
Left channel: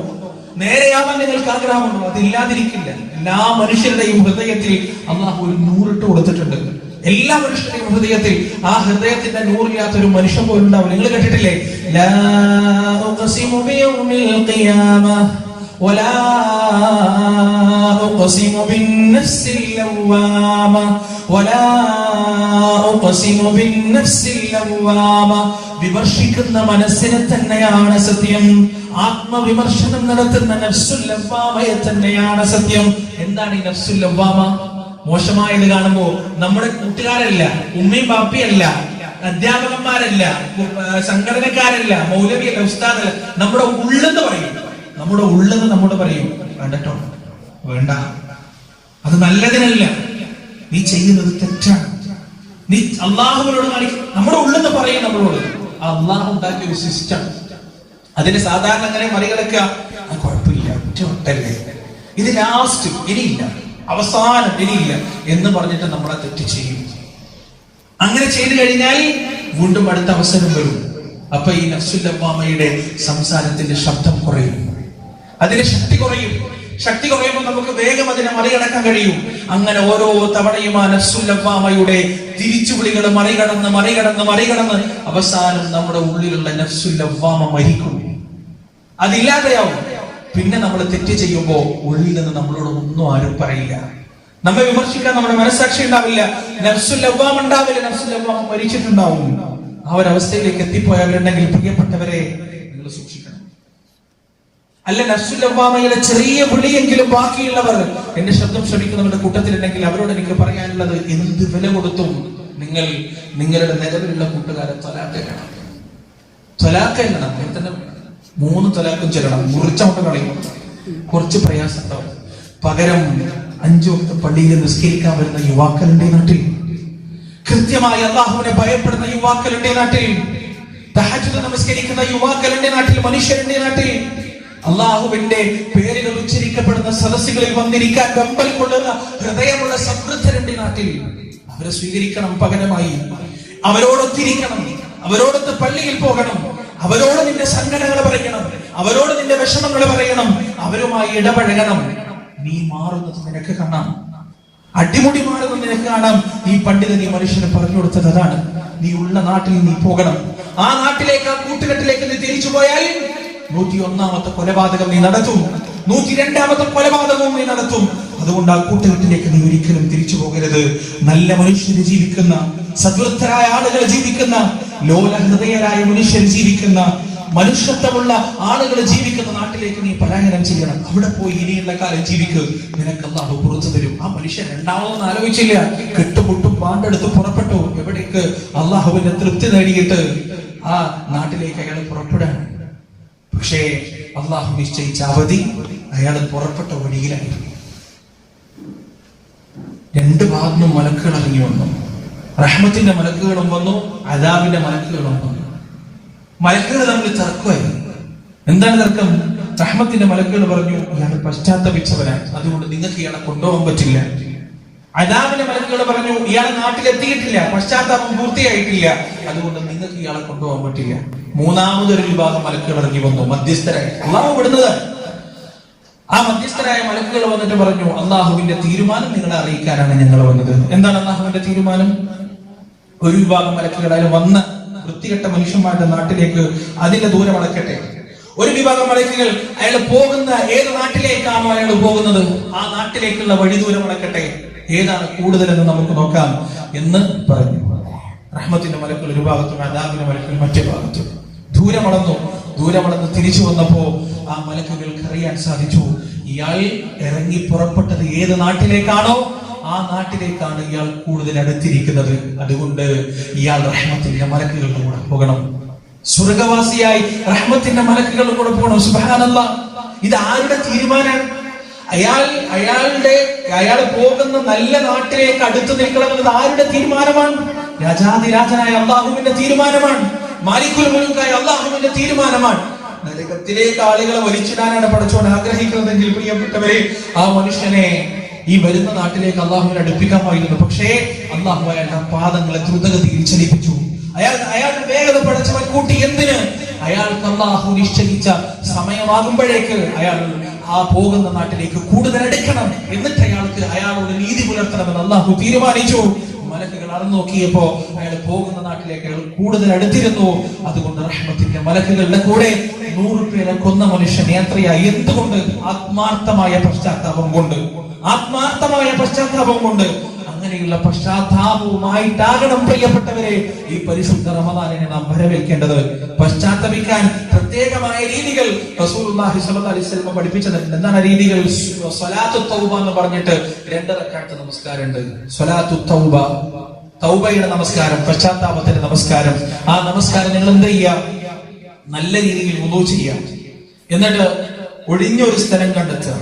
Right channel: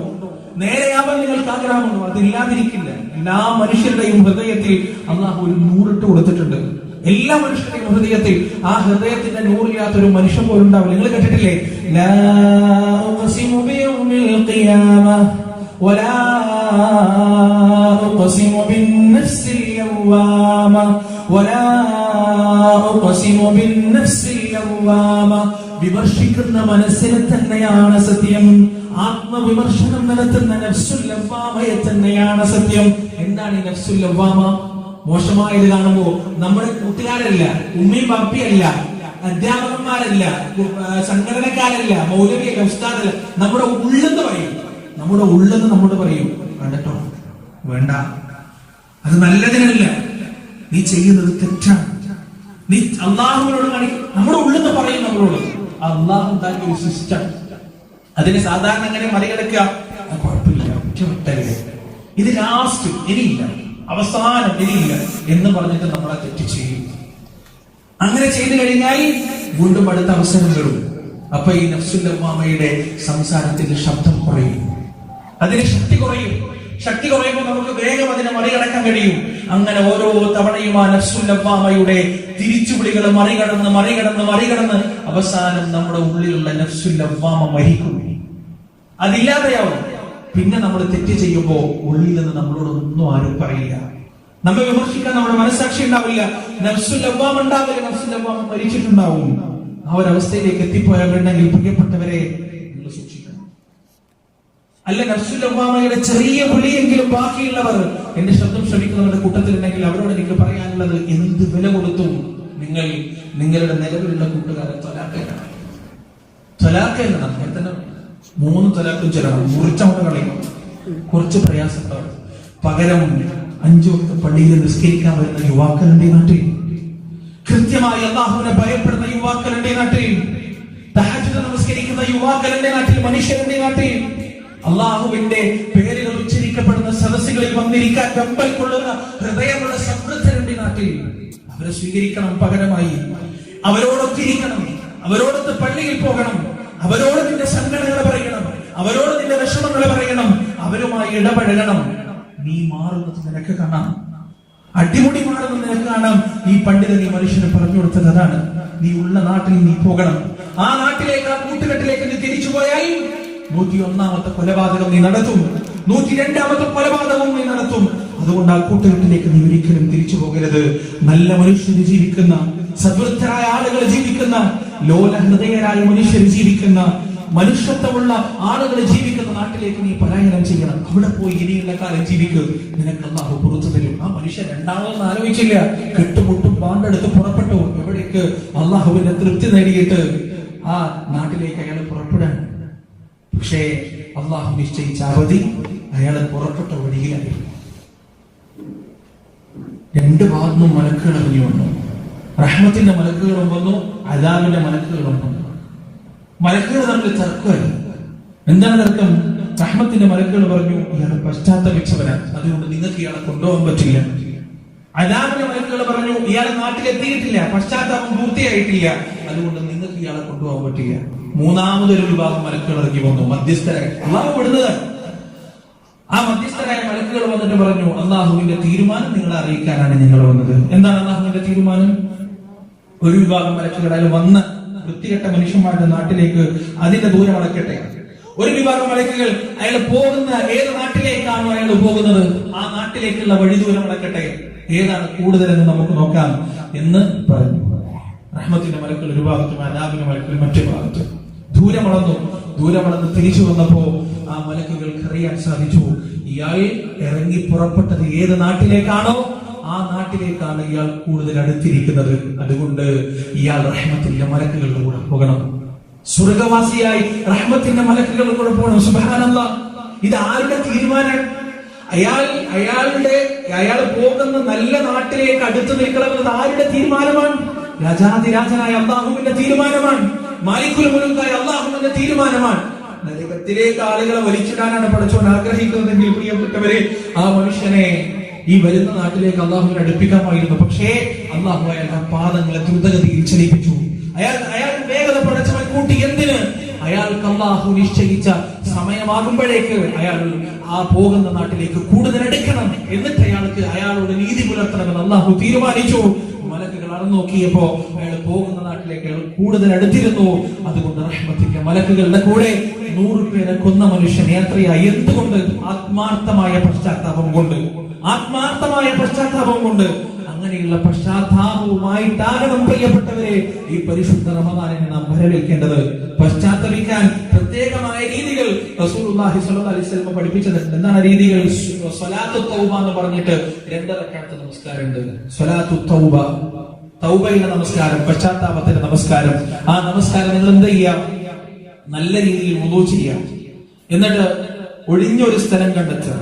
നേരെയാവാൻ നിങ്ങൾക്ക് ആഗ്രഹമുണ്ടോ? അതില്ലാതിരിക്കില്ല. എല്ലാ മനുഷ്യരുടെയും ഹൃദയത്തിൽ അള്ളാഹു ഒരു നൂറിട്ട് കൊടുത്തിട്ടുണ്ട്. എല്ലാ മനുഷ്യരുടെയും ഹൃദയത്തിൽ ആ ഹൃദയത്തിന്റെ നൂറില്ലാത്തൊരു മനുഷ്യൻ പോലും ഉണ്ടാവില്ല. നിങ്ങൾ കേട്ടിട്ടില്ലേ? ലാ ഉഖ്സിമു ബിയൗമിൽ ഖിയാമ വലാ ഉഖ്സിമു ബിന്നഫ്സിൽ ലവ്വാമ വലാ ഉഖ്സിമു ബിന്നഫ്സിൽ നഫ്സിൽ ലവ്വാമ, വിമർശിക്കുന്ന മനസ്സിനെ തന്നെയാണ് സത്യം. ആത്മവിമർശനം നടത്തുന്ന നഫ്സുൽ ലവ്വാമയെ തന്നെയാണ് സത്യം. എന്താണ് ഈ നഫ്സുൽ ലവ്വാമ? മോശമായത് കാണുമ്പോ നമ്മുടെ കൂട്ടുകാരല്ല, ഉമ്മയും ബാപ്പിയല്ല, അധ്യാപകന്മാരല്ല, സംഘടനക്കാരല്ല, മൗലവിയല്ല, ഉസ്താദല്ല, നമ്മുടെ ഉള്ളെന്ന് പറയും. നമ്മുടെ ഉള്ളെന്ന് നമ്മോട് പറയും, വേണ്ടട്ടോ, വേണ്ട, അത് നല്ലതിനല്ല, നീ ചെയ്യുന്നത് തെറ്റാണ്, നീ അള്ളാഹുവിനോട് കാണിക്കും. നമ്മുടെ ഉള്ളെന്ന് പറയും നമ്മളോട്. അള്ളാഹു ഉണ്ടാക്കിയ ഒരു സിസ്റ്റം, അതിന് സാധാരണ അങ്ങനെ മറികടക്കുക, കുഴപ്പമില്ല, ഒറ്റല്ലേ, ഇത് ലാസ്റ്റ്, ഇനിയില്ല, അവസാനം ഇനിയില്ല എന്ന് പറഞ്ഞിട്ട് നമ്മളെ തെറ്റ് ചെയ്യും. അങ്ങനെ ചെയ്തു കഴിഞ്ഞാൽ വീണ്ടും അടുത്ത അവസരം വരും. അപ്പൊ ഈ നഫ്സുൽ ലവ്വാമയുടെ സംസാരത്തിന്റെ ശബ്ദം കുറയും, അതിന്റെ ശക്തി കുറയും. ശക്തി കുറയുമ്പോൾ നമുക്ക് വേഗം അതിനെ മറികടക്കാൻ കഴിയും. അങ്ങനെ ഓരോ തവണയും ആ നഫ്സുൽ ലവ്വാമയുടെ തിരിച്ചുവിളികൾ മറികടന്ന് മറികടന്ന് മറികടന്ന് അവസാനം നമ്മുടെ ഉള്ളിലുള്ള നഫ്സുൽ ലവ്വാമ മരിക്കും, അതില്ലാതെയാവും. പിന്നെ നമ്മൾ തെറ്റ് ചെയ്യുമ്പോൾ ഉള്ളിൽ നിന്ന് നമ്മളോട് ഒന്നും ആരും പറയില്ല, നമ്മെ വിമർശിക്കാൻ നമ്മുടെ മനസ്സാക്ഷി ഉണ്ടാവില്ല, നഫ്സുൽ ലവ്വാമ ഉണ്ടാവില്ല, നഫ്സുൽ ലവ്വാമ മരിച്ചിട്ടുണ്ടാവും. ആ ഒരവസ്ഥയിലേക്ക് എത്തിപ്പോയവരുണ്ടെങ്കിൽ പ്രിയപ്പെട്ടവരെ, നിങ്ങൾ സൂക്ഷിക്കണം. അല്ല, നഫ്സുൽ ലവ്വാമയുടെ ചെറിയ വിളിയെങ്കിലും ബാക്കിയുള്ളവർ എന്റെ ശബ്ദം ശ്രമിക്കുന്നവരുടെ കൂട്ടത്തിലുണ്ടെങ്കിൽ അവരോട് എനിക്ക് പറയാനുള്ളത്, എന്ത് വില കൊടുത്തും നിങ്ങൾ നിങ്ങളുടെ നിലവിലുള്ള കൂട്ടുകാരെ ത്വലാക്കണം. ത്വലാക്കല്ല, നമ്മൾ തന്നെ 3 തലാഖും ചൊല്ലണം, മുറിച്ചോണ്ട് കളയും, കുറച്ച് പ്രയാസമുണ്ടാവും. പകരം 5 വക്ത് പള്ളിയിൽ നിസ്കരിക്കാൻ വരുന്ന യുവാക്കളുടെ നാട്ടിൽ, കൃത്യമായി അള്ളാഹുവിനെ ഭയപ്പെടുന്ന യുവാക്കളുടെ നാട്ടിൽ, തഹജ്ജുദ് നമസ്കരിക്കുന്ന യുവാക്കളുടെ നാട്ടിൽ, മനുഷ്യരുടെ നാട്ടിൽ, അള്ളാഹുവിന്റെ പേരുകൾ ഉച്ചരിക്കപ്പെടുന്ന സദസ്സുകളിൽ വന്നിരിക്കാൻ വെമ്പൽ കൊള്ളുന്ന ഹൃദയമുള്ള സമൃദ്ധരുടെ നാട്ടിൽ അവരെ സ്വീകരിക്കണം. പകരമായി അവരോടൊത്തിരിക്കണം, അവരോടൊത്ത് പള്ളിയിൽ പോകണം, അവരോട് നിന്റെ സങ്കടങ്ങൾ പറയണം, അവരോട് നിന്റെ വിഷമങ്ങൾ പറയണം, അവരുമായി ഇടപഴകണം. നീ മാറുന്നത് നിനക്ക് കാണാം, അടിമുടി മാറുന്നത് നിനക്ക് കാണാം. ഈ പണ്ഡിതൻ ഈ മനുഷ്യന് പറഞ്ഞു കൊടുത്തത് അതാണ്. നീ ഉള്ള നാട്ടിൽ നീ പോകണം. ആ നാട്ടിലേക്ക്, ആ കൂട്ടുകെട്ടിലേക്ക് നീ തിരിച്ചു പോയാൽ 101ാമത്തെ കൊലപാതകം നീ നടത്തും, 102ാമത്തെ കൊലപാതകവും നീ നടത്തും. അതുകൊണ്ട് ആ കൂട്ടുകെട്ടിലേക്ക് നീ ഒരിക്കലും തിരിച്ചു പോകരുത്. നല്ല മനുഷ്യർ ജീവിക്കുന്ന, സദ്വൃത്തരായ ആളുകൾ ജീവിക്കുന്ന, ലോലഹൃദയരായ മനുഷ്യർ ജീവിക്കുന്ന, മനുഷ്യത്വമുള്ള ആളുകൾ ജീവിക്കുന്ന നാട്ടിലേക്ക് നീ പലായനം ചെയ്യണം. അവിടെ പോയി ഇനിയുള്ള കാലം ജീവിക്കുക, നിനക്ക് അല്ലാഹു പുറത്തു തരും. ആ മനുഷ്യൻ രണ്ടാമതൊന്നും ആലോചിച്ചില്ല, കെട്ടുമുട്ടും പാണ്ടെടുത്ത് പുറപ്പെട്ടു. എവിടേക്ക്? അള്ളാഹുവിന്റെ തൃപ്തി നേടിയിട്ട് ആ നാട്ടിലേക്ക് അയാൾ പുറപ്പെടാൻ. പക്ഷേ അള്ളാഹു നിശ്ചയിച്ച അവധി അയാൾ പുറപ്പെട്ട വഴിയിലായിരുന്നു. 2 ഭാഗത്തും മലക്കുകൾ ഇറങ്ങി വന്നു. റഹ്മത്തിന്റെ മലക്കുകളും വന്നു, അദാബിന്റെ മലക്കുകളും വന്നു. മലക്കുകൾ തമ്മിൽ തർക്കമായിരുന്നു. എന്താണ് തർക്കം? റഹ്മത്തിന്റെ മലക്കുകൾ പറഞ്ഞു, ഇയാൾ പശ്ചാത്തപിച്ചവനാണ്, അതുകൊണ്ട് നിങ്ങൾക്ക് ഇയാളെ കൊണ്ടുപോകാൻ പറ്റില്ല. അദാബിന്റെ മലക്കുകൾ പറഞ്ഞു, ഇയാൾ നാട്ടിലെത്തിയിട്ടില്ല, പശ്ചാത്താപം പൂർത്തിയായിട്ടില്ല, അതുകൊണ്ട് നിങ്ങൾക്ക് ഇയാളെ കൊണ്ടുപോകാൻ പറ്റില്ല. 3ാമതൊരു വിഭാഗം മലക്കുകൾ ഇറങ്ങി വന്നു, മധ്യസ്ഥരായി. അള്ളാഹു വിടുന്നത്. ആ മധ്യസ്ഥരായ മലക്കുകൾ വന്നിട്ട് പറഞ്ഞു, അള്ളാഹുവിന്റെ തീരുമാനം നിങ്ങളെ അറിയിക്കാനാണ് ഞങ്ങൾ വന്നത്. എന്താണ് അള്ളാഹുവിന്റെ തീരുമാനം? ഒരു വിഭാഗം മലക്കുകളായാലും വന്ന് വൃത്തികെട്ട മനുഷ്യന്മാരുടെ നാട്ടിലേക്ക് അതിന്റെ ദൂരം അടക്കട്ടെ. ഒരു വിഭാഗം മലക്കുകൾ അയാൾ പോകുന്ന ഏത് നാട്ടിലേക്കാണോ അയാൾ പോകുന്നത് ആ നാട്ടിലേക്കുള്ള വഴി ദൂരം അടക്കട്ടെ. ഏതാണ് കൂടുതലെന്ന് നമുക്ക് നോക്കാം എന്ന് പറഞ്ഞു. റഹ്മത്തിന്റെ മലക്കുകൾ ഒരു ഭാഗത്തും അദാബിന്റെ മലക്കുകൾ മറ്റു ഭാഗത്തും. ദൂരമടന്ന് തിരിച്ചു വന്നപ്പോ ആ മലക്കുകൾക്ക് അറിയാൻ സാധിച്ചു, ഇയാൾ ഇറങ്ങി പുറപ്പെട്ടത് ഏത് നാട്ടിലേക്കാണോ ആ നാട്ടിലേക്കാണ് ഇയാൾ കൂടുതൽ അടുത്തിരിക്കുന്നത്. അതുകൊണ്ട് ഇയാൾ റഹ്മത്തിന്റെ മലക്കുകളുടെ കൂടെ പോകണം, സ്വർഗവാസിയായി റഹ്മത്തിന്റെ മലക്കുകളുടെ കൂടെ പോകണം. സുബ്ഹാനല്ലാഹ്, ഇത് ആരുടെ തീരുമാനമാണ്? അയാൾ പോകുന്ന നല്ല നാട്ടിലേക്ക് അടുത്ത് നിൽക്കണമെന്നത് ആരുടെ തീരുമാനമാണ്? രാജാതിരാജനായ അള്ളാഹുവിന്റെ തീരുമാനമാണ്. മാലിക്കുൽ മുൽക്കായ അള്ളാഹുവിന്റെ തീരുമാനമാണ്. നരകത്തിലേക്ക് ആളുകളെ വലിച്ചിടാനാണ് പടച്ചോൻ ആഗ്രഹിക്കുന്നതെങ്കിൽ പ്രിയപ്പെട്ടവരെ, ആ മനുഷ്യനെ ഈ വരുന്ന നാട്ടിലേക്ക് അള്ളാഹുവിനെ അടുപ്പിക്കാമായിരുന്നു. പക്ഷേ അള്ളാഹു അയാളുടെ പാദങ്ങളെ ദ്രുതഗതിയിൽ ചലിപ്പിച്ചു. അയാൾ വേഗത പടച്ചവൻ കൂട്ടി. എന്തിന്? അയാൾക്ക് അള്ളാഹു നിശ്ചയിച്ച സമയമാകുമ്പോഴേക്ക് അയാൾ ആ പോകുന്ന നാട്ടിലേക്ക് കൂടുതൽ അടുക്കണം. എന്നിട്ട് അയാളോട് നീതി പുലർത്തണമെന്ന് അള്ളാഹു തീരുമാനിച്ചു. മലക്കുകൾ അളന്നു നോക്കിയപ്പോ അയാൾ പോകുന്ന നാട്ടിലേക്ക് അയാൾ കൂടുതൽ അടുത്തിരുന്നു. അതുകൊണ്ട് റഹ്മത്തിന്റെ മലക്കുകളുടെ കൂടെ 100 പേരെ കൊന്ന മനുഷ്യൻ യാത്രയായി. എന്തുകൊണ്ട്? ആത്മാർത്ഥമായ പശ്ചാത്താപം കൊണ്ട്. അങ്ങനെ വേണ്ടിയുള്ള പശ്ചാത്താപവുമായിട്ടാകണം പ്രിയപ്പെട്ടവരെ ഈ പരിശുദ്ധ റമദാനിനെ നാം വരവേൽക്കേണ്ടത്. പശ്ചാത്തപിക്കാൻ പ്രത്യേകമായ രീതികൾ റസൂലുള്ളാഹി സ്വല്ലല്ലാഹു അലൈഹി വസല്ലം പഠിപ്പിച്ചിട്ടുണ്ട്. എന്താണ് രീതികൾ? സ്വലാത്തു തൗബ എന്ന് പറഞ്ഞിട്ട് 2 റക്അത്ത് നമസ്കാരമുണ്ട്. സ്വലാത്തു തൗബ, തൗബയുടെ നമസ്കാരം, പശ്ചാത്താപത്തിന്റെ നമസ്കാരം. ആ നമസ്കാരം നിങ്ങൾ എന്ത് ചെയ്യുക? നല്ല രീതിയിൽ വുളൂ ചെയ്യുക. എന്നിട്ട് ഒഴിഞ്ഞൊരു സ്ഥലം കണ്ടെത്തുക.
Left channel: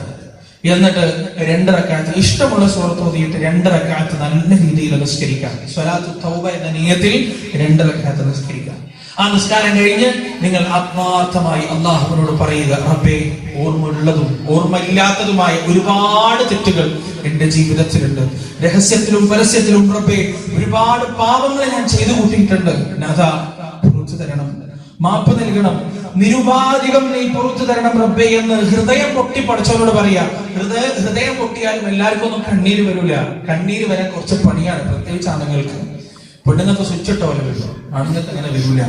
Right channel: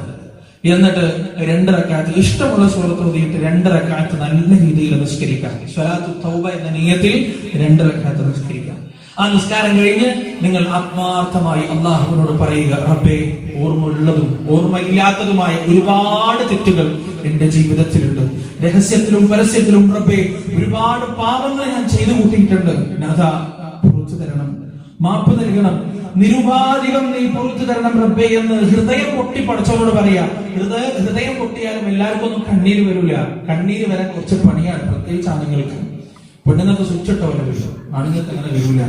എന്നിട്ട് 2 റക്അത്ത് ഇഷ്ടമുള്ള സൂറത്ത് ഓതിയിട്ട് 2 റക്അത്ത് നല്ല രീതിയിൽ നമസ്കരിക്കാം. സ്വലാത്തു തൗബ എന്ന നിയത്തിൽ 2 റക്അത്ത് നമസ്കരിക്കാം. ആ നിസ്കാരം കഴിഞ്ഞ് നിങ്ങൾ ആത്മാർത്ഥമായി അല്ലാഹുവിനോട് പറയുക, റബ്ബേ, ഓർമ്മയുള്ളതും ഓർമ്മയില്ലാത്തതുമായ ഒരുപാട് തെറ്റുകൾ എന്റെ ജീവിതത്തിലുണ്ട്. രഹസ്യത്തിലും പരസ്യത്തിലും റബ്ബേ ഒരുപാട് പാപങ്ങൾ ഞാൻ ചെയ്തു കൂട്ടിയിട്ടുണ്ട്. നാഥാ, പുറത്തു തരണം, മാപ്പ് നൽകണം, നിരുപാധികം നീ പുറത്തു തരണം റബ്ബേ എന്ന് ഹൃദയം പൊട്ടി പടച്ചവനോട് പറയാ. ഹൃദയം പൊട്ടിയാലും എല്ലാവർക്കും ഒന്നും കണ്ണീര് വരൂല. കണ്ണീര് വരാൻ കുറച്ച് പണിയാണ്, പ്രത്യേകിച്ച് ആണുങ്ങൾക്ക്. പെണ്ണുങ്ങൾക്ക് സ്വിച്ച് ഇട്ട പോലെ വരും, ആണുങ്ങൾക്ക് അങ്ങനെ വരൂല.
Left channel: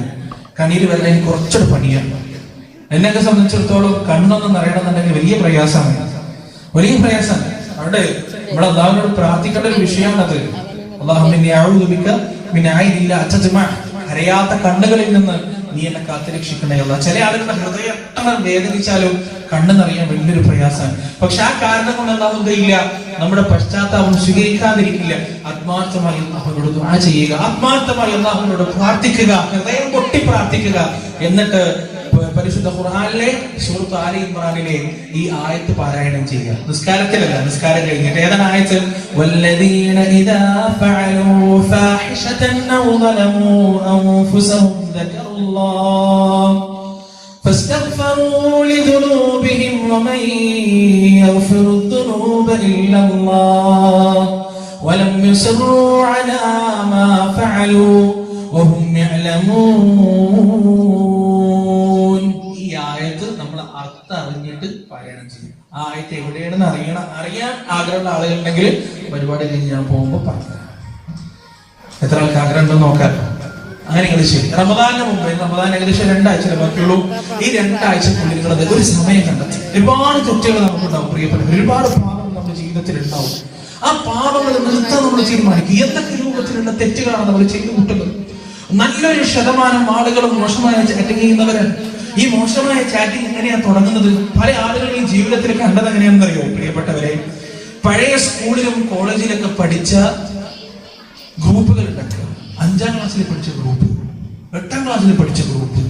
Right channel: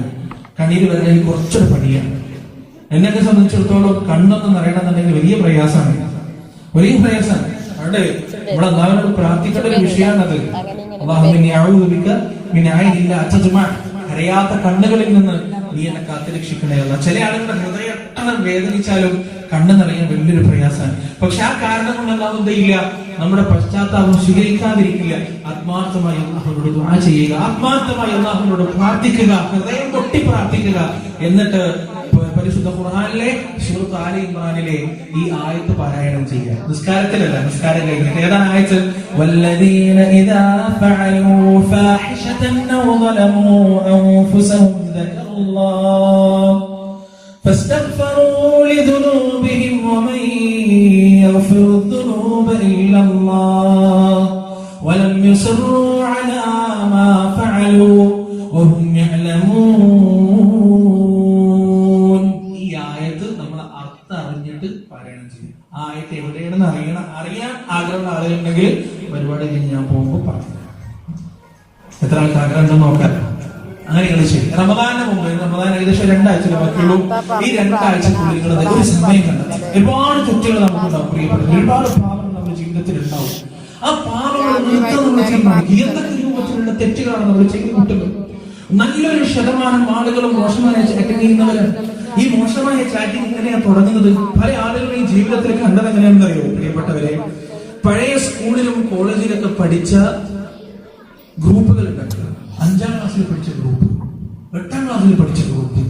കണ്ണീര് വരാൻ എനിക്ക് കുറച്ചൊരു പണിയാണ്. എന്നെയൊക്കെ സംബന്ധിച്ചിടത്തോളം കണ്ണൊന്നും നിറയണമെന്നുണ്ടെങ്കിൽ വലിയ പ്രയാസമാണ്, വലിയ പ്രയാസമാണ്. അവിടെ ഇവിടെ അല്ലാഹുവോട് പ്രാർത്ഥിക്കേണ്ട ഒരു വിഷയമാണത്. കരയാത്ത കണ്ണുകളിൽ നിന്ന് നീ എന്നെ കാത്തുരക്ഷിക്കണേ. ചില ആളുകളുടെ ഹൃദയം എത്ര വേദനിച്ചാലും കണ്ണ് നിറയാൻ വലിയൊരു പ്രയാസമാണ്. പക്ഷെ ആ കാരണം കൊണ്ട് എന്താവുന്നില്ല, നമ്മുടെ പശ്ചാത്താപം സ്വീകരിക്കാതിരിക്കില്ല. ആത്മാർത്ഥമായി അല്ലാഹുവോട് ദുആ ചെയ്യുക, ആത്മാർത്ഥമായി അല്ലാഹുവോട് പ്രാർത്ഥിക്കുക, ഹൃദയം പൊട്ടി പ്രാർത്ഥിക്കുക. എന്നിട്ട് പരിശുദ്ധ ഖുർആനിലെ സൂറത്ത് ആലി ഇംറാനിലെ ഈ ആയത്ത് പാരായണം ചെയ്യുക. നിസ്കാരത്തിലല്ല, നിസ്കാരം കഴിഞ്ഞിട്ട്. ഏതാണ് ആയത്ത്? വല്ലദീന ഇദാ ഫഅലൂ ഫാഹിശതൻ ഔ ളലമൂ അൻഫുസഹും ദക്കറുല്ലാഹ് ഫസ്തഗ്ഫറൂ ലിദുനൂബിഹിം വമൻ യഗ്ഫിറു ദുനൂബ ഇല്ലല്ലാഹ് വലം യുസിറൂ അലാ മാ ഫഅലൂ വഹും യഅലമൂൻ. ആയത്ത് എവിടെയാണെന്ന് അറിയാൻ ആഗ്രഹമുള്ള ആളുകളുണ്ടെങ്കിൽ പരിപാടി കഴിഞ്ഞ് ഞാൻ പോകുമ്പോൾ പറഞ്ഞു. എത്ര ആൾക്ക് ആഗ്രഹം ഉണ്ടെന്ന് നോക്കാം. അങ്ങനെ നിങ്ങൾ ശരി. റമദാനിന് മുമ്പ്, റമദാൻ ഏകദേശം 2 ആഴ്ച ബാക്കിയുള്ളൂ. ഈ 2 ആഴ്ചക്കുള്ളിൽ നിങ്ങളത് ഒരു സമയം കണ്ടെത്തി. ഒരുപാട് തെറ്റുകൾ നമുക്കുണ്ടാവും പ്രിയപ്പെട്ട, ഒരുപാട് പാപങ്ങൾ നമ്മുടെ ജീവിതത്തിൽ ഉണ്ടാവും. ആ പാപങ്ങൾ നിർത്താൻ നമ്മൾ തീരുമാനിക്കും. എന്തൊക്കെ രൂപത്തിലുള്ള തെറ്റുകളാണ് നമ്മൾ ചെയ്തു കൂട്ടുന്നത്? നല്ലൊരു ശതമാനം ആളുകളും മോശമായ ചാറ്റിംഗ് ചെയ്യുന്നവരാണ്. ഈ മോശമായ ചാറ്റിംഗ് എങ്ങനെയാണ് തുടങ്ങുന്നത്? പല ആളുകളും ജീവിതത്തിൽ കണ്ടത് എങ്ങനെയാണെന്ന് അറിയോ പ്രിയപ്പെട്ടവരെ? പഴയ സ്കൂളിലും കോളേജിലൊക്കെ പഠിച്ച ഗ്രൂപ്പുകൾ ഉണ്ടാക്കുക. 5ാം ക്ലാസ്സിൽ പഠിച്ച ഗ്രൂപ്പ്, 8ാം ക്ലാസ്സിൽ പഠിച്ച ഗ്രൂപ്പ്,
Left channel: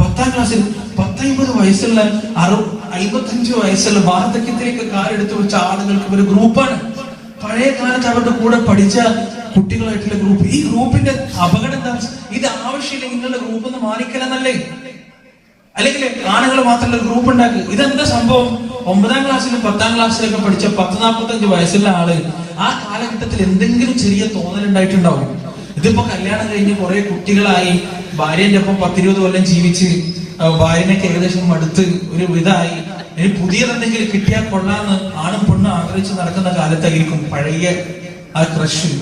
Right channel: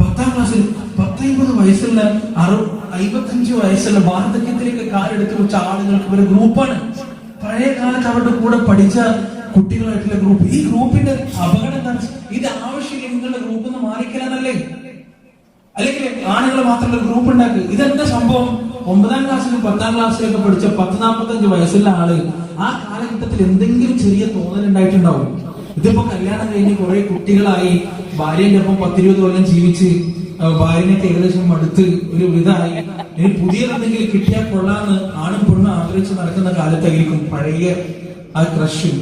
10ാം ക്ലാസ്സിൽ 50 വയസ്സുള്ള 55 വയസ്സുള്ള വാർദ്ധക്യത്തിലേക്ക് കാലെടുത്ത് വെച്ച ആളുകൾക്ക് ഒരു ഗ്രൂപ്പാണ്. പഴയ കാലത്ത് അവരുടെ കൂടെ പഠിച്ച കുട്ടികളായിട്ടുള്ള ഗ്രൂപ്പ്. ഈ ഗ്രൂപ്പിന്റെ അപകടം എന്താ? ഇത് ആവശ്യമില്ലെങ്കിൽ നിങ്ങളുടെ ഗ്രൂപ്പ് ഒന്ന് മാറിക്കലെന്നല്ലേ? അല്ലെങ്കിൽ ആണുങ്ങൾ മാത്രമല്ല ഗ്രൂപ്പ് ഉണ്ടാക്കുക. ഇതെന്താ സംഭവം? 9ാം ക്ലാസ്സിലും 10ാം ക്ലാസ്സിലൊക്കെ പഠിച്ച 40-45 വയസ്സുള്ള ആള് ആ കാലഘട്ടത്തിൽ എന്തെങ്കിലും ചെറിയ തോന്നലുണ്ടായിട്ടുണ്ടാവും. ഇതിപ്പോ കല്യാണം കഴിഞ്ഞ് കുറെ കുട്ടികളായി, ഭാര്യന്റെ ഒപ്പം 10-20 കൊല്ലം ജീവിച്ച് ഭാര്യനൊക്കെ ഏകദേശം മടുത്ത് ഒരു ഇതായി, ഇനി പുതിയതെന്തെങ്കിലും കിട്ടിയാൽ കൊള്ളാന്ന് ആണും പെണ്ണും ആഗ്രഹിച്ച് നടക്കുന്ന കാലത്തായിരിക്കും പഴയ ആ ക്രഷ്.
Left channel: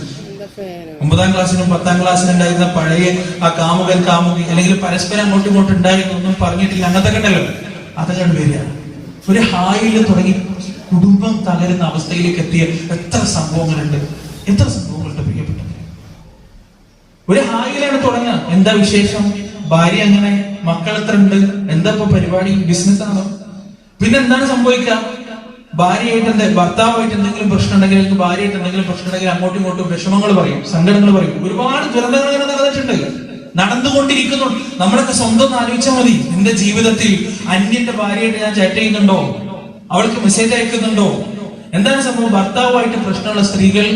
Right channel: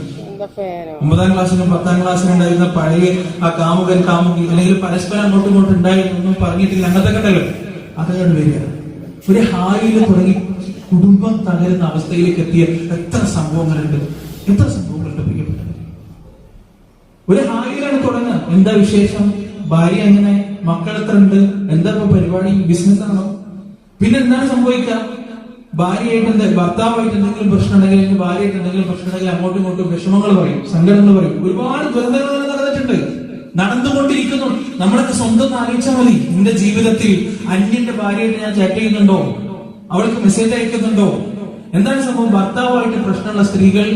9ാം ക്ലാസ്സിലും 10ാം ക്ലാസ്സിലും ഉണ്ടായിരുന്ന പഴയ ആ കാമുകൻ കാമുകി, അല്ലെങ്കിൽ പരസ്പരം അങ്ങോട്ടും ഇങ്ങോട്ടും ഉണ്ടായിരുന്നൊന്നും പറഞ്ഞിട്ടില്ല, അങ്ങനത്തെ കണ്ടല്ലോ, അതൊക്കെ വരിക. ഒരു ഹായിൽ തുടങ്ങി കുടുംബം തകരുന്ന അവസ്ഥയിലേക്ക് എത്തിയ എത്ര സംഭവങ്ങളുണ്ട്, എത്ര സംഭവങ്ങളുണ്ട് പ്രിയപ്പെട്ടത്. ഒരു ഹായിലാണ് തുടങ്ങുക. എന്താ വിശേഷം? ഭാര്യ അങ്ങനെ, മക്കൾ എത്ര ഉണ്ട്, എന്താ ഇപ്പൊ പരിപാടി, ബിസിനസ് ആണോ? പിന്നെ എന്താണ് സംഭവിക്കുക? ഭാര്യയായിട്ട് ഭർത്താവായിട്ട് എന്തെങ്കിലും പ്രശ്നം ഉണ്ടെങ്കിൽ, ഭാര്യയായിട്ട് എന്തെങ്കിലും പ്രശ്നം ഉണ്ടെങ്കിൽ അങ്ങോട്ടും ഇങ്ങോട്ടും വിഷമങ്ങൾ പറയും, സങ്കടങ്ങൾ പറയും. ഒരുപാട് ദുരന്തങ്ങൾ അങ്ങനെ നടന്നിട്ടുണ്ട്, നടന്നുകൊണ്ടിരിക്കുന്നു. നമ്മളൊക്കെ സ്വന്തം ആലോചിച്ചാൽ മതി. നിന്റെ ജീവിതത്തിൽ അന്യന്റെ ഭാര്യയായിട്ട് ഞാൻ ചാറ്റ് ചെയ്യുന്നുണ്ടോ? അവൾക്ക് മെസ്സേജ് അയക്കുന്നുണ്ടോ? എന്താണ് സംഭവം? ഭർത്താവായിട്ട് പ്രശ്നമുള്ള സ്ത്രീകൾ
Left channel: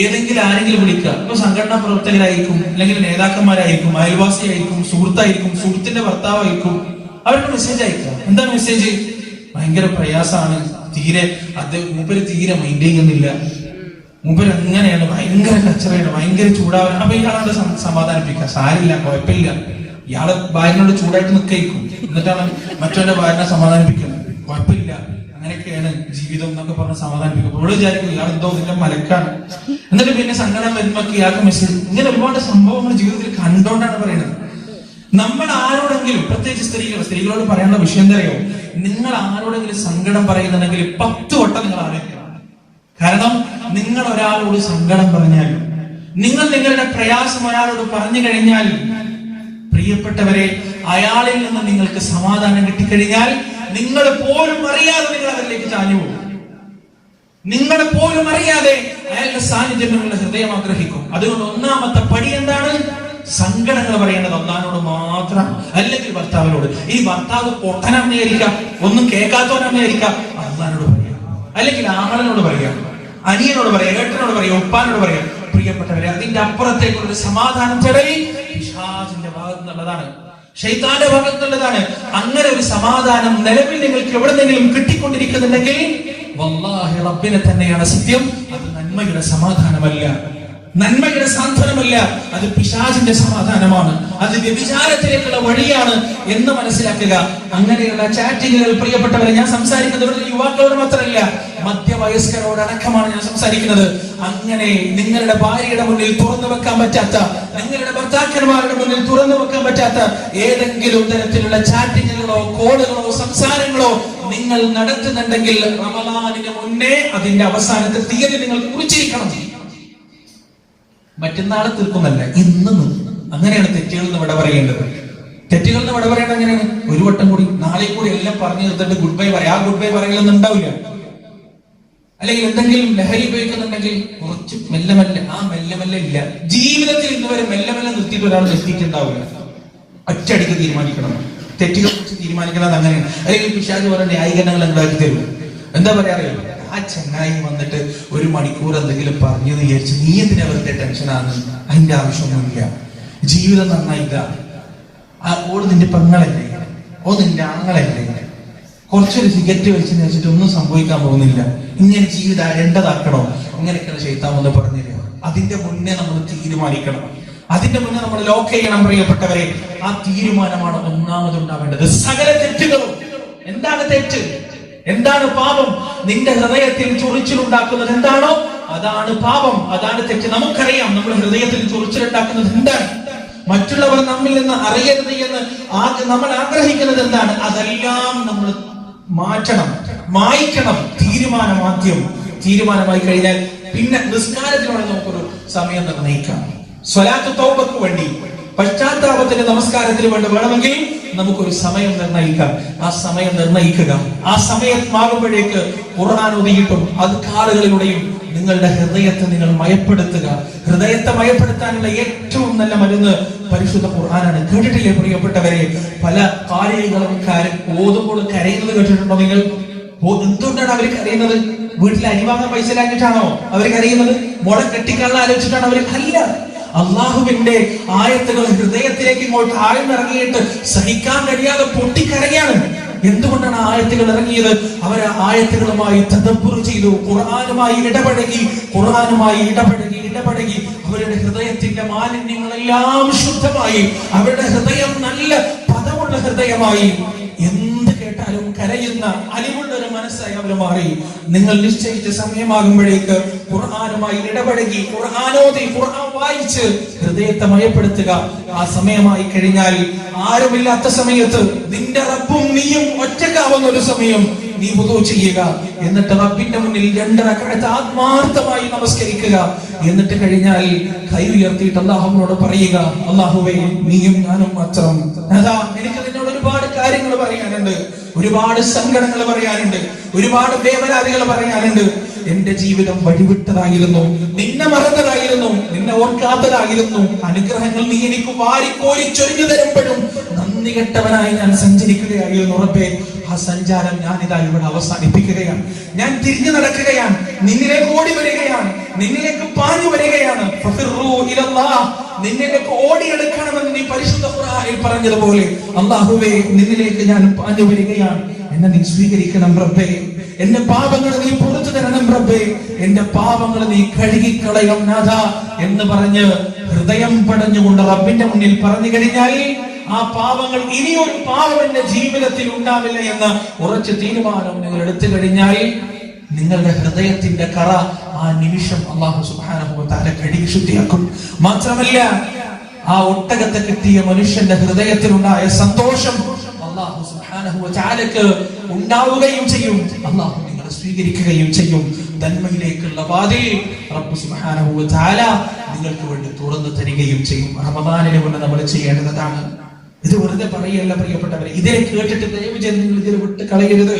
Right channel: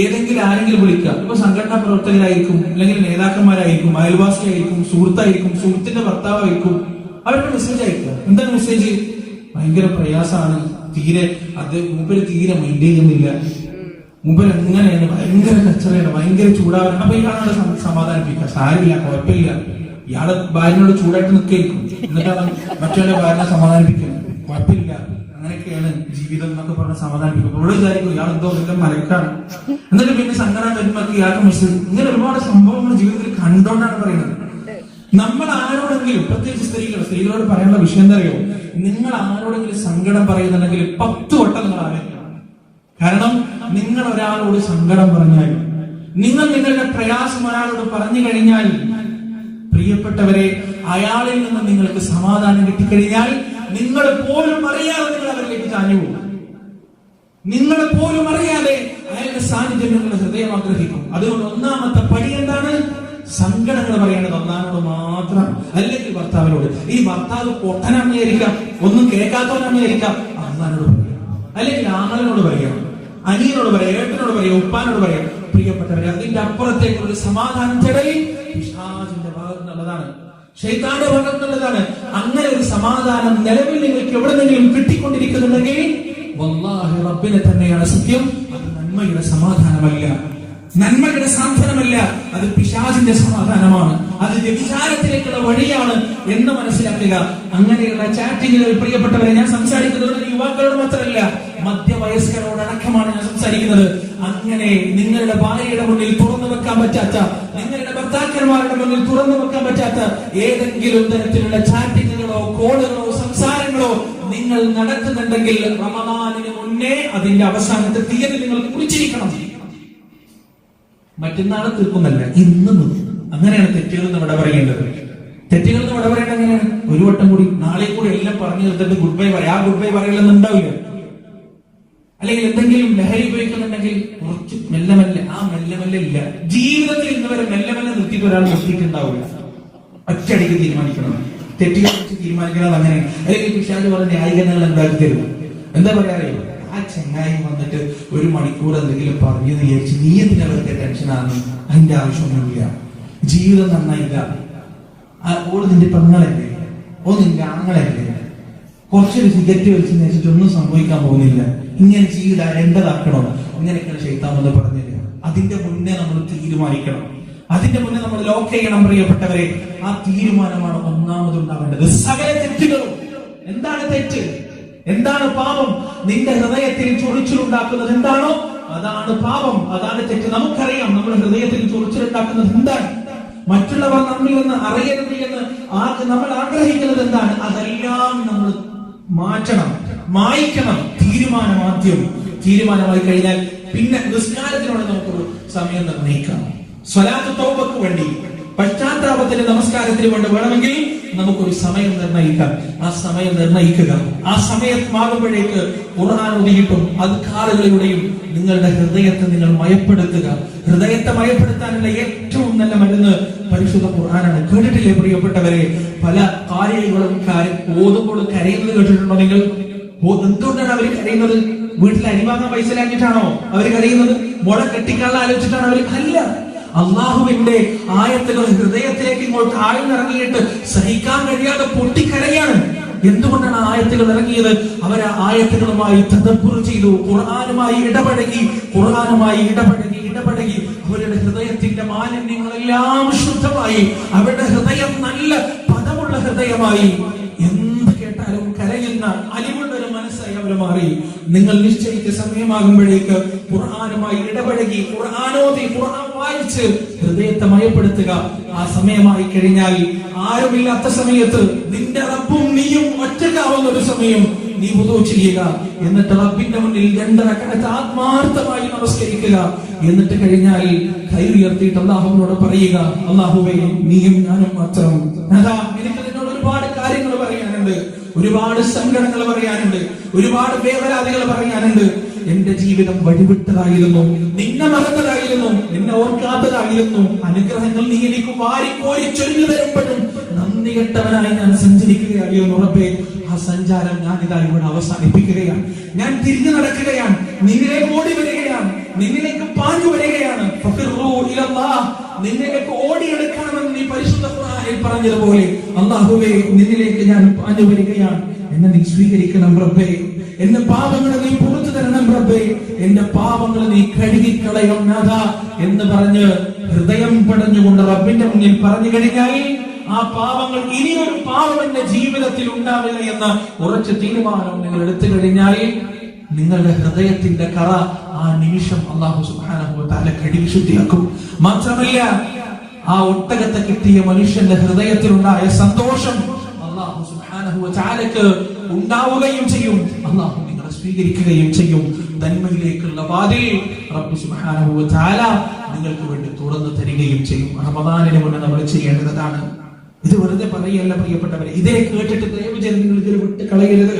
ഏതെങ്കിലും ആരെങ്കിലും വിളിക്കുക. ഇപ്പൊ സംഘടനാ പ്രവർത്തകരായിരിക്കും, അല്ലെങ്കിൽ നേതാക്കന്മാരായിരിക്കും, അയൽവാസിയായിരിക്കും, സുഹൃത്തായിരിക്കും, സുഹൃത്തിന്റെ ഭർത്താവായിരിക്കും. അവർക്ക് മെസ്സേജ് അയക്കുക. എന്താണ് മെസ്സേജ്? ഭയങ്കര പ്രയാസമാണ്, മൂപ്പര് തീരെ മൈൻഡ് ചെയ്യുന്നില്ല, മൂപ്പര് അങ്ങനെയാണ്, ഭയങ്കര കച്ചറയാണ്, ഭയങ്കര ചൂടാവാൻ. അപ്പൊ ഇയാളോട് സമാധാനിപ്പിക്കുക, സാരില്ല, കുഴപ്പമില്ല, ഇയാളെ ഭാര്യനോട് ചൂടായിട്ട് നിൽക്കും. എന്നിട്ടാണ് മറ്റുള്ള ഭാര്യനെ സമാധാനിപ്പിക്കുന്നത്. കുഴപ്പമില്ല, അങ്ങനെയൊക്കെയാണ് ജീവിതം എന്നൊക്കെ പറഞ്ഞ് സമാധാനിപ്പിക്കും. ഇവിടെ വിചാരിക്കും ഇയാളെന്തോ ഇതിന്റെ മലക്കാണ്. എന്നിട്ട് പിന്നെ സങ്കടം വരുമ്പോൾ ഇയാൾക്ക് മെസ്സേജ്. ഇങ്ങനെ ഒരുപാട് സംഭവങ്ങൾ ജീവിതത്തിൽ കണ്ടുകൊണ്ടാണ് പറയുന്നത്. നമ്മൾ ആരോടെങ്കിലും, പ്രത്യേകിച്ച് സ്ത്രീകളോട് പറയാനുള്ള വിഷയം എന്താ അറിയോ? നിങ്ങൾ ആരോടെങ്കിലും സങ്കടം പറയുന്നുണ്ടെങ്കിൽ 10 വട്ടം നിങ്ങൾ ആലോചിക്കണം. കാരണം നിങ്ങൾ ഒരാളോട് സങ്കടം പറഞ്ഞാൽ നിങ്ങൾ നിങ്ങളുടെ പ്രയാസം ഒരാളോട് പറഞ്ഞു കഴിഞ്ഞാൽ, പ്രിയപ്പെട്ടവരെ, അയാളിൽ നിന്ന് നിങ്ങൾക്ക് സമാധാനം കിട്ടിക്കഴിഞ്ഞാൽ നിങ്ങൾ പോലും അറിയാതെ നിങ്ങൾ അവരിലേക്ക് ചാഞ്ഞു പോകും. നിങ്ങൾ പോലും അറിയാതെ അയാളുടെ സാന്നിധ്യം നിങ്ങളുടെ ഹൃദയം ആഗ്രഹിക്കും. അതുകൊണ്ട് ഒന്നാമത്തെ പടി എന്താണ്? സങ്കടങ്ങൾ പറയേണ്ടത് അള്ളാഹിനോട് മാത്രം, അല്ലെങ്കിൽ ഭർത്താവിനോട്. ഈ ഭർത്താവ് പൊട്ടനായിരിക്കാം, ഒന്നും കേൾക്കാത്തവനായിരിക്കാം, അള്ളാഹിനോട് പറയാം, അല്ലെങ്കിൽ ആങ്ങളിനോട് പറയാം, അനിയനോട് പറയാം, ഏട്ടനോട് പറയാം, ഉപ്പാനോട് പറയാം. പ്രിയപ്പെട്ടവരെ, അതിന്റെ അപ്പുറത്തേക്കുള്ള സമാധാനം തേടൽ പിശാചിന്റെ ഭാഗത്ത് നിന്നുള്ളതാണ്, ശൈത്താന്റെ ഭാഗത്ത് നിന്നുള്ളതാണ്. അങ്ങനെ ഒരു സമാധാനം നിലവിൽ നിങ്ങൾക്ക് എവിടെന്നെങ്കിലും കിട്ടിക്കൊണ്ടിരിക്കുന്നുണ്ടെങ്കിൽ വല്ലാഹി റബ്ബിനെ തന്നെയാണ് സത്യം, അത് നന്മയുടെ സമാധാനമല്ല, നന്മയുടെ സാന്ത്വനമല്ല, അത് പിശാചിന്റെ സമാധാനമാണ്, അത് വ്യഭിചാരത്തിലേക്കുള്ള വഴിയാണ് എന്ന് മനസ്സിലാക്കുക. അങ്ങനെയുള്ള ചാറ്റിങ്ങുകൾ, പ്രിയപ്പെട്ടവരെ, ഞാൻ സംസാരിക്കുന്നത് യുവാക്കളോട് മാത്രമല്ല, മധ്യവയസ്കരോട് അടക്കമാണ് ഞാൻ സംസാരിക്കുന്നത്. അങ്ങനെ നിങ്ങളുടെ ഭാര്യയുടെ മുന്നിൽ തുറന്നു വെക്കാൻ പറ്റാത്ത, നിങ്ങളുടെ ഭർത്താക്കന്മാരുടെ മുന്നിൽ തുറന്നു വെക്കാൻ പറ്റാത്ത ഏതെങ്കിലും തരത്തിലുള്ള ചാറ്റിങ്ങുകളോ കോളുകളോ സംസാരങ്ങളോ നിങ്ങൾ നടത്തുന്നുണ്ടെങ്കിൽ റമദാനിന് മുന്നേ അതിന്റെ അവസാനത്തെ തീയതി നിങ്ങൾ കുറിച്ചിരിക്കണം. മറ്റന്നാളെ തീർക്കുന്നല്ല, ഇന്ന് അങ്ങനെയാണ് തെറ്റുകൾ എന്ന് ഇവിടെ പറയേണ്ടത്. തെറ്റുകൾ എന്ന് ഇവിടെ പറയേണ്ടത് എങ്ങനെയാണ്? ഒരു വട്ടം കൂടി നാളെ കൂടി എല്ലാം പറഞ്ഞു തീർത്തിട്ട് ഗുഡ് ബൈ പറയാം. ആ ഗുഡ് ബൈ പറയലൊന്നും ഉണ്ടാവില്ല. അല്ലെങ്കിൽ എന്തെങ്കിലും ലഹരി ഉപയോഗിക്കുന്നുണ്ടെങ്കിൽ കുറച്ച് മെല്ലെ മെല്ലെ, ആ മെല്ലെ മെല്ലെ ഇല്ല. ജീവിതത്തിൽ ഇന്നുവരെ മെല്ലെ മെല്ലെ നിർത്തിയിട്ട് ഒരാൾ നിർത്തിയിട്ടുണ്ടാവില്ല. ഒറ്റയടിക്ക് തീരുമാനിക്കണം, തെറ്റുകൾ വെച്ച് തീരുമാനിക്കണം. അങ്ങനെയാണ്. അല്ലെങ്കിൽ പിശാച് പറഞ്ഞ ന്യായീകരണങ്ങൾ ഉണ്ടാക്കി തരും. എന്താ പറയാറില്ല, ആ ചങ്ങായി വന്നിട്ട് 1 മണിക്കൂർ എന്തെങ്കിലും പറഞ്ഞു വിചാരിച്ച് നീ എന്തിനാ വെറുതെ ടെൻഷനാണ്? അതിന്റെ ആവശ്യമൊന്നുമില്ല. ജീവിതം നന്നായില്ല. ഓൾ നിന്റെ പെങ്ങളല്ലേ, ഓ നിന്റെ ആണുങ്ങളല്ലേ, കുറച്ചൊരു സിഗരറ്റ് വെച്ച് വെച്ചിട്ട് ഒന്നും സംഭവിക്കാൻ പോകുന്നില്ല. ഇങ്ങനെ ജീവിതം അരണ്ടതാക്കണോ? ഇങ്ങനെയൊക്കെയാണ് ശൈത്താൻ വന്ന് പറഞ്ഞു തരിക. അതിന്റെ മുന്നേ നമ്മൾ തീരുമാനിക്കണം, അതിന്റെ മുന്നേ നമ്മൾ ലോക്ക് ചെയ്യണം. പ്രിയപ്പെട്ടവരെ, ആ തീരുമാനമാണ് ഒന്നാമതുണ്ടാവേണ്ടത്. സകല തെറ്റുകളും, എന്താണ് തെറ്റ്, എന്താണ് പാപം? നിന്റെ ഹൃദയത്തിൽ ചൊറിച്ചിലുണ്ടാക്കുന്നത് എന്താണോ അതാണ് പാപം, അതാണ് തെറ്റ്. നമുക്കറിയാം നമ്മുടെ ഹൃദയത്തിൽ ചൊറിച്ചിലുണ്ടാക്കുന്നത് എന്താണ്. മറ്റുള്ളവർ നമ്മിൽ നിന്ന് അറിയരുത് എന്ന് നമ്മൾ ആഗ്രഹിക്കുന്നത് എന്താണ്? അതെല്ലാം നമ്മൾ മാറ്റണം, മായ്ക്കണം. തീരുമാനമായി കഴിഞ്ഞാൽ പിന്നെ നിസ്കാരത്തിനാണ് നമുക്കൊരു സമയം നിർണ്ണയിക്കാം. സ്വലാത്ത് തൗബക്ക് വേണ്ടി, പശ്ചാത്താപത്തിന്റെ നമസ്കാരത്തിന് വേണ്ടി വേണമെങ്കിൽ നമുക്കൊരു സമയം നിർണ്ണയിക്കാം. ആ സമയം നിർണ്ണയിക്കുക. ആ സമയമാകുമ്പോഴേക്ക് ഖുർആൻ ഓതിയിട്ടും അദ്കാറുകളിലൂടെയും നിങ്ങളുടെ ഹൃദയത്തെ നിങ്ങൾ മയപ്പെടുത്തുക. ഹൃദയത്തെ മയപ്പെടുത്താനുള്ള ഏറ്റവും നല്ല മരുന്ന് പരിശുദ്ധ ഖുർആനാണ്. കേട്ടിട്ടില്ലേ പ്രിയപ്പെട്ടവരെ? പല കാര്യങ്ങളും ഓതുമ്പോൾ കരയുന്നത് കേട്ടിട്ടുണ്ടോ നിങ്ങൾ? എന്തുകൊണ്ടാണ് അവർ കരയുന്നത്? വീട്ടിൽ അരിവാങ്ങാൻ പൈസ ലാക്കിയിട്ടാണോ അവർ കരയുന്നത്? മുട കെട്ടിക്കള്ള ആലോചിച്ചിട്ടാണ് അവർ? അല്ല, അള്ളാഹുവിന്റെ ആയത്തുകൾ ഹൃദയത്തിലേക്ക് ഇങ്ങോട്ട് ആഴ്ന്നിറങ്ങിയിട്ട് സഹിക്കാൻ കഴിയാതെ പൊട്ടിക്കരയാണ്. എന്തുകൊണ്ടാണ് ആയത്തുകൾ ഇറങ്ങിയത്? അവർ ആയത്തുകളുമായി തദബ്ബുർ ചെയ്തു, ഖുർആനുമായി ഇടപഴകി അവരുടെ ഹൃദയത്തിന്റെ മാലിന്യങ്ങളെല്ലാം ശുദ്ധമായി, അവരുടെ ഹൃദയം നല്ല പദമുള്ള ഹൃദയമായി, എന്ത് കേട്ടാലും കരയുന്ന അലിവുള്ള ഒരു മനസ്സായി അവർ മാറി. നിങ്ങൾ നിശ്ചയിച്ച സമയമാകുമ്പോഴേക്ക് ഖുർആനുമായി ഇടപഴകി, ഖുർആനോദി, ഖുർആൻ വായിച്ച് ഹൃദയത്തെ മയപ്പെടുത്തുക. ആ സമയമായി കഴിഞ്ഞാൽ, ആരുമില്ലാത്ത സമയത്ത്, നിന്റെ റബ്ബും നീയും ഒറ്റക്കാവുന്ന ഒരു സമയം നീ വുദൂ ചെയ്യുക. എന്നിട്ട് റബ്ബിന്റെ മുന്നിൽ 2 റക്അത്ത് ആത്മാർത്ഥമായി നമസ്കരിക്കുക. എന്നിട്ട് കഴിഞ്ഞാൽ കൈ ഉയർത്തിയിട്ട് അല്ലാഹുവിനോട് പറയുക, അല്ലാഹുവേ, നീയും ഞാനും മാത്രം. അതാ, എനിക്ക് നിന്നോട് ഒരുപാട് കാര്യങ്ങൾ പറയാനുണ്ട്, ഒരുപാട് സങ്കടങ്ങൾ പറയാനുണ്ട്, ഒരുപാട് വേവലാതികൾ പറയാനുണ്ട്. എന്റെ ജീവിതം വഴിവിട്ടതായിരുന്നു, നിന്നെ മറന്നതായിരുന്നു, നിന്നെ ഓർക്കാത്തതായിരുന്നു. അനുഗ്രഹങ്ങൾ നീ എനിക്ക് വാരിക്കോരി ചൊരിഞ്ഞു തരുമ്പോഴും നന്ദി കെട്ടവനായി ഞാൻ സഞ്ചരിക്കുകയായിരുന്നു റബ്ബേ. ആ സഞ്ചാരം ഞാൻ ഇതാ ഇവിടെ അവസാനിപ്പിക്കുകയാണ്. ഞാൻ തിരിഞ്ഞു നടക്കുകയാണ്, നിന്നിലേക്ക് ഓടി വരികയാണ്, നിന്നിലേക്ക് പാഞ്ഞു വരികയാണ്. നിന്നിലേക്ക് ഓടിയെടുക്കണമെന്ന് നീ പരിശുദ്ധ ഖുർആനിൽ പറഞ്ഞതുപോലെ, അല്ലാഹുവേ, നിന്നിലേക്ക് ഞാൻ പാഞ്ഞു വരികയാണ്. എന്നെ നീ സ്വീകരിക്കണം റബ്ബേ. എന്റെ പാപങ്ങൾ നീ പുറത്തു തരണം റബ്ബേ. എന്റെ പാപങ്ങൾ നീ കഴുകിക്കളയണം നാഥ എന്ന് പറഞ്ഞ് ഹൃദയം പടഞ്ഞുകൊണ്ട് റബ്ബിന്റെ മുന്നിൽ പറഞ്ഞു കഴിഞ്ഞാൽ, ആ പാപങ്ങൾ, ഇനിയൊരു പാപം എന്റെ ജീവിതത്തിൽ ഉണ്ടാവില്ല എന്ന ഉറച്ച തീരുമാനം നിങ്ങൾ എടുത്തു കഴിഞ്ഞാൽ, നിങ്ങളുടെ ഹൃദയത്തിന്റെ കറ ആ നിമിഷം അല്ലാഹു സുബ്ഹാനഹു വ തആല കഴുകി ശുദ്ധിയാക്കും. മാത്രമല്ല, ആ ഒട്ടകത്തെ കിട്ടിയ മനുഷ്യന്റെ ഹൃദയത്തിലുണ്ടായ സന്തോഷം അല്ലാഹു സുബ്ഹാനഹു വ തആലക്ക് ഉണ്ടാവുകയും ചെയ്യും. അല്ലാഹു നിങ്ങളെ സ്വീകരിക്കുകയും ചെയ്യും. നന്മയിലേക്കുള്ള വാതിൽ റബ്ബ് സുബ്ഹാനഹു വ തആല നിങ്ങൾക്ക് വേണ്ടി തുറന്നു തരികയും ചെയ്യും. റമദാനിന് മുന്നേ നമ്മൾ ചെയ്യേണ്ടതാണ്. ഇത് വെറുതെ പറയല്ല പ്രിയപ്പെട്ടവരെ. ഇതേ കേട്ടിട്ട് ദയവ് ചെയ്ത് നിങ്ങൾ ഇതിനെ വിട്ട് കളയരുത്.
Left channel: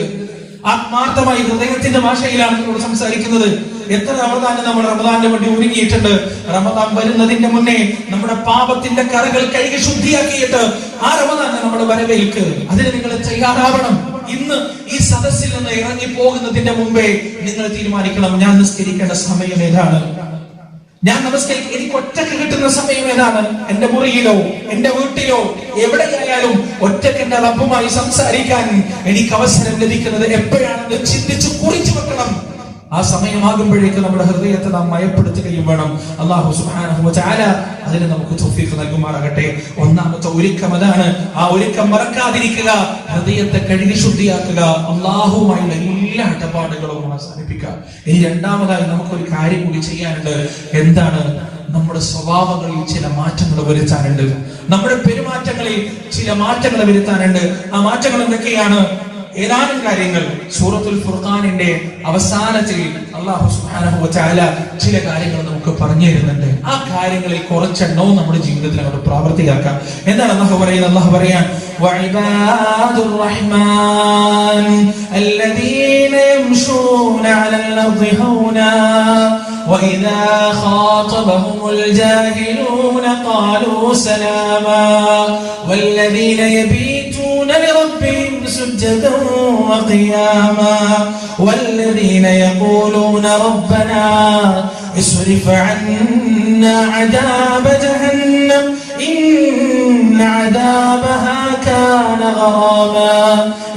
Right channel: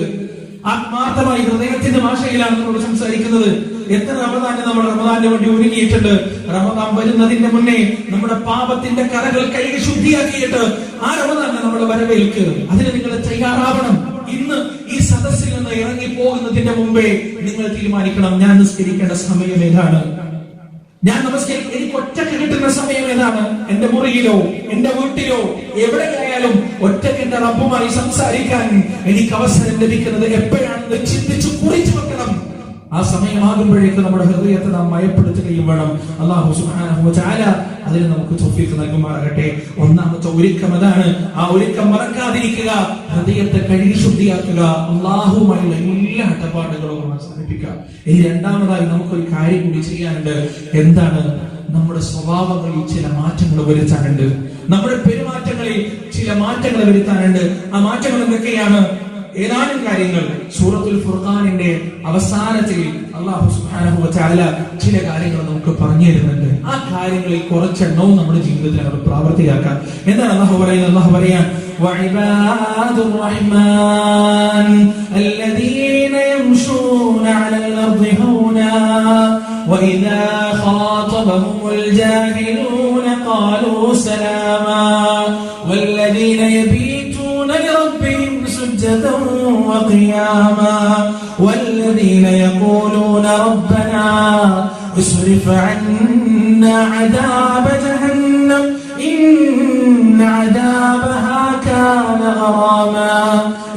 ആത്മാർത്ഥമായി ഹൃദയത്തിന്റെ ഭാഷയിലാണ് നമ്മൾ സംസാരിക്കുന്നത്. എത്ര റമദാന് നമ്മൾ റമദാനിന് വേണ്ടി ഒരുങ്ങിയിട്ടുണ്ട്. റമദാൻ വരുന്നതിന്റെ മുന്നേ നമ്മുടെ പാപത്തിന്റെ കറകൾ കഴുകി ശുദ്ധിയാക്കിയിട്ട് ആ റമദാൻ നമ്മുടെ വരവേൽക്ക്. അതിന് നിങ്ങൾ തയ്യാറാവണം. ഇന്ന് ഈ സദസ്സിൽ നിന്ന് ഇറങ്ങി പോകുന്നതിന്റെ മുമ്പേ നിങ്ങൾ തീരുമാനിക്കണം, ഞാൻ നിസ്കരിക്കേണ്ട സമയം ഏതാണ്, ഞാൻ എനിക്ക് ഒറ്റക്ക് കിട്ടുന്ന സമയം ഏതാണ്, എന്റെ മുറിയിലോ എന്റെ വീട്ടിലോ എവിടെയായാലും ഒറ്റക്ക് എന്റെ റബ്ബുമായി സംസാരിക്കാൻ എനിക്ക് അവസരം ലഭിക്കുന്നത് എപ്പോഴാണെന്ന് ചിന്തിച്ചു കുറിച്ചു വെക്കണം. ആ സമയമാകുമ്പോഴേക്ക് നമ്മുടെ ഹൃദയത്തെ നാം മയപ്പെടുത്തുകയും വേണം. അല്ലാഹു സുബ്ഹാനഹു വ തആല അതിന് നമുക്ക് തൗഫീഖ് നൽകുമാറാകട്ടെ. ഒന്നാമത്തെ ഒരുക്കം അതാണ്. ആ ഒരുക്കം മറക്കാതിരിക്കുക, ഹൃദയത്തെ കഴുകി ശുദ്ധിയാക്കുക, അല്ലാഹുവുമായുള്ള എല്ലാ ഇടപാടുകളും അവസാനിപ്പിക്കുക. ഇനി രണ്ടാമതായി നമുക്കൊരു കാര്യം കൂടി ചെയ്യാനുണ്ട്. എന്താണ്? നമ്മുടെ സ്വഭാവങ്ങളിൽ ചില മാറ്റങ്ങൾ വരുത്താനുണ്ട്. നമ്മുടെ പെരുമാറ്റങ്ങളിൽ ചില മാറ്റങ്ങൾ വരുത്താനുണ്ട്. ആ മാറ്റങ്ങൾ എന്തൊക്കെയാണ്? ഏതാനും കാര്യങ്ങൾ സൂറത്തുൽ ഫുർഖാനിന്റെ അവസാനത്തിൽ അല്ലാഹു സുബ്ഹാനഹു വ തആല ചില കാര്യങ്ങൾ നമുക്ക് പറഞ്ഞു തരുന്നുണ്ട്. ആ കാര്യങ്ങളിൽ കുറച്ചെണ്ണവും നമ്മുടെ ജീവിതത്തിൽ നമ്മൾ പ്രാവർത്തികമാക്കാം. എന്താണ് അല്ലാഹു പറയുന്നത്? അല്ലാഹു പറയാൻ വഇബാദുർ റഹ്മാൻ അല്ലദീന യംശൂന അലൽ അർദി ഹൗനാ വഇദാ ഖാതബഹുമുൽ ജാഹിലൂന ഖാലൂ സലാമാ വല്ലദീന യബീതൂന ലിറബ്ബിഹിം സുജ്ജദൻ വഖിയാമാ والذين يقولون ربنا اصرف عنا عذاب جهنم إن عذابها كان غراما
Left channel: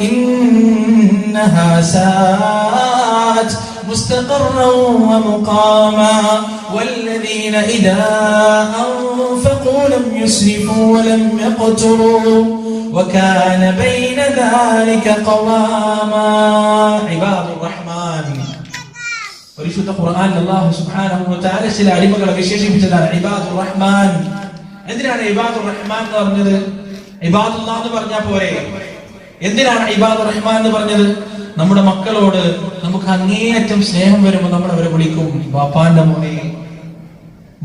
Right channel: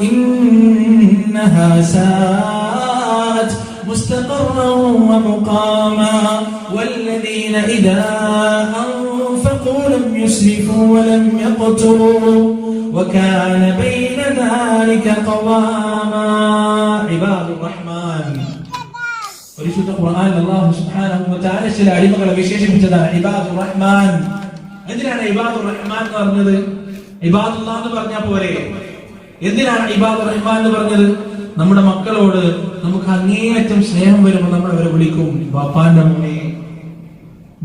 إنها ساءت مستقرا ومقاما والذين إذا أنفقوا لم يسرفوا ولم يقتروا وكان بين ذلك قواما. പരിശുദ്ധ ഖുർആനിൽ അല്ലാഹു സുബ്ഹാനഹു വ തആല ചില അടിമകളെ വിശേഷിപ്പിച്ചതാണ് ഇബാദുർ റഹ്മാൻ. എന്തിനാണ് ഇബാദുർ റഹ്മാൻ എന്ന് പറഞ്ഞത്? ഇബാദുല്ലാഹ് എന്ന് പറഞ്ഞാൽ പോരെ? എന്തിനാണ് ഇബാദുർ റഹ്മാൻ എന്ന് പറഞ്ഞത്? നമ്മുടെ മക്കളോട് നമുക്ക് അങ്ങേയറ്റം സ്നേഹം വരുമ്പോൾ നമ്മൾ അവരെ വിളിക്കും ബാപ്പാന്റെ മോനെ,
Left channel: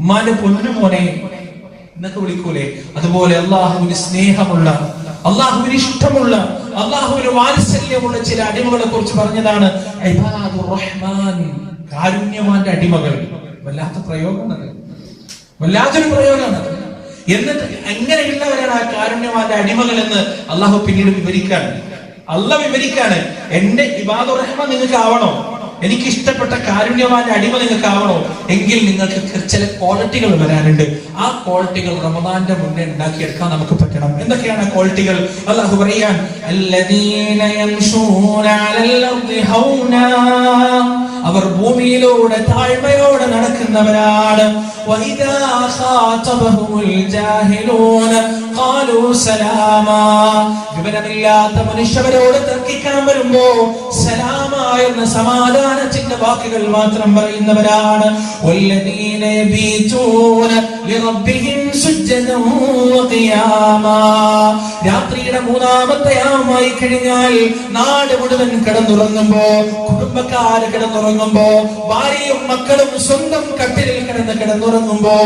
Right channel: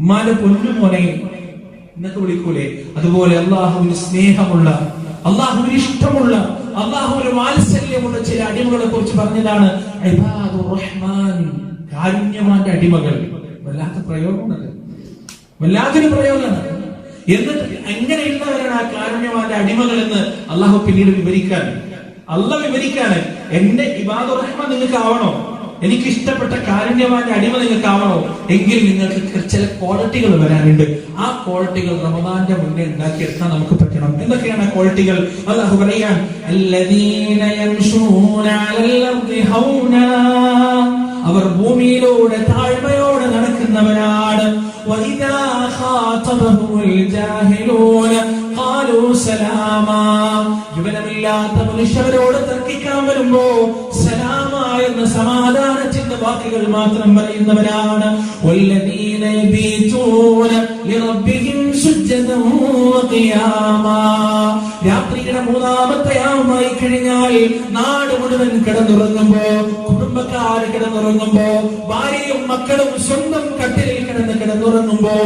ഉമ്മാന്റെ പൊന്നു മോനെ എന്നൊക്കെ വിളിക്കൂലേ? അതുപോലെ അല്ലാഹുവിന് സ്നേഹമുള്ള, അല്ലാഹുവിന് ഇഷ്ടമുള്ള, അല്ലാഹുവിന് വാത്സല്യമുള്ള ചില അടിമകളെ കുറിച്ച് പറഞ്ഞതാണ് ഇബാദുർ റഹ്മാൻ, കാരുണ്യവാന്റെ അടിമകൾ. വല്ലാത്ത പ്രയോഗമാണ്, വല്ലാത്തൊരു പ്രയോഗമാണ്. എന്നിട്ട് എങ്ങനെയുള്ളവരാണ് ആ കാരുണ്യവാന്റെ അടിമകൾ എന്ന് അള്ളാഹു പിന്നീട് വിവരിക്കാണ്. എന്റെ ഇബാദുർ റഹ്മാൻ നിങ്ങൾക്ക് ആവണോ, എനിക്ക് ഇഷ്ടപ്പെട്ട കാരുണ്യവാന്റെ അടിമ നിങ്ങൾക്ക് ആവണോ, എങ്കിൽ നിങ്ങൾക്ക് ചില ക്വാളിറ്റികൾ വരാനുണ്ട്. ആ ക്വാളിറ്റികൾ റമദാന്റെ മുന്നേ ഉണ്ടാക്കിയെടുക്കാൻ നമുക്ക് പറ്റണം. എന്തൊക്കെയാണ് ആ ക്വാളിറ്റികൾ? അല്ലാഹു പറയാൻ അല്ലദീന യംശൂന അലൽ അർദി ഹൗനാ, അവർ ഭൂമിയിലൂടെ താഴ്മയോടെ നടക്കുന്നവരാണ്. വഇദാ ഖാതബഹുൽ ജാഹിലൂന ഖാലൂ സലാമാ, വിവരമില്ലാത്ത മനുഷ്യരോട് തർക്കിക്കാൻ വരുമ്പോ സലാമ എന്ന സമാധാനത്തിന്റെ വാക്കുകൾ മാത്രം പറയുന്നവരാണ്. വല്ലദീന യബീതൂന ലിറബ്ബിഹിം സുജ്ജദൻ വഖിയാമാ, രാത്രിയുടെ മൂന്നാമത്തെ യാമമായി കഴിഞ്ഞാൽ നാട് മുഴുവൻ കിടന്നുറങ്ങുമ്പോ, കുടുംബക്കാര് കിടന്നുറങ്ങുമ്പോ, ഭാര്യയും മക്കളും സ്വന്തം കട്ടിലിൽ കിടന്നുറങ്ങുമ്പോ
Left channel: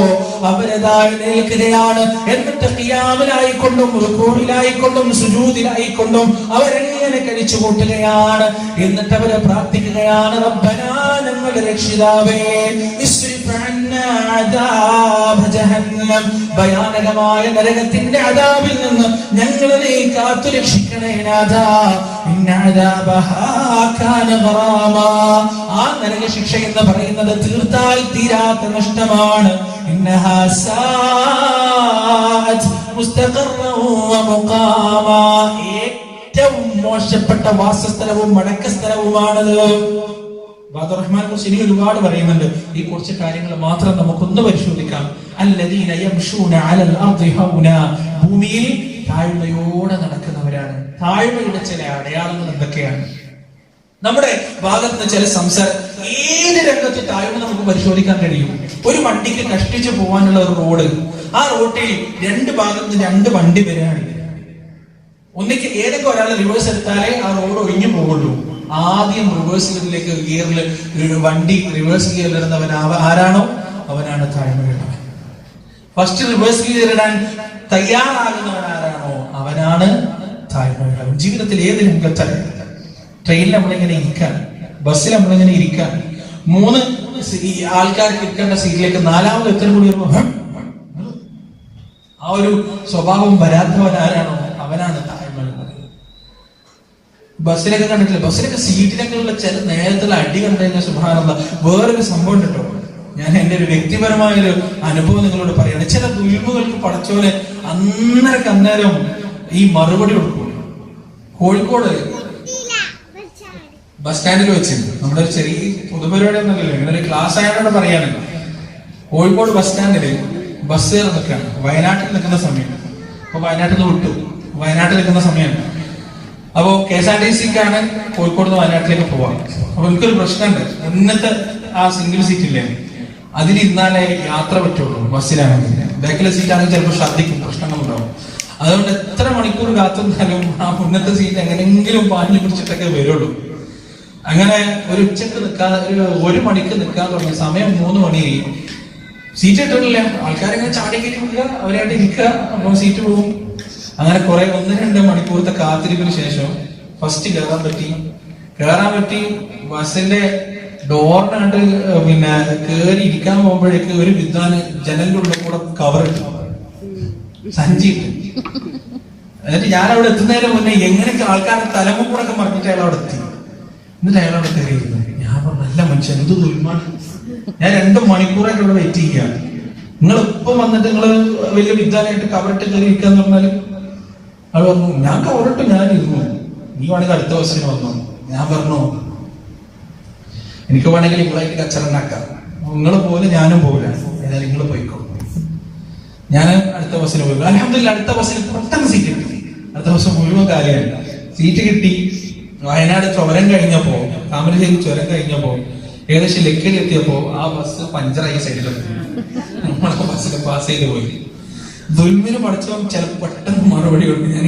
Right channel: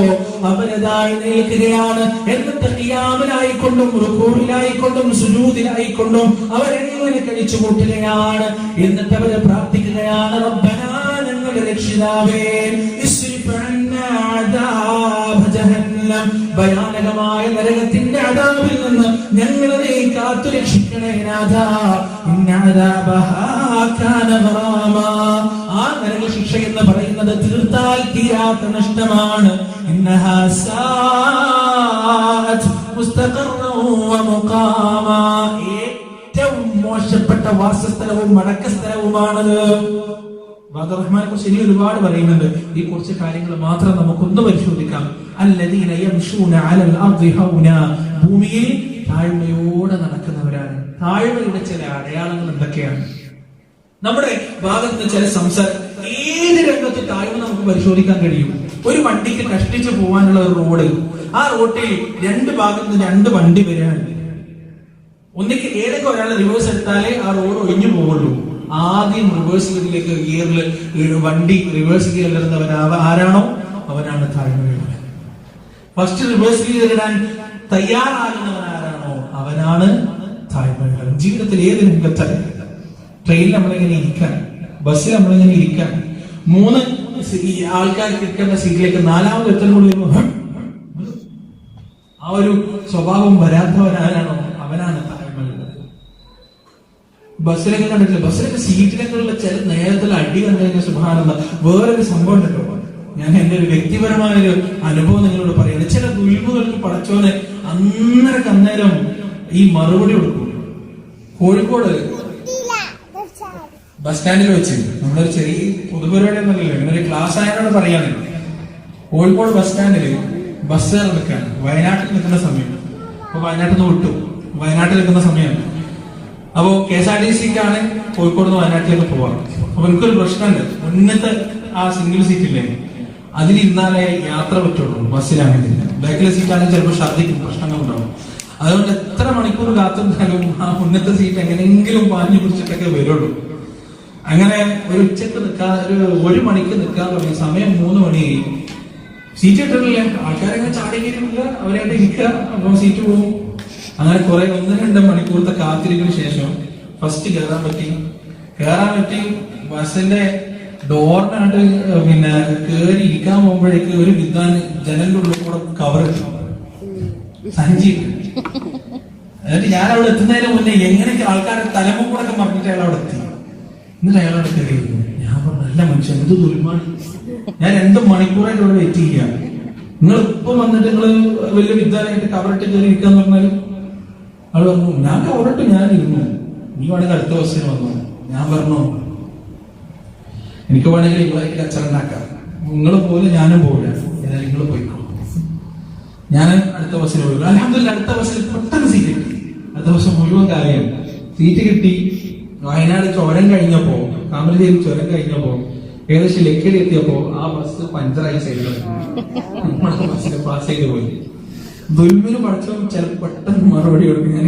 അവരതായി നിൽക്കുകയാണ്. എന്നിട്ട് ഖിയാമിലായിക്കൊണ്ടും റുകൂഇലായിക്കൊണ്ടും സുജൂദിലായിക്കൊണ്ടും അവരെങ്ങനെ കഴിച്ചു കൂട്ടുകയാണ്. എന്നിട്ട് അവര് പ്രാർത്ഥിക്കുകയാണ് റബ്ബനാ, ഞങ്ങളുടെ രക്ഷിതാവേ, ഇസ്രിഫ് അന്നാ അദാബ ജഹന്നം, ഭയാനകമായ നരകത്തിന്റെ അദാബിൽ നിന്ന് ഞങ്ങളെ നീ കാത്തു രക്ഷിക്കണേ നാഥാ. ഇന്ന അദാബഹാ കാന ഗറാമാ, ആ നരക ശിക്ഷ എന്ന് പറയുന്നത് തീർത്താൽ തീരാത്ത നഷ്ടമാണ്. ഇന്നഹാ സാഅത് മുസ്തഖറൻ വ മുഖാമാ, ഏറ്റവും മോശപ്പെട്ട വാസസ്ഥലവും മടക്കസ്ഥലവുമാണത്. ഇബാദുർ റഹ്മാനെ കുറിച്ച് ഇനി ഒരുപാട് പറയുന്നുണ്ട്. ഈ കുറച്ച് കാര്യങ്ങൾ മാത്രം നമുക്കൊന്ന് പരിശോധിക്കാം. അല്ലദീന യംശൂന അലൽ അർദി ഹൗനാ, ഭൂമിയിൽ താഴ്മയോടെ നടക്കുന്നവരാണ്. താഴ്മയുടെ ചില അടയാളങ്ങൾ എന്തൊക്കെയാണ്? നമ്മുടെ ഭാഗത്ത് ചില സംസാരം, ഏത് രംഗത്ത് താഴ്മ നമുക്ക് പരിശോധിക്കാൻ കഴിയും. ഒരു വണ്ടിക്ക് കഷ്ടിച്ച് പോകാനുള്ള ഒരു റോഡ്, ആ റോട്ടിൽ രണ്ട് ഭാഗത്ത് രണ്ട് വണ്ടി വരികയാണ്. ഒന്നിക്ക് ഏതെങ്കിലും ഒരാൾ റിവേഴ്സ് എടുത്താലേ ആ റോഡ് ഒഴിഞ്ഞു പോകുള്ളൂ. ആദ്യം റിവേഴ്സ് ഗിയറിലേക്ക് വണ്ടി റിവേഴ്സ് ഗിയറിൽ ഇടുന്നവൻ ആരാണോ അവനാണ് താഴ്മയുള്ളവൻ. ഫസ്റ്റ് റിവേഴ്സ് ഗിയർ ഇടാൻ തയ്യാറാകുന്നവൻ ആരാണോ അവനാണ് താഴ്മയുള്ളവൻ. ജീവിതത്തിൽ ഏത് രംഗത്താണ്, ട്രെയിനിൽ നമ്മളിങ്ങനെ ഇരിക്കാൻ, ബസ്സിൽ നമ്മളിങ്ങനെ ഇരിക്കാൻ, 3 ആൾക്കാർക്ക് ഇരിക്കേണ്ട സീറ്റിലേക്ക് 4ാമത് എത്ര കൂടി ആ ഒരു സ്വഭാവം വരാത്തവൻ ആരാണോ അവനാണ് താഴ്മയുള്ളത്. ബസ്സിലൊക്കെ കണ്ടിട്ടില്ല, ബസ്സിലൊക്കെ സീറ്റിലൊക്കെയുള്ള ചില നേരത്തിൽ അടി കണ്ടതിന്റെ സുബ്ഹാനല്ലാഹ് വേറൊരു സംഭവം ഉണ്ടോ. ഞാൻ എന്റെ ഒരു വ്യക്തിപരമായൊരു അനുഭവം നിങ്ങളോട് പറയാണ്. ചില ദുൽമുകൾക്ക് പടച്ചോന് അന്നേരം ഈ മറുപടി കൊടുക്കും. കോഴിക്കോട് ബസ് സ്റ്റാൻഡിൽ വെച്ച് നമ്മളൊരു ചെറിയ പൊതുപരിപാടി എന്നല്ലോ, ഇങ്ങനെ ഒരു ക്ലാസ് ആയതോടെ പറയാണ്. കോഴിക്കോട് ബസ് സ്റ്റാൻഡില് ബസ് കയറി നിൽക്കുകയാണ്. വയനാട്ടിൽ നിൽക്കുന്ന സമയം. അപ്പൊ വയനാട്ടിൽ നിന്ന് വിട്ടു, വയനാട്ടിൽ നിൽക്കുന്ന സമയം. അപ്പൊ KSRTCക്കാണ് കോഴിക്കോട് നിന്ന് വയനാട്ടിലേക്ക് പോവാം. അപ്പൊ എനിക്കൊരു പ്രശ്നമുണ്ട്. മുന്നത്തെ ആ സിംഗിൾ സീറ്റ് ഇല്ലേ, അതിലിരുന്നാലേ യാത്ര പറ്റുള്ളൂ. ബസ്സിലാണെങ്കിൽ ബാക്കിലെ സീറ്റാണെങ്കിൽ ചിലപ്പോൾ ഛർദ്ദിക്കും, പ്രശ്നങ്ങളുണ്ടാവും. അതുകൊണ്ട് എത്ര മണിക്കൂർ കാത്തിരുന്നാലും ആ മുന്നത്തെ സീറ്റ് എങ്ങനെയെങ്കിലും പാഞ്ഞു പിടിച്ചിട്ടൊക്കെ വരുള്ളൂ. അങ്ങനെ ഒരു ഉച്ചക്ക് നിൽക്കാതെ ഒരു മണിക്ക് നിൽക്കാൻ തുടങ്ങിയ സമയം 3 മണിയായി. സീറ്റ് ഇട്ടിട്ടില്ല. ആൾക്കാരെങ്ങനെ ചാടി കയറ്റി വിടുക, അവരായിട്ട് ഇരിക്കുക, നമ്മൾ സീറ്റ് പോകും. അങ്ങനെ കുറെ 1-2 മണിക്കൂറത്തെ കാത്തിരിപ്പിന് ശേഷം ഫസ്റ്റ് കയറാൻ പറ്റി. ബസ്സിന്റെ ഡോറിനായിട്ട് പിന്നെ കയറി ഇരിക്കാൻ പോകുമ്പോഴേക്ക് ഒരു വിദ്വാന് ജനലിന്റെ ഉള്ളിൽ കൂടെ കവർ ഇട്ടു, സഞ്ചി ഇട്ടു. എന്നിട്ട് ഞാൻ അവിടെ എത്തുന്നതിന് മുന്നേ എങ്ങനെയൊക്കെ ആൾക്കാരുടെ തലമുക്കൂടൊക്കെ മറിഞ്ഞിട്ട് അയാൾ അവിടെ എത്തി. എന്നിട്ട് അയാൾ അവിടെ കയറിയിരുന്നു. ഞാൻ പറഞ്ഞു, നല്ല മനുഷ്യൻ, എന്ത് ദുൽമാണ്. ഞാൻ 2 മണിക്കൂറായിട്ട് ഇവിടെ വെയിറ്റ് ചെയ്യുക. നിങ്ങൾ ഇപ്പം വന്നിട്ട് നിങ്ങൾ വലിയ വിദ്വാനായിട്ട് കവറിട്ട് കയറി ഇരിക്കാന്ന് പറഞ്ഞാൽ അയാൾ പറഞ്ഞു, ഞാൻ കവറിട്ട് ഞാൻ ഇരുന്നു, നീ വേണമെങ്കിൽ അടുത്ത ബസ്സിന് വന്നു. ഞാൻ പറഞ്ഞു, എനിക്ക് വേണമെങ്കിൽ നിങ്ങളായിട്ട് കച്ചറുണ്ടാക്കാം, നിങ്ങൾ പോലെ ഞാനും പോലെ, ഏതായാലും നിങ്ങൾ പോയിക്കോ. ഞാൻ അടുത്ത ബസ്സിന് പോയി. അൽഹംദുലില്ലാ അടുത്ത ബസ്സിൽ പെട്ടെന്ന് സീറ്റ് കിട്ടി. അടുത്ത ബസ് മുഴുവൻ കാര്യമല്ല, സീറ്റ് കിട്ടി. വയനാട് ചുരം കഴിഞ്ഞപ്പോ, താമരശ്ശേരി ചുരം കഴിഞ്ഞപ്പോ ഏകദേശം ലക്കിടി എത്തിയപ്പോ ആ ബസ് പഞ്ചറായി സൈഡിൽ ബസ്സിന് പാസ് ചെയ്ത് പോയി. ദുൽമിന് പഠിച്ചോ ചിലപ്പോൾ പെട്ടെന്ന് മറുപടി കൊടുക്കും. ഞാൻ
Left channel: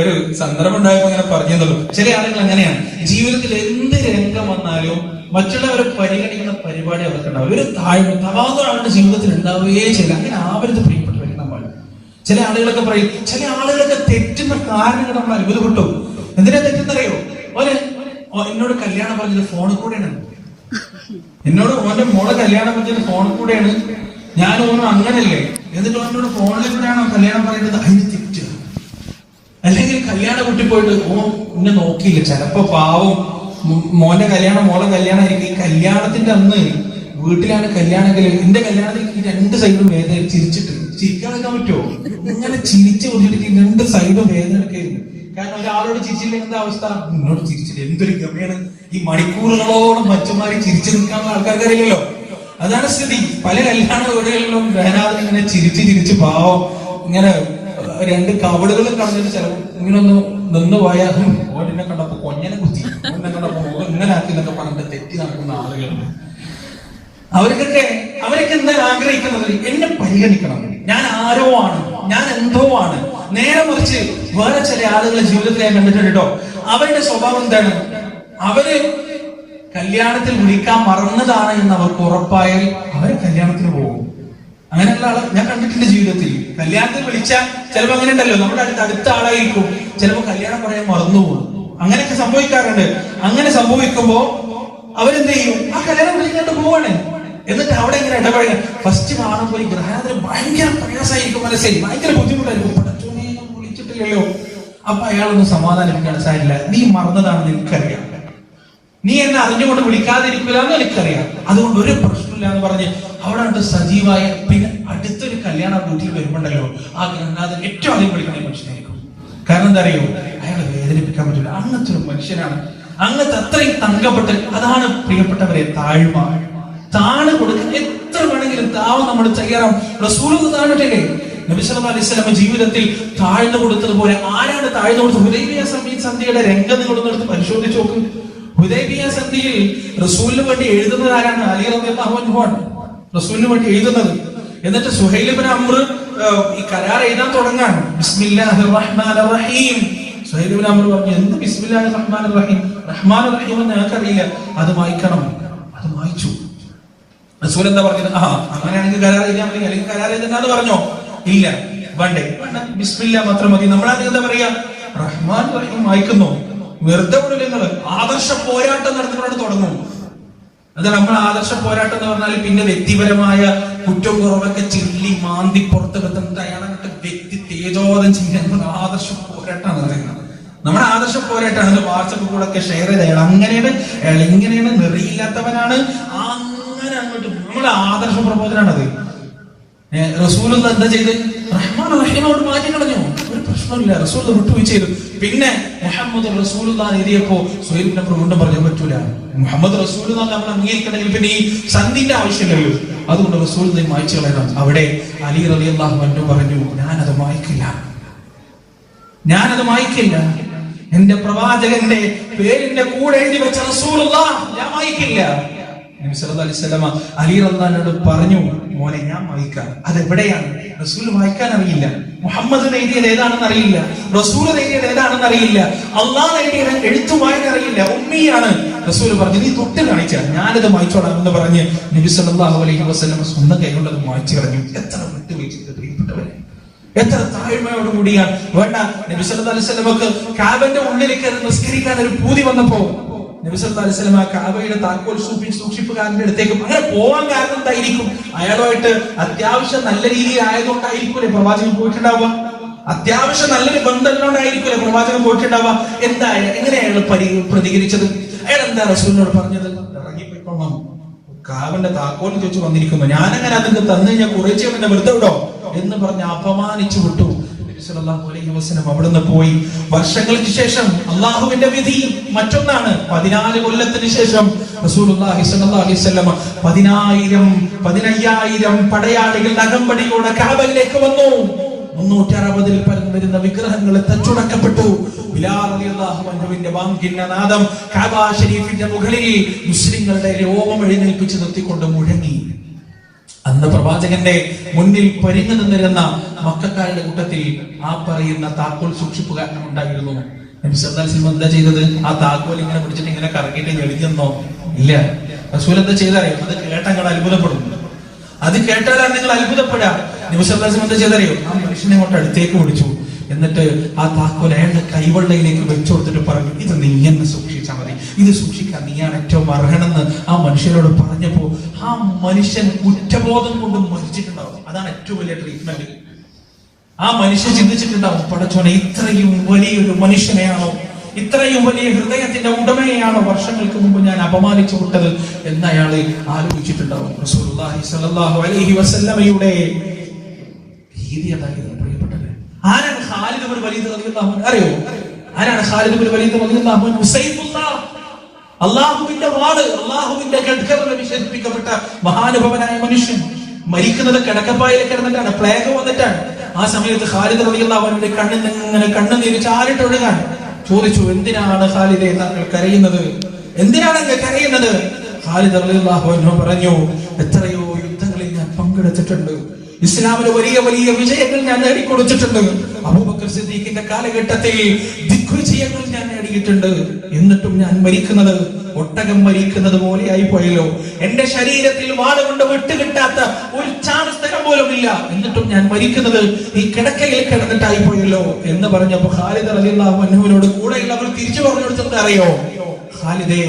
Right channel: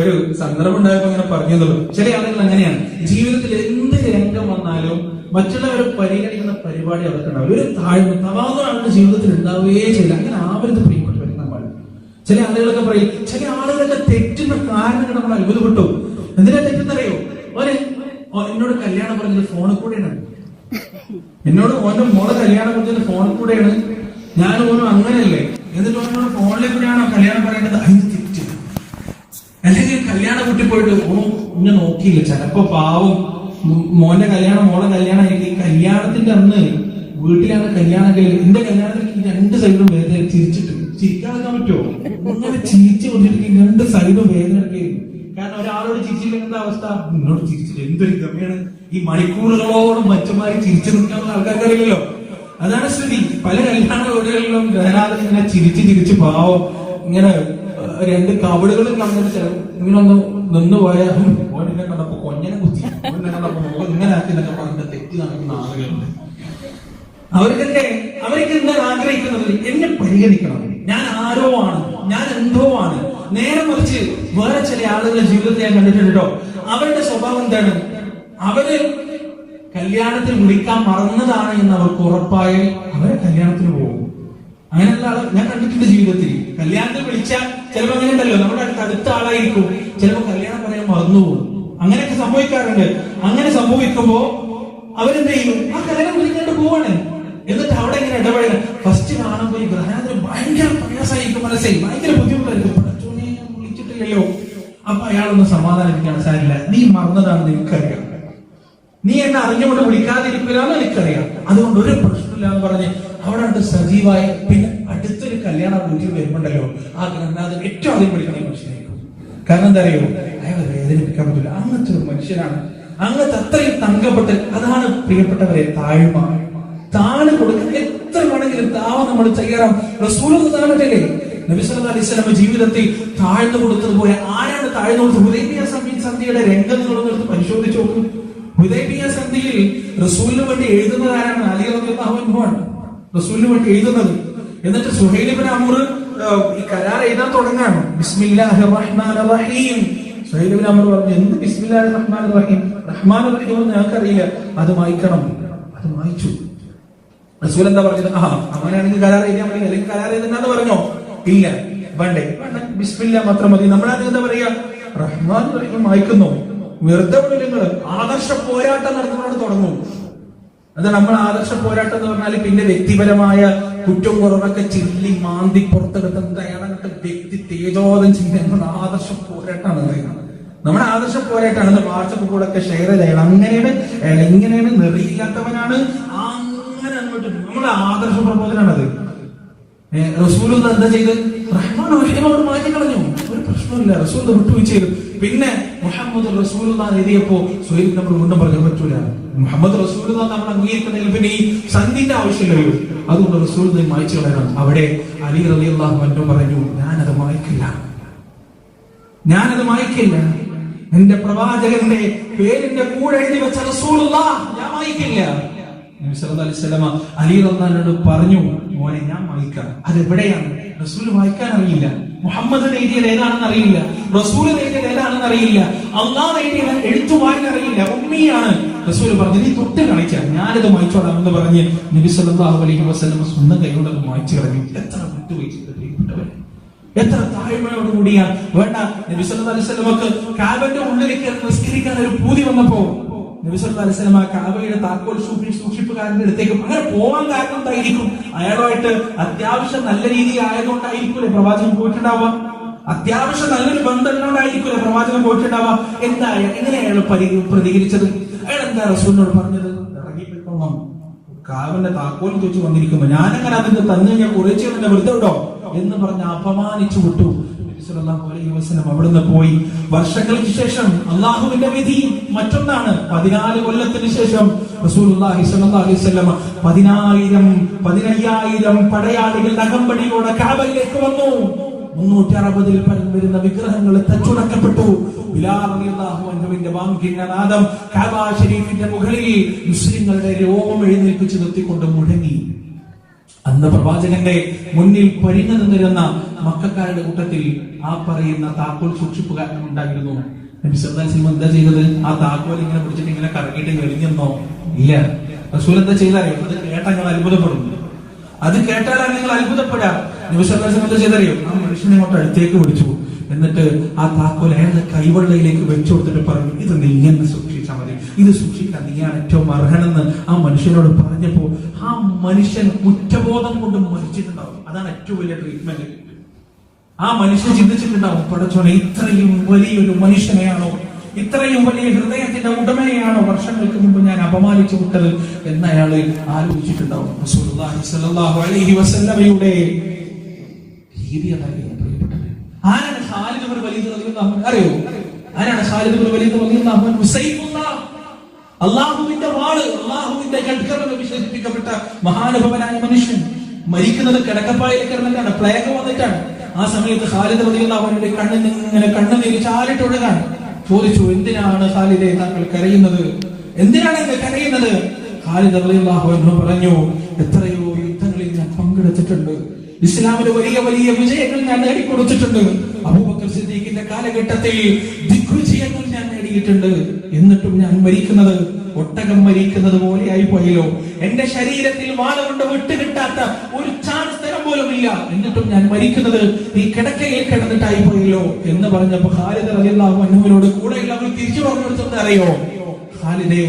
ഒരു സന്ദർഭം ഉണ്ടായപ്പോ അങ്ങനെ പറഞ്ഞതല്ലോ. ചില ആളുകൾ അങ്ങനെയാണ്. ജീവിതത്തിൽ എന്ത് രംഗം വന്നാലും മറ്റുള്ളവരെ പരിഗണിക്കുന്ന പരിപാടി അവർക്കുണ്ടാവും. ഒരു തവാദുആണ് ജീവിതത്തിൽ ഉണ്ടാവുകയേ ചെയ്യില്ല. അങ്ങനെ ആവരുത് പ്രിയപ്പെട്ടവരെ. നമ്മൾ ചില ആളുകളൊക്കെ പറയും, ചില ആളുകളൊക്കെ തെറ്റുന്ന കാരണങ്ങൾ നമ്മൾ അത്ഭുതപ്പെട്ടു. എന്തിനാ തെറ്റെന്നറിയോ? എന്നോട് കല്യാണം പറഞ്ഞത് ഫോണിൽ കൂടെയാണ്. എന്നോട് ഓന്റെ മോളെ കല്യാണം പറഞ്ഞത് ഫോണിൽ കൂടെയാണ്. ഞാൻ ഓനോ അങ്ങനല്ലേ, എന്നിട്ട് ഓനോട് ഫോണിൽ കൂടെയാണോ കല്യാണം പറയുന്നത്? അതിന് തെറ്റ്. അല്ലെങ്കിൽ കല്യാണം കുട്ടി പോയിട്ട് എന്നെ നോക്കിയില്ല. ചിലപ്പോ പാവം മോന്റെ കല്യാണം മോളെ കല്യാണം ആയിരിക്കും. കല്യാണത്തിന്റെ അന്ന് വീട്ടിലാണ് കല്യാണം. എന്റെ കല്യാണത്തിൽ 2 സൈഡും വേദന ചിരിച്ചിട്ട് ചിരിക്കാനൊക്കെ പറ്റുമോ? ഇങ്ങനെ ചിരിച്ചു കൊണ്ടിട്ട് 2 സൈഡും വേദന എടുക്കരുത്. കാരണം ഒരാളോട് ചിരിച്ചില്ലെങ്കിൽ എന്താ അവസ്ഥ? എന്നോട് ചിരിച്ചില്ല, എന്തൊരു ഗമയാണ്. ഈ മണിക്കൂറുകളോളം മറ്റുമാരി ചിരിച്ചു നിൽക്കാനുള്ള ആൾക്കാർക്ക് അറിയില്ലല്ലോ. അതാണ് സ്ഥിതി. പല കല്യാണ വീടുകളിലും ഗ്രഹനാഥൻ ഇങ്ങനെ ചിരിച്ച് പാവം ഇങ്ങനെ 2 കവടുകളും കളഞ്ഞിട്ട് ചിലപ്പോൾ ഇങ്ങനെ ഒന്ന് നിന്ന് പോയാൽ ഓടിനെ കണ്ടപ്പോ കൊഞ്ഞനെ കുത്തി, ഓടിനെ കണ്ടപ്പോ ഇങ്ങനെ ആക്കിന്നൊക്കെ പറഞ്ഞിട്ട് തെറ്റി നടക്കുന്ന ആളുകളുണ്ട്. അവർക്ക് എന്താ ആഗ്രഹിക്കുന്നത്? എന്നെ പരിഗണിക്കണം, ഞാൻ ആരോ ആണ്, ഞാൻ എന്തോ ആണ്. നേരെ മറിച്ച് വേറെ ചില ആളുകളെ ജീവിതത്തിൽ ഞാൻ കണ്ടിട്ടുണ്ട് കേട്ടോ. അവരുടെ സ്വഭാവം എന്താണ്? അവര് കല്യാണത്തിൽ വിളിക്കാൻ മറന്നതാണ് എന്ന് അവർക്ക് ഉറപ്പായാൽ അവരെ കല്യാണത്തിന് പോകും. അങ്ങനെയുള്ള ആളെ ഞാൻ കണ്ടിട്ടുണ്ട് ജീവിതത്തിൽ. കല്യാണത്തിൽ വിളിച്ചാൽ ചിലപ്പോൾ അങ്ങനെ ഉണ്ടല്ലോ, നമ്മുടെ അടുത്ത ആളായിരിക്കും, ചിലപ്പോൾ കല്യാണം പറയാൻ മറന്നുപോകും. അങ്ങനെയൊക്കെ സംഭവിക്കാറുണ്ട്. അങ്ങനെ സംഭവിക്കുമ്പോ അവരെന്ത് ചെയ്യും? ആ കല്യാണം വിളിക്കാണ്ട് പോവാണ്. എന്നിട്ട് അവിടെ ഇങ്ങനെ ഇടപഴകാൻ ഫസ്റ്റ് കാണുമ്പോൾ ഈ ഗ്രഹനാഥന് ഭയങ്കര പ്രയാസമായിരിക്കും, മനസ്സിൽ ഭയങ്കര ബുദ്ധിമുട്ടായിരിക്കും. പടച്ചോനെ വിളിച്ചിട്ടില്ലല്ലോ. അപ്പൊ അയാളൊന്നും സമാധാനിപ്പിക്കാൻ സാരില്ല. നീ മറന്നതാണെന്ന് എനിക്കറിയാം, നീ എന്നെ അറിഞ്ഞുകൊണ്ട് വിളിക്കാതിരിക്കില്ല എന്ന് എനിക്കറിയാം, അതുകൊണ്ട് ഒരു പ്രശ്നമില്ല എന്ന് പറഞ്ഞ് അവിടെ ഉണ്ട് സജീവായ. പിന്നെ അടുത്തൊരു കല്യാണ വീട്ടിൽ വരുമ്പോണ്ടല്ലോ ആ ഗ്രഹനാഥൻ ഏറ്റവും അധികം വിളിക്കണ മനുഷ്യനായിരിക്കും. കാരണം എന്താ അറിയോ? അയാളെ വേദനിപ്പിക്കാൻ പറ്റില്ല. അങ്ങനത്തെ ഒരു മനുഷ്യനാണ്. അങ്ങനത്തെ അത്രയും തങ്കപ്പെട്ട്. അതാണ് പ്രിയപ്പെട്ടവരെ താഴ്മ. താണ് കൊടുക്കാൻ എത്ര വേണമെങ്കിലും താവ നമ്മൾ തയ്യാറാവും. റസൂൽ താണിട്ടില്ലേ? നബി സല്ലല്ലാഹു അലൈഹി വസല്ലം ജീവിതത്തിൽ താഴ്ന്നു കൊടുത്തതുപോലെ ആരാണ് താഴ്ന്നു കൊടുത്തത്? ഹുദൈബിയ സന്ധിയുടെ രംഗം നിങ്ങളൊന്നെടുത്ത് പരിശോധിച്ച് നോക്കും. ഹുദൈബിയ സന്ധിയിൽ റസൂലിന് വേണ്ടി എഴുതുന്നത് ആരാണ്? അലി റളിയല്ലാഹു അൻഹു ആണ് റസൂലിന് വേണ്ടി എഴുതുന്നത്. എന്നിട്ട് സുഹൈൽ ഇബ്നു അംർ ഈ കരാർ എഴുതാൻ തുടങ്ങാണ്. ബിസ്മില്ലാഹിർ റഹ്മാനിർ റഹീം. സുഹൈൽ ഇബ്നു അംർ പറഞ്ഞു, എന്ത് ബിസ്മില്ലാഹിർ റഹ്മാനിർ റഹീം? റഹ്മാനിർ റഹീം എന്ന് ഞങ്ങൾക്കറിയില്ല, അത് വായിക്കണം. അത് വായിച്ചു. റസൂൽ എന്താ പറഞ്ഞത്? അങ്ങനെയാണെങ്കിൽ കരാർ ചെയ്താൽ മതി, അല്ലെങ്കിൽ കരാർ ചെയ്തെന്ന് പറഞ്ഞോ? ഇല്ല, വേണ്ടേ, ബിസ്മില്ല മാത്രം മതി. നമ്മളാണെങ്കിൽ എന്താ പറയാ? റഹ്മാൻ റഹീം വായിക്കുന്നു. വെറുതെ നിങ്ങൾ ആദർശ പോരാട്ടം നടത്തുന്നതോട് തുടങ്ങും. അതാണ് നമ്മൾ ആദർശ പോരാട്ടം എന്ന് പറഞ്ഞാൽ പിന്നെ വ്യക്തിപരമായ കുറ്റവും കുറവൊക്കെ ചില്ലി മാന്തി പുറത്ത് വെക്കുന്നത് അയാളെ വ്യക്തി തേജോവധം ചെയ്യുന്നത് ആദർശ പോരാട്ടമാണ് പറയുന്നത്. നമ്മുടെ ആദർശ പോരാട്ടമാണ്. വാട്സപ്പ് കൂടെ ഒക്കെ ഷെയർ ചെയ്ത് അയാൾ അങ്ങനെയാണ്, അയാൾ ഇങ്ങനെയാണ്, നെറിയില്ലാത്തവനാണ്, അങ്ങനെ അങ്ങോട്ട് നമ്മുടെ ആദർശ പ്രബോധനാണത്. റസൂൽ എന്താ ചെയ്ത്? റഹ്മാൻ റഹീമോട് മാറ്റി കളഞ്ഞു. ഒരു പ്രശ്നമില്ല, റസൂൽ വിട്ടുവീഴ്ച ചെയ്തു. പിന്നെ മുഹമ്മദ് റസൂലുള്ളാഹി എഴുതിയപ്പോ സുഹൈബ് നബി കൊണ്ട് പറയാൻ പറ്റൂല, മുഹമ്മദ് റസൂലുള്ളാഹി നമ്മൾ അംഗീകരിക്കണമെങ്കിൽ പിന്നെ ഈ സന്ധിന്റെ ആവശ്യമില്ലല്ലോ, അതുകൊണ്ട് റസൂലുള്ളാഹി മായ്ച്ചു കളയണം. അവിടെ അലി റളിയല്ലാഹു അൻഹു പറഞ്ഞു, ഞാനത് മായ്ക്കില്ല. എന്റെ പ്രവാചകന്റെ പേരിന്റെ കൂടെ എഴുതി വെച്ച റസൂലുള്ളാഹി ഞാൻ മായ്ക്കില്ല. നബി സല്ലല്ലാഹു അലൈഹി വസല്ലം അലി റളിയല്ലാഹു പറഞ്ഞു, മോനെ ഞാൻ മായ്ക്കാം. അതെവിടെയാണ്? റസൂൽ മായ്ക്കാൻ അറിയില്ല, മുഹമ്മദ് എഴുതിയത് ഏതാണെന്ന് അറിയില്ല, റസൂൽ എഴുതിയത് ഏതാണെന്ന് അറിയില്ല, അള്ളാഹ് എഴുതിയത് എഴുത്തു വായന അറിയില്ല, ഉമ്മിയാണ്. റസൂൽ പറഞ്ഞു, നീ തൊട്ട് കാണിച്ചാൽ ഞാനത് വായിച്ചോളാം എന്ന് പറഞ്ഞ് നബി സല്ലല്ലാഹു അലൈഹി വസല്ലം സ്വന്തം കൈകൊണ്ട് അത് വായിച്ചു കളഞ്ഞു. എത്ര വിട്ടുവീഴ്ച പ്രിയപ്പെട്ടവരെ, എത്ര താഴ്മയോടുകൂടിയാണ്. വേണ്ട, നബി സല്ലല്ലാഹു അലൈഹി വസല്ലമക്ക് കാബന്റെ ഉള്ളിലേക്ക് നിസ്കരിക്കാൻ ഒരു പൂതി വന്നപ്പോ നബി സല്ലല്ലാഹു അലൈഹി വസല്ലം കാബയുടെ താക്കോൽ സൂക്ഷിപ്പുകാരന്റെ അടുത്തേക്ക് അങ്ങനെ പോകാൻ കാരണം എന്തായിരിക്കും? അയാളുമായിട്ട് അത്യാവശ്യം നല്ല രീതിയിൽ ആയതുകൊണ്ടായിരിക്കൂലേ പ്രവാചകൻ പോയിട്ടുണ്ടാവുക? അത്യാവശ്യം നല്ലൊരു ബന്ധമുണ്ടായിരിക്കൂലേ പ്രവാചകൻ പോയിട്ടുണ്ടാവുക? എങ്ങനെ അയാൾ പ്രതികരിച്ചത്? അയാൾ എന്താ റസൂലിനോട് പറഞ്ഞത്? ഇറങ്ങിപ്പോയിക്കൊള്ളാം, കാബന്റെ താക്കോൽ ചോദിച്ചു വന്നിരിക്കുമ്പോ ഞാനങ്ങനെ അതിന് തന്നു കഴിഞ്ഞാൽ കുറേശ്ശെ തന്നെ വെറുതെ വിടോ എന്ന് പറഞ്ഞ് അപമാനിച്ചു വിട്ടു. അവിടുന്ന് പോയി. വർഷങ്ങൾക്ക് ശേഷം അള്ളാഹുവിന്റെ വിധി മറ്റൊന്നാണ്. 14 കൊല്ലത്തിന് ശേഷം റസൂലുള്ളാഹി സ്വല്ലല്ലാഹു അലൈഹി വസല്ലം 15,000 പടയാളികൾ അകമ്പടിയോടെ കഅബയിലേക്ക് വന്നു. 360 പരം വരുന്ന വിഗ്രഹങ്ങൾ തച്ചുടക്കപ്പെട്ടു. ബിലാൽ റളിയല്ലാഹു അൻഹുവിന്റെ വാങ്ങിന്റെ നാദം കഅബ ശരീഫിന്റെ മുകളിൽ മുസ്ലിങ്ങളുടെ രോമം എഴുന്നേൽപ്പിച്ച് നിർത്തിക്കൊണ്ട് മുഴങ്ങി. അന്ന് പ്രവാചകന്റെ മുന്നിൽ പരിങ്ങു നിന്നിരുന്ന മക്കക്കാരുടെ കൂട്ടത്തിൽ ആ പറയുന്ന താക്കോൽ സൂക്ഷിപ്പുകാരനും ഉണ്ടായിരുന്നു. നബി സല്ലല്ലാഹു അലൈഹി വസല്ലം എന്താ ചെയ്തത്? ആ താക്കോൽ ഇങ്ങനെ പിടിച്ചിട്ട് ഇങ്ങനെ കറക്കിയിട്ട് ഞെളിഞ്ഞെന്നോ? ഇല്ല. റസൂൽ എന്താ ചെയ്തറിയോ? അത് കേട്ടാൽ നിങ്ങൾ അത്ഭുതപ്പെടും. അത് കേട്ടാലാണ് നിങ്ങൾ അത്ഭുതപ്പെടാം. നബി സല്ലല്ലാഹു അലൈഹി വസല്ലം എന്താ ചെയ്തറിയോ? ആ മനുഷ്യനെ കൊണ്ട് അടുത്തേക്ക് പിടിച്ചു. എന്നിട്ട് ആ താക്കോൽ അയാളുടെ കൈവെള്ളയിലേക്ക് വെച്ചു കൊടുത്തിട്ട് പറഞ്ഞു, ഇത് നീ എന്നെ സൂക്ഷിച്ചാൽ മതി, ഇത് സൂക്ഷിക്കാൻ നീയാണ് ഏറ്റവും അർഹനെന്ന് ആ മനുഷ്യനോട് പറഞ്ഞപ്പോ ആ മനുഷ്യൻ കുറ്റബോധം കൊണ്ട് മരിച്ചിട്ടുണ്ടാവും. അതാണ് ഏറ്റവും വലിയ ട്രീറ്റ്മെന്റ്. ആ മനുഷ്യൻ ചിന്തിച്ചിട്ടുണ്ടാവും, പടച്ചോനെ ഇത്രയും വലിയൊരു മനുഷ്യനെയാണോ, ഇത്രയും വലിയ ഹൃദയത്തിന്റെ ഉടമയെയാണോ വർഷങ്ങൾക്ക് മുമ്പ് ഞാൻ അപമാനിച്ചു വിട്ടത് എന്ന് അയാൾ ആലോചിച്ചിട്ടുണ്ടാവും. റസൂലുള്ളാഹി സ്വല്ലല്ലാഹു അലൈഹി വസല്ലമയുടെ രീതി അതായിരുന്നു. ആരാണ് ഖാലിദ് ഇബ്നു വലീദ് റളിയല്ലാഹു അൻഹു? അറിയോ ആരാണ് ഖാലിദ് ഇബ്നു വലീദ് റളിയല്ലാഹു അൻഹു? സൈഫുല്ലാഹ്, അല്ലാഹുവിന്റെ വാള്, അല്ലാഹുവിന്റെ ഖദ്ഖർ വിശേഷിപ്പിക്കപ്പെട്ട മഹാനുഭവനായ മനുഷ്യൻ. മരിക്കുന്നത് കിടക്കപ്പായിൽ കിടന്നിട്ടാണ്, പ്ലേഗ് വന്നിട്ടാണ്. ആ സമയത്ത് ഖാലിദ് റളിയല്ലാഹു അൻഹുവിന്റെ കണ്ണിൽ നിന്ന് ഇങ്ങനെ കണ്ണുനീര് ചാരിട്ടൊഴുകാൻ. ചോദിച്ചു, എന്തിനാണ് ഖാലിദേ താങ്കൾ കരയുന്നത്? എന്തിനാണ് കരയുന്നത്? ഖാലിദ് റളിയല്ലാഹു അൻഹു പറഞ്ഞു, എത്രയോ യുദ്ധങ്ങളിൽ ഞാൻ പങ്കെടുത്തിട്ടുണ്ട്, ഇസ്ലാമിന് വലിയ വലിയ വിജയങ്ങൾ ഞാൻ നേടിക്കൊടുത്തിട്ടുണ്ട്. അബൂബക്കർ സിദ്ദീഖിന്റെ കാലഘട്ടത്തിൽ ദിഗ്വിജയങ്ങൾ ഞാൻ നേടിയിട്ടുണ്ട്. എന്നിട്ടും ഞാൻ മരിക്കുന്നത് ഒട്ടകം മരിക്കുന്നത് പോലെയായി പോയല്ലോ. എന്റെ ശരീരത്തിൽ വാളുകൊണ്ട് വിട്ടുകിട്ടാത്ത ഒരു ചാണസ്ഥലം പോലും ഇല്ല. എന്നിട്ടും ഞാൻ മരിക്കുന്നത് ഈ കിടക്കയിൽ കിടന്നിട്ടായി പോയല്ലോ എന്ന് പറഞ്ഞപ്പോ ഖാലിദ് റളിയല്ലാഹു അൻഹുവിനോട് കൂടെയുള്ളവർ തിരിച്ചു പറഞ്ഞു കൊടുത്തത് അറിയോ? ഖാലിദേ,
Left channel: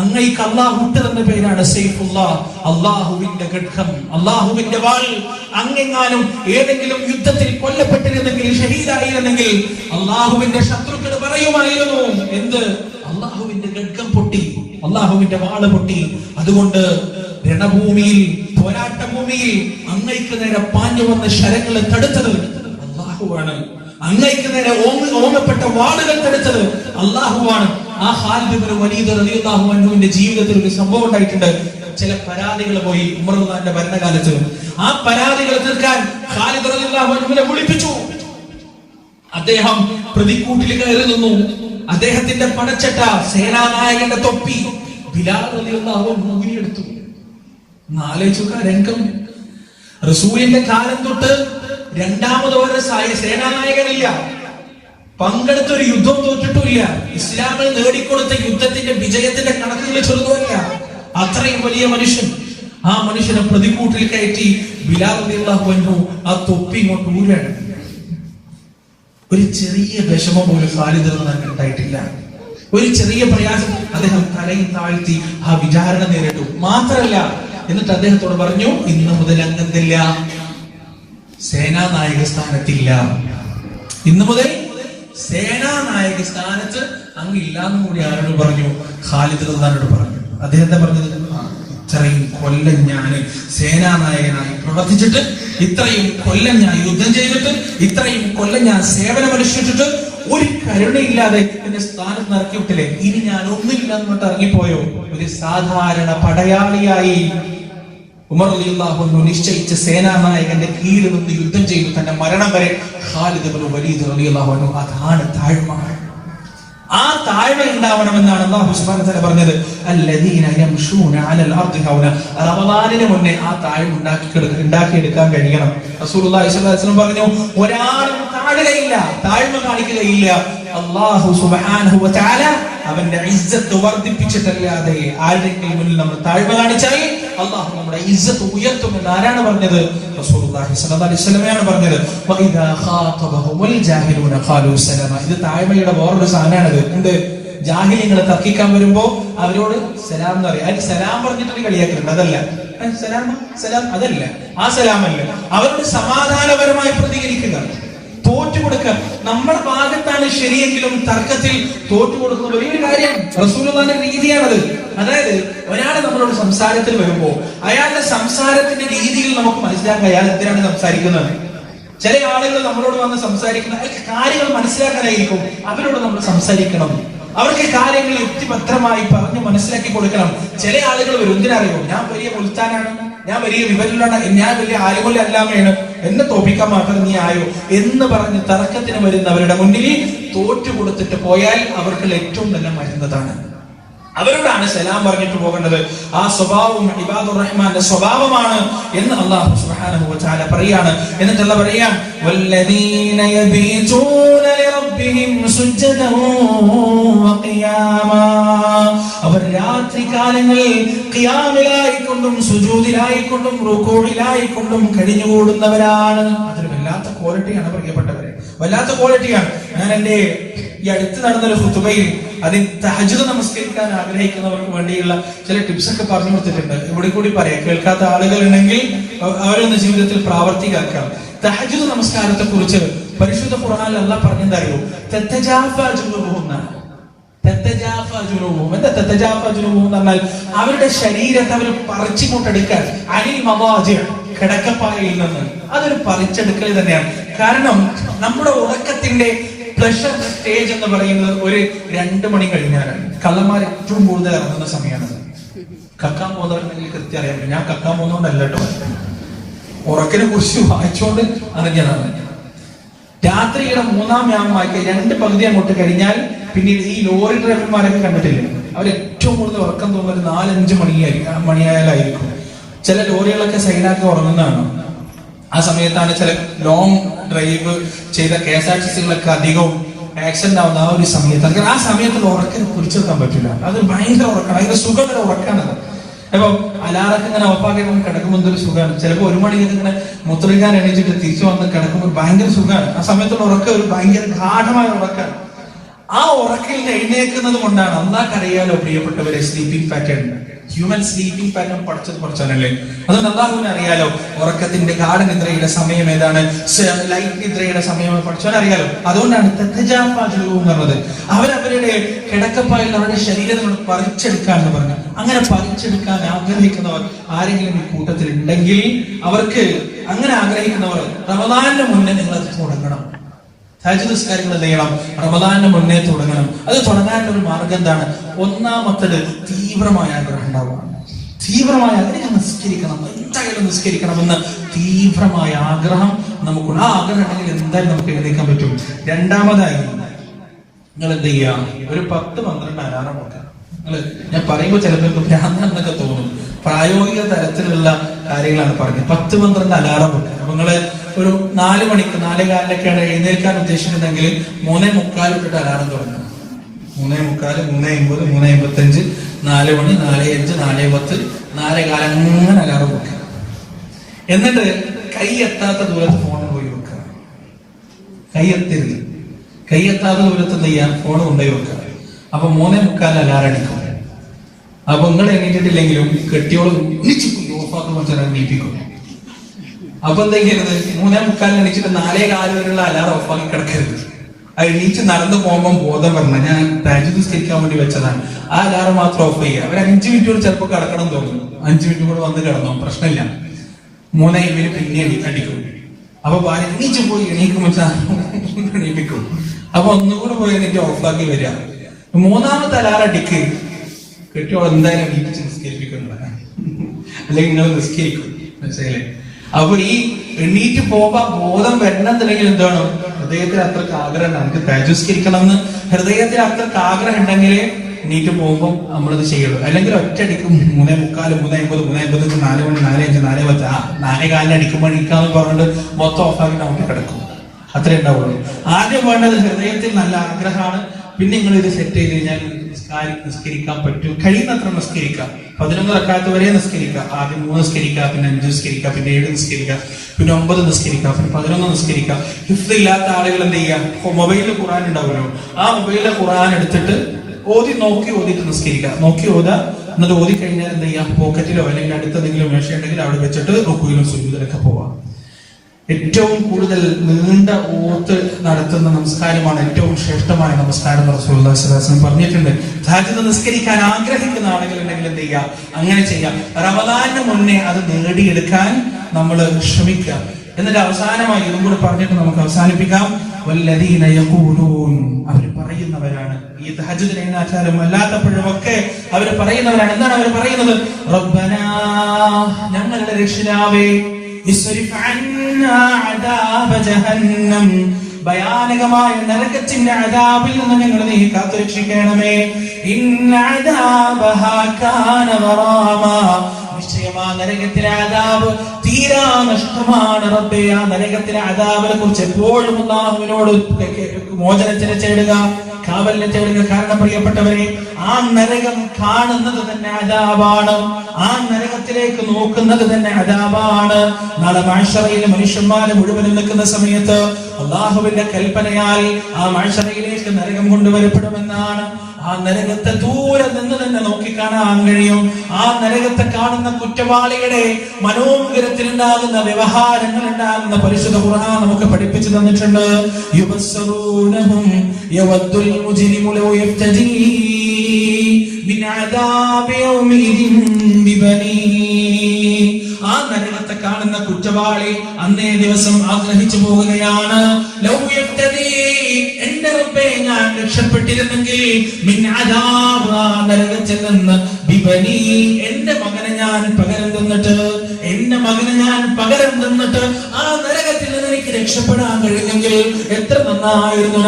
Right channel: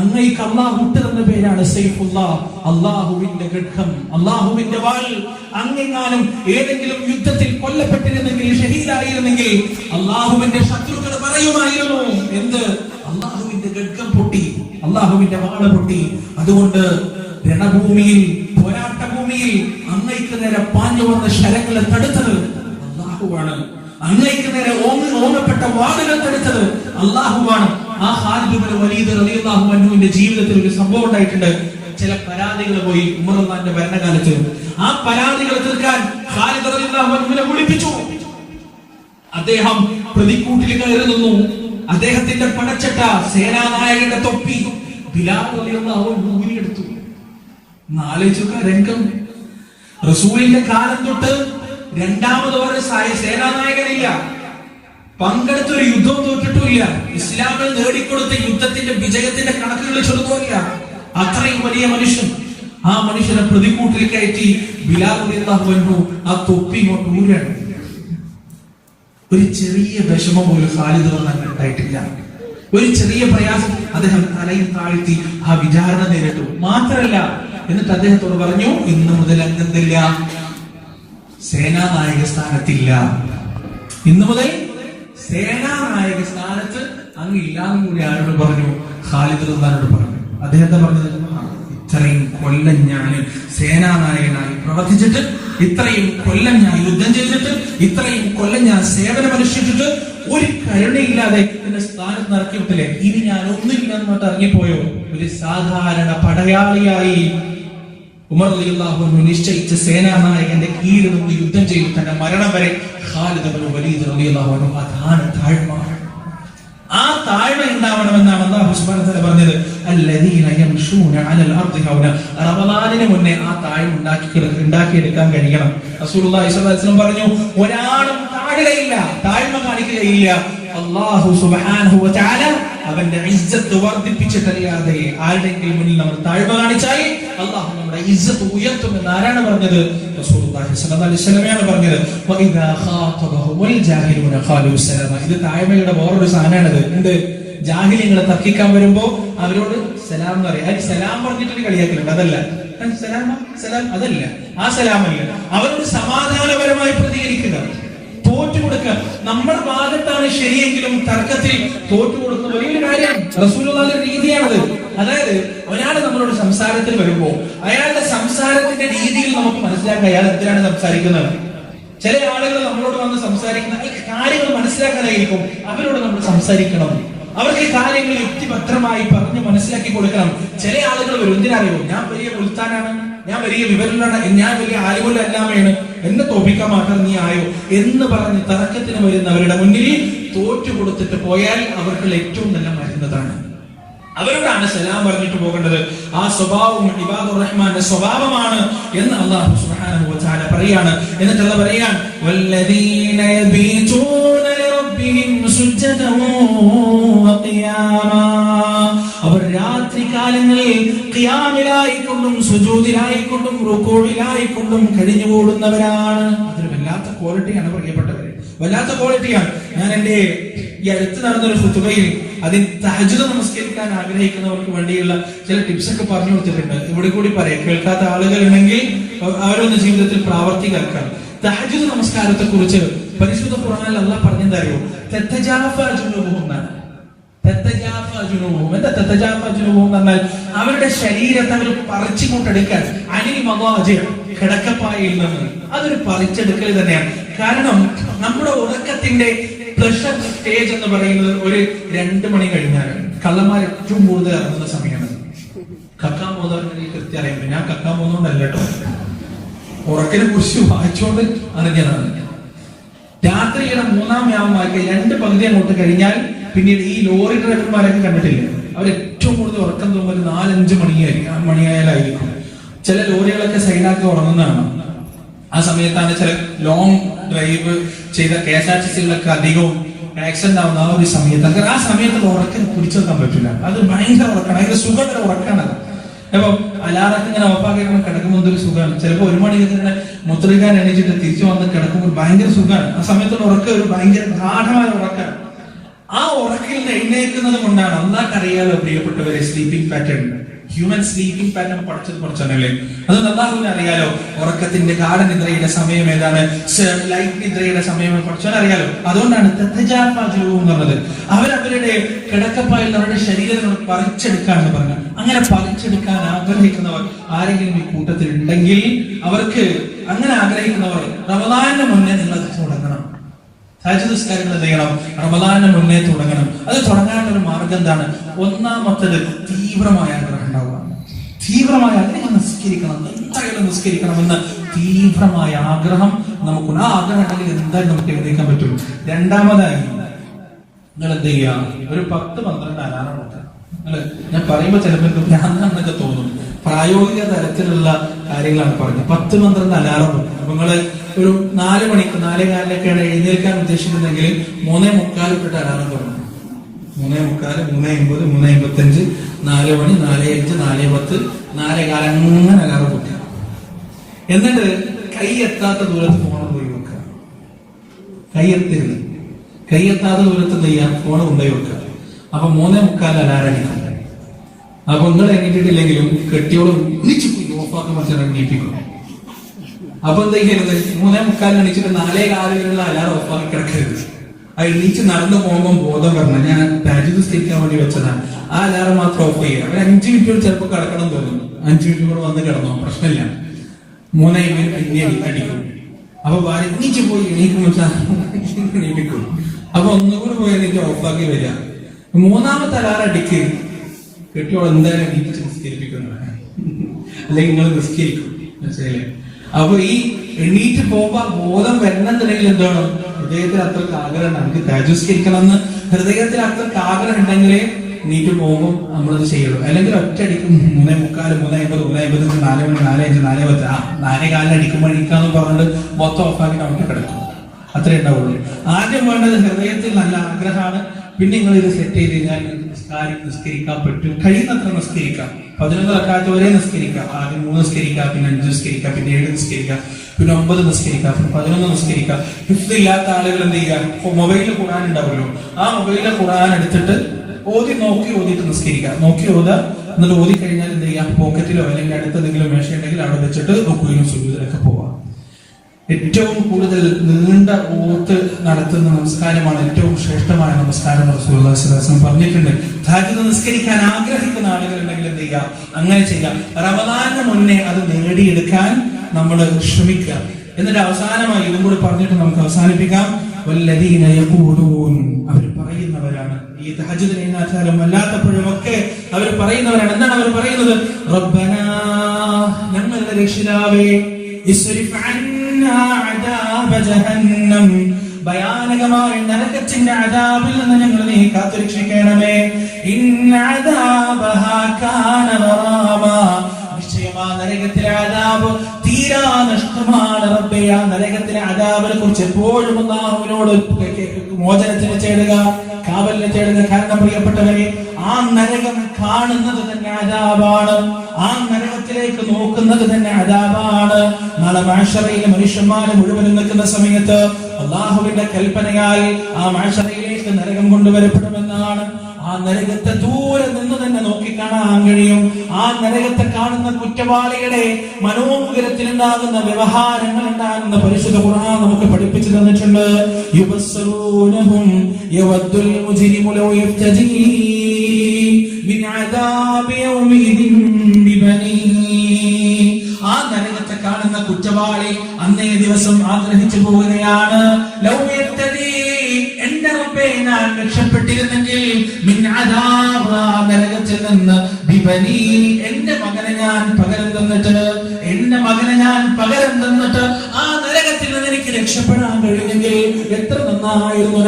അങ്ങേക്ക് അല്ലാഹു വിട്ടുതന്ന പേരാണ് സൈഫുല്ലാഹ്, അല്ലാഹുവിന്റെ ഖഡ്ഖം, അല്ലാഹുവിന്റെ വാൾ. അങ്ങെങ്ങാനും ഏതെങ്കിലും യുദ്ധത്തിൽ കൊല്ലപ്പെട്ടിരുന്നെങ്കിൽ, ഷഹീദായിരുന്നെങ്കിൽ അല്ലാഹുവിന്റെ ശത്രുക്കൾ പറയുമായിരുന്നു, എന്ത്? അല്ലാഹുവിന്റെ ഖഡ്ഖം പൊട്ടി, അല്ലാഹുവിന്റെ വാൾ പൊട്ടി. അതുകൊണ്ട് രണഭൂമിയിൽ, പോരാട്ടഭൂമിയിൽ അങ്ങേക്ക് നേരെ പാഞ്ഞു വന്ന ശരങ്ങളെ തടുത്തത് അല്ലാഹുവാണ്. അങ്ങേക്ക് നേരെ ഓമപ്പെട്ട വാളുകൾ തടുത്തത് അല്ലാഹുവാണ്. ആ ഖാലിദ് ഇബ്നു വലീദ് റളിയല്ലാഹു അൻഹുവിന്റെ ജീവിതത്തിൽ ഒരു സംഭവം ഉണ്ടായിട്ടുണ്ട്. ചില പരാതികൾ പോയി ഉമർ റളിയല്ലാഹുവിന്റെ ഭരണകാലത്ത്. ആ പരാതികൾ തീർക്കാൻ ഖാലിദ് റളിയല്ലാഹു അൻഹുവിനെ വിളിപ്പിച്ചു. അദ്ദേഹം പ്രതിക്കൂട്ടിൽ കയറി നിന്നു. അദ്ദേഹത്തിന്റെ പടച്ചട്ട, സേനാനായകന്റെ തൊപ്പി ബിലാൽ റളിയല്ലാഹു അൻഹു ഊരിയെടുത്തു. ആലോചിച്ചു രംഗം. റസൂലിന്റെ കാലം തൊട്ട് രണ്ടാമത് ഒരു സേനാനായകനില്ല, പങ്കെടുത്തൊരു യുദ്ധം തോറ്റിട്ടില്ല, ഇസ്ലാമിൽ നേടിക്കൊടുത്ത യുദ്ധത്തിന്റെ വിജയത്തിന്റെ കണക്കുകൾ ചെറുതല്ല. അത്രയും വലിയ മനുഷ്യൻ. ആ മനുഷ്യനെ പ്രതികൂട്ടിൽ കയറ്റി ബിലാൽ റളിയല്ലാഹു അൻഹു ആ തൊപ്പി കൊണ്ട് ഊരാണ്. ഒരു ചെറിയ വിഷമം പോലും ഖാലിദ് റളിയല്ലാഹു ഉണ്ടായിട്ടില്ല. ഒരു ചെറിയ പ്രയാസം അദ്ദേഹം തലയും താഴ്ത്തി ആ വിചാരണ നേരിട്ടു. മാത്രല്ല, എന്നിട്ട് അദ്ദേഹത്തോട് പറഞ്ഞു, ഇന്ന് മുതൽ അങ്ങെന്തില്ല, സേനാനായക സ്ഥാനത്തില്ല. ഇന്നു മുതൽ സേനാനായക സ്ഥാനത്ത് അങ്ങില്ലാന്നും കൂടി ആരോട് പറഞ്ഞു? ഖാലിദ് റളിയല്ലാഹു പറഞ്ഞു. അദ്ദേഹം എന്താ പറഞ്ഞത്? ഇത്രയും കൊല്ലം ഞാൻ സേനാനായകനായി പ്രവർത്തിച്ചിട്ട്, ഇത്രയും കൊല്ലം ഞാൻ യുദ്ധം ചെയ്തിട്ട്, ഇത്രയും കൊല്ലം ഞാൻ സേവനമനുഷ്ഠിച്ചിട്ട് ഒരു കരുണയില്ലാതെ എന്റെ സ്ഥാനത്ത് ഇറക്കി വിട്ടില്ലേ? ഇനി ഞാൻ ഒന്നില്ല എന്നിട്ട് ഇറങ്ങിപ്പോയോ? ഒരു സാധാരണ പടയാളിയായി ഉമർ റളിയല്ലാഹു അൻഹു നിശ്ചയിച്ച സേനാനായകന്റെ കീഴിൽ നിന്ന് യുദ്ധം ചെയ്തു തന്റെ മരണം വരെ ഖാലിദ് ഇബ്നു വലീദ് റളിയല്ലാഹു അൻഹു. അതാണ് താഴ്മ. ആ താഴ്മ ഉണ്ടാവണമെന്നാണ് അല്ലാഹു സുബ്ഹാനഹു വ തആല പറഞ്ഞത്. അല്ലദീന യംശൂന അലൽ അർദി ഹൗന. റമദാനിന് മുന്നേ ആ താഴ്മ ഉണ്ടാക്കിയെടുക്കാൻ കഴിയണം. റസൂലുള്ളാഹി സ്വല്ലല്ലാഹു അലൈഹി വസല്ലം പറഞ്ഞു, ഒരാളും താഴുകയില്ല, താഴ്മ കാണിക്കുകയില്ല. അല്ലാഹു സുബ്ഹാനഹു വ തആല അവന്റെ ഇസ്സത്ത് വർദ്ധിപ്പിച്ചിട്ടല്ലാതെ ആരുടെയെങ്കിലും മുന്നിൽ നമ്മൾ താഴ്മ കാണിച്ചാൽ അല്ലാഹു നമ്മുടെ ഇസ്സത്ത് ഉയർത്തുമെന്ന് ആരാണ് പറഞ്ഞത്? റസൂലുള്ളാഹി സ്വല്ലല്ലാഹു അലൈഹി വസല്ലമയാണ് പറഞ്ഞത്. വഇദാ ഖാതബഹുൽ ജാഹിലൂന ഖാലൂ സലാമ. ഇത് താഴ്മയുടെ വേറൊരു സാധനമാണിത്. എന്ത്? ജാഹിലികളെ തർക്കിക്കാൻ വരുമ്പോ അവരോട് സലാം എന്ന് പറയാം. അതിന് സലാം പറഞ്ഞിട്ടൊരു കളിയാക്കിയിട്ടുണ്ട്. അതല്ല സലാം, സലാം അതല്ല, ആ സലാമല്ല. അവരോട് സമാധാനപരമായി പ്രതികരിക്കുക, തോറ്റുകൊടുക്കുക. നമ്മുടെ ഭാഗത്താണ് ശരിയെങ്കിലും തർക്കത്തിൽ തോറ്റുകൊടുക്കുന്നത് വലിയ കാര്യം. റസൂലുള്ളാഹിന്റെ രീതിയാണത്. അതായത് ഒരാൾ നമ്മളോട് സംസാരത്തിൽ വരുമ്പോ അയാളുടെ സംസാരത്തിന്റെ രീതിയിൽ നമുക്ക് മനസ്സിലാക്കാൻ അയാൾ എന്തിനാണ് സംസാരിക്കുന്നത്. ചില ആളുകൾ നമ്മളോട് വന്ന് സംസാരിക്കുന്ന കാര്യങ്ങൾ മനസ്സിലാക്കാനായിരിക്കും അവരോട് നമ്മൾ സംസാരിക്കണം. അവർക്ക് കാര്യങ്ങൾ യുക്തിഭദ്രമായി പറഞ്ഞ് മനസ്സിലാക്കി കൊടുക്കണം. ചില ആളുകൾ വരും, എന്തിനറിയോ? ഞാൻ വലിയ മുൽത്താനാണ്, ഞാൻ വലിയ വിവരമാണ്, ഞാൻ വലിയ ആലുകൊല്ലല്ലാമയാണ്, എന്നെ തോപ്പിക്കാൻ മാത്രം നീ ആയോ എന്ന് പറഞ്ഞ് തർക്കത്തിന് വരുന്നവരുടെ മുന്നിൽ തോറ്റു കൊടുത്തിട്ട് പോയാൽ അവർക്ക് ഏറ്റവും നല്ല മരുന്നതാണ്. അവരോടാണ് സലാം പറഞ്ഞിട്ട് പോകേണ്ടത്. ആ സ്വഭാവം ഇബാദുർ റഹ്മാന്റെ സ്വഭാവമാണ് എന്ന് അല്ലാഹു സുബ്ഹാനഹു വ തആല പറയാണ്. എന്നിട്ട് അല്ലാഹു പറയാം, വല്ലദീന യബീതൂന ലിറബ്ബിഹിം സുജ്ജദൻ വഖിയാമാ. അവർ രാത്രി കാലങ്ങളിൽ ഖിയാമിലായിക്കൊണ്ടും സുജൂദിലായിക്കൊണ്ടും റുകൂഇലായിക്കൊണ്ടും കഴിഞ്ഞുകൂടുന്നവരാണ്. അതൊരു വല്ലാത്ത ക്വാളിറ്റിയാണ് പ്രിയപ്പെട്ടവരെ, വല്ലാത്ത ക്വാളിറ്റിയാണ്. ഞാൻ എന്റെ ഈ അടുത്ത് നടന്നൊരു ഖുതുബയിൽ അതിൽ തഹജ്ജുദ് നമസ്കരിക്കാൻ ആഗ്രഹിക്കുന്നവർക്ക് വേണ്ടിയുള്ള ചില ടിപ്സ് ഒക്കെ പറഞ്ഞു കൊടുത്തിട്ടുണ്ട്. ഇവിടെ കൂടി പറയാം, കേൾക്കാത്ത ആളുകൾ ഉണ്ടെങ്കിൽ അവരൊന്ന് ജീവിതത്തിൽ പ്രാവർത്തികമാക്കാം. തഹജ്ജുദ് നമസ്കാരത്തെ കുറിച്ച് പരിശുദ്ധ ഖുർആനിൽ അല്ലാഹ് പറഞ്ഞെന്തറിയോ? തതജാഫാ ജുനൂബുഹും എന്നാണ്. തതജാഫാ ജുനൂബുഹും. എന്താ തതജാഫാ ജുനൂബുഹും എന്ന് പറഞ്ഞാൽ അവരുടെ ശരീരത്തെ അവർ പറിച്ചുകൊണ്ടെടുക്കാൻ, അനിൽ മദാജി, കിടക്കപ്പായയിൽ നിന്ന് അതൊരു പറിച്ചെടുക്കൽ തന്നെയാണ്. കാരണം നമ്മുടെ ഉറക്കത്തിന്റെ പ്ലഷർ സ്റ്റേജ് എന്ന് പറയുന്നത് ഒരു 2 മണി കഴിഞ്ഞാലാണ്. കള്ളന്മാർ ഏറ്റവും കൂടുതൽ ഇറങ്ങുന്ന സമയമാണ്. കക്കാൻ പോകുന്നവർക്ക് കൃത്യം അറിയാൻ പറ്റും. ഞാൻ കക്കാൻ പോകുന്നതുകൊണ്ടല്ല കേട്ടോ, ഉറക്കിനെ കുറിച്ച് വായിച്ചുകൊണ്ട് അറിഞ്ഞതാണ്. രാത്രിയുടെ 3-ാം യാമമായി 2 പകുതി അങ്ങോട്ട് കഴിഞ്ഞാൽ പിന്നീട് ഈ ലോറി ഡ്രൈവർമാരൊക്കെ കണ്ടിട്ടില്ല, അവർ ഏറ്റവും കൂടുതൽ ഉറക്കം തോന്നുന്നത് 4-5 മണിയായാലായിരിക്കും. ചില ലോറികളൊക്കെ സൈഡാക്കി ഉറങ്ങുന്നതാണ്. ആ സമയത്താണ് ചില ലോങ് ഡ്രൈവ് ചെയ്ത KSRTC-കളൊക്കെ അധികവും ആക്സിഡന്റ് ആവുന്ന ആ ഒരു സമയത്ത്. ആ സമയത്ത് ഉറക്കിനെ പിടിച്ചു വെക്കാൻ പറ്റില്ല. അത് ഭയങ്കര ഉറക്കാണ്, ഭയങ്കര സുഖമുള്ള ഉറക്കാണത്. അപ്പൊ അലാറൊക്കെ ഇങ്ങനെ ഓഫാക്കി കിടക്കുമ്പോൾ എന്തൊരു സുഖമാണ്. ചിലപ്പോൾ 1 മണിക്ക് ഇങ്ങനെ മുദ്രിക്കാൻ എണീച്ചിട്ട് തിരിച്ചു വന്ന് കിടക്കുമ്പോൾ ഭയങ്കര സുഖമാണ്. ആ സമയത്തുള്ള ഉറക്കം ഒരു ഭയങ്കര ഗാഠമായ ഉറക്കാണ്. ആ ഉറക്കിൽ നിന്ന് എഴുന്നേക്കുന്നത് കൊണ്ടാണ് അല്ലാഹ് അറിയാലോ പ്രിയപ്പെട്ടവരെ, sleeping pattern, human sleeping pattern പഠിച്ചതല്ലേ. അതുകൊണ്ട് അല്ലാഹുവിനെ അറിയാലോ ഉറക്കത്തിന്റെ ഗാഠനിദ്രയുടെ സമയം ഏതാണ്, ലൈറ്റ് നിദ്രയുടെ സമയം പഠിച്ചവനെ അറിയാലോ. അതുകൊണ്ടാണ് തതജാഫാ ജുനൂബുഹും എന്നുള്ളത്. അവരവരുടെ കിടക്കപ്പായിൽ അവരുടെ ശരീരത്തിനോട് പറിച്ചെടുക്കാന്ന് പറഞ്ഞു. അങ്ങനെ പറിച്ചെടുക്കാൻ ആഗ്രഹിക്കുന്നവർ ആരെങ്കിലും ഈ കൂട്ടത്തിൽ ഉണ്ടെങ്കിൽ അവർക്ക്, അങ്ങനെ ആഗ്രഹിക്കുന്നവർ റമദാനിന് മുന്നേ നിങ്ങൾ അത് തുടങ്ങണം. തഹജ്ജുദ് നിസ്കാരങ്ങൾ ചെയ്യണം, റമദാനിന് മുന്നേ തുടങ്ങണം. അത് തുടങ്ങാനുള്ള ഒരു മാർഗം എന്താണ്? ഒന്നാമത്തേത് തീവ്രമായ ആഗ്രഹം ഉണ്ടാവുക. തീവ്രമായ അതിലേക്ക് നിസ്കരിക്കണം, എന്തായാലും നിസ്കരിക്കണമെന്ന് തീവ്രമായ ആഗ്രഹം നമുക്കുണ്ട്. ആ ആഗ്രഹം ഉണ്ടെങ്കിൽ എന്തായാലും നമുക്ക് എഴുന്നേക്കാൻ പറ്റും. രണ്ടാമതായി നിങ്ങൾ എന്ത് ചെയ്യുക? ഒരു 10-12 അലാറം വെക്കുക. ഞാൻ പറയുമ്പോൾ ചിലപ്പോൾ ഭ്രാന്താണെന്നൊക്കെ തോന്നും. പ്രായോഗിക തരത്തിലുള്ള കാര്യങ്ങളാണ് പറഞ്ഞത്. 10-12 അലാറം വെക്കുക. നിങ്ങള് ഒരു 4 മണിക്ക് 4:15 എഴുന്നേൽക്കാൻ ഉദ്ദേശിക്കുന്നെങ്കിൽ 3:45 തൊട്ട് അലാറം തുടങ്ങും. 3:45, 3:50, 3:55, 4 മണി, 4:05, 4:10, 4:15 അങ്ങനെ അലാറം വെക്കുക. എന്നിട്ട് കൈ എത്താത്ത ദൂരത്ത് ഫോൺ പോയി വെക്കുക. കൈ എത്താത്ത ദൂരത്ത് എന്ത് ചെയ്യാം, ഫോൺ കൊണ്ടുപോയി വെക്കുക. അപ്പൊ 3:45 അലാറം അടിക്കും. അപ്പൊ നിങ്ങൾ എണീറ്റിട്ടില്ലെങ്കിലും കെട്ടിയോളം ഓഫാക്കി വെച്ചാൽ എണീപ്പിക്കും. അപ്പൊ എന്തെങ്കിലും 3:45 എണീച്ചിട്ട് 4:15 വരെയുള്ള അലാറം ഓഫാക്കി കിടക്കരുത്. അത് എണീച്ച് നടന്നു പോകുമ്പോൾ ബോധം പറഞ്ഞ ഞാൻ തഹജ്ജുദ് നിസ്കരിക്കാൻ വേണ്ടി വെച്ചതാണ്, ആ അലാറം മാത്രം ഓഫ് ചെയ്യുക. ഒരു 5 മിനിറ്റ് കൂടെ ചിലപ്പോൾ കിടക്കണം തോന്നുന്നു, 5 മിനിറ്റ് കൂടെ വന്ന് കിടന്നോ, പ്രശ്നമില്ല. 3:50 പിന്നെ അടിക്കും. അപ്പൊ ഭാര്യ എണീച്ച് പോയി എണീക്കും വെച്ചാൽ എണീപ്പിക്കും. അപ്പൊ ഒന്നുകൂടെ പോയി എനിക്ക് ഓഫാക്കി വരിക. 3ാമത്തെ അലാറം അടിക്ക് കെട്ടിയോ എന്തായാലും എണീച്ച് നിസ്കരിപ്പിക്കണ്ട, അല്ലെങ്കിൽ നിങ്ങൾ നിസ്കരിക്കും. മനസ്സിലായില്ലേ? അപ്പൊ ഈ എണീറ്റ് പോകുമ്പോ ബോധം വരണമെന്നുണ്ടെങ്കിൽ എന്താണ്, ഹൃദയത്തിൽ അത്രക്ക് ആഗ്രഹം, നമുക്ക് തഹജ്ജുദ് എന്ന് ഹൃദയത്തിൽ അത്രക്ക് ആഗ്രഹം ഉണ്ടെങ്കിൽ എണീറ്റ് പോകുമ്പോൾ നമ്മളത് ചെയ്യുള്ളൂ. അല്ലെങ്കിൽ ഒറ്റയടിക്കും 3:45, 3:50, 3:55, 4 മണി, 4:05, 4:10, 4:15 അടിക്കുമ്പോൾ എണീക്കാന്ന് പറഞ്ഞിട്ട് മൊത്തം ഓഫാക്കി നമുക്ക് കിടക്കും. അത്രേ ഉണ്ടാവുള്ളൂ. ആദ്യം വേണ്ടത് ഹൃദയത്തിൽ നല്ല ആഗ്രഹമാണ്. പിന്നെ നിങ്ങൾ ഇത് സെറ്റ് ചെയ്ത് കഴിഞ്ഞാൽ നിസ്കരിക്കാൻ പറ്റും, കഴിയുന്നത്ര നിസ്കരിക്കാം. 11 റക്അത്ത് വരെ നിസ്കരിക്കാം. ആദ്യം 3 നിസ്കരിക്കാം, പിന്നെ 5 നിസ്കരിക്കാം, പിന്നെ 7 നിസ്കരിക്കാം, പിന്നെ 9 നിസ്കരിക്കാം, പിന്നെ 11 നിസ്കരിക്കാം. ഹിഫ്ദ് ഇല്ലാത്ത ആളുകൾ എന്ത് ചെയ്യുക, മൊബൈലിൽ ഖുർആൻ ഉണ്ടാവുമല്ലോ, ആ മൊബൈലിലെ ഖുർആൻ എടുത്തിട്ട് ഓതിയിട്ട് നിസ്കരിക്കാം. നോക്കി ഓതാ, എന്നിട്ട് ഓതി കഴിഞ്ഞാൽ എന്ത് ചെയ്യാം, പോക്കറ്റിലോ അല്ലെങ്കിൽ അടുത്തെന്തെങ്കിലും മേശ ഉണ്ടെങ്കിൽ അവിടെ വെച്ചിട്ട് റുക്കുയിലും സുജൂദിലൊക്കെ പോവാം. ഏറ്റവും കൂടുതൽ നീണ്ട ഓത്ത് നടത്തുന്ന നമസ്കാരമാണ് ഏറ്റവും ശ്രേഷ്ഠമായ നമസ്കാരം റസൂലുള്ളാഹി സ്വല്ലല്ലാഹു അലൈഹി വസല്ലം പറഞ്ഞിട്ടുണ്ട്. തഹജ്ജുദ് നിസ്കരിക്കാൻ ആഗ്രഹിക്കുന്ന ആളുകളുണ്ടെങ്കിൽ എന്ത് ചെയ്യാം, അങ്ങനെ ചെയ്യാം. റമദാനിന് മുന്നേ അത് നേടിയെടുക്കാൻ നമ്മൾ ശ്രമിക്കുക. എന്നിട്ട് അവസാനമായി ഇതും കൂടി പറഞ്ഞിട്ട് നമുക്ക് അവസാനിപ്പിക്കാം. വല്ലദീന യഖൂലൂൻ, അവർ പറയുന്നവരാണ്, ഈ തഹജ്ജുദ് എഴുന്നേറ്റാലും അല്ലാത്തപ്പോഴും ഒക്കെ അവർ പറയുന്നവരാണ്. എന്താണ് അവർ പറയുന്നത്? റബ്ബനാ, ഞങ്ങളുടെ രക്ഷിതാവേ, ഇസ്രിഫ് അന്നാ അദാബ ജഹന്നം, ഭയാനകമായ നരകത്തിന്റെ അദാബിൽ നിന്ന് ഞങ്ങളെ നീ കാത്തുരക്ഷിക്കണമേ. ഇന്ന അദാബഹാ കാന ഗറാമാ, നിശ്ചയമാ നരകത്തിലെ അദാബ് തീരാ നഷ്ടമാണ് റബ്ബേ. ആ നരകത്തിലെ അദാബിനെ കുറിച്ച് എപ്പോഴും അല്ലാഹുവിനോട് മോചനത്തിന് തേടുക, കാവലിനെ തേടുക. കാരണം പ്രിയപ്പെട്ടവരെ, ആ നരകം കാണുന്നത് തന്നെ അദാബാണ്, ആ നരകത്തിലേക്ക് നോക്കുന്നത് തന്നെ അദാബാണ്. നാളെ മഹ്ശറയിൽ മനുഷ്യന്മാരെ മുഴുവനും നിൽക്കുന്ന സമയത്ത് അല്ലാഹുവിന്റെ കൽപ്പനയാൽ ആ മഹ്ശറയിലേക്ക് നരകം കൊണ്ടുവരപ്പെടുമെന്നാണ്. ആ നരകത്തെ ദൂരെ നിന്ന് തന്നെ നോക്കിക്കാണാൻ കഴിയും. ആ നരകത്തെ കാണുന്ന കുറ്റവാളികളുടെ മനോമുഖരത്തിൽ ഉണ്ടാകുന്ന വ്യവഹാരങ്ങൾ ഉണ്ടാകുന്ന പരിശുദ്ധ ഖുർആൻ നമുക്ക് പഠിപ്പിച്ചു തന്നിട്ടുണ്ട്. യുബസ്സറൂനഹും യവദ്ദുൽ മുജ്രിമു ലൗ യഫ്തദീ മിൻ അദാബി യൗമിദിൻ ബിബനീഹി. ആ നരകത്തെ കാണുന്ന കുറ്റവാളി അന്നേ ദിവസം ആഗ്രഹിച്ചു പോവുകയാണ്, ലൗ യഫ്തദീ, എന്റെ റബ്ബേ ഞാൻ രക്ഷപ്പെട്ടിരുന്നെങ്കിൽ, മിൻ അദാബ്, ആ നരകത്തിൽ നിന്ന്, ബിബനീ, എന്റെ മകനെ ഞാൻ പകരം തന്നിട്ട്, എന്റെ മകനെ ഞാൻ പകരം തന്നിട്ട് ആ നരകത്തിൽ നിന്ന് എനിക്ക് രക്ഷപ്പെടാൻ കഴിഞ്ഞെങ്കിൽ എത്ര നന്നായിരുന്നു.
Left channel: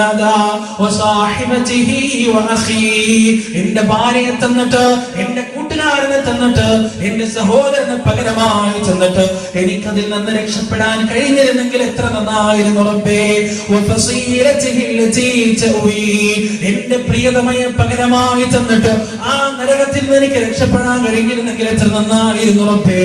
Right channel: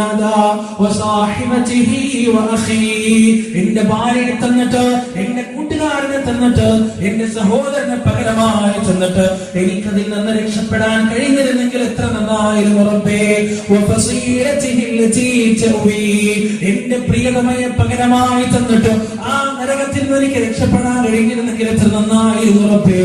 എന്റെ ഭാര്യയെ തന്നിട്ട്, എന്റെ കൂട്ടുകാരനെ തന്നിട്ട്, എന്റെ സഹോദരനെ പകരമായി തന്നിട്ട് എനിക്കതിൽ നിന്ന് രക്ഷപ്പെടാൻ കഴിഞ്ഞിരുന്നെങ്കിൽ എത്ര നന്നായിരുന്നു റബ്ബേ. എന്റെ പ്രിയതമയെ പകരമായി തന്നിട്ട് ആ നരകത്തിൽ നിന്ന് എനിക്ക് രക്ഷപ്പെടാൻ കഴിഞ്ഞിരുന്നെങ്കിൽ എത്ര നന്നായിരുന്നു റബ്ബേ.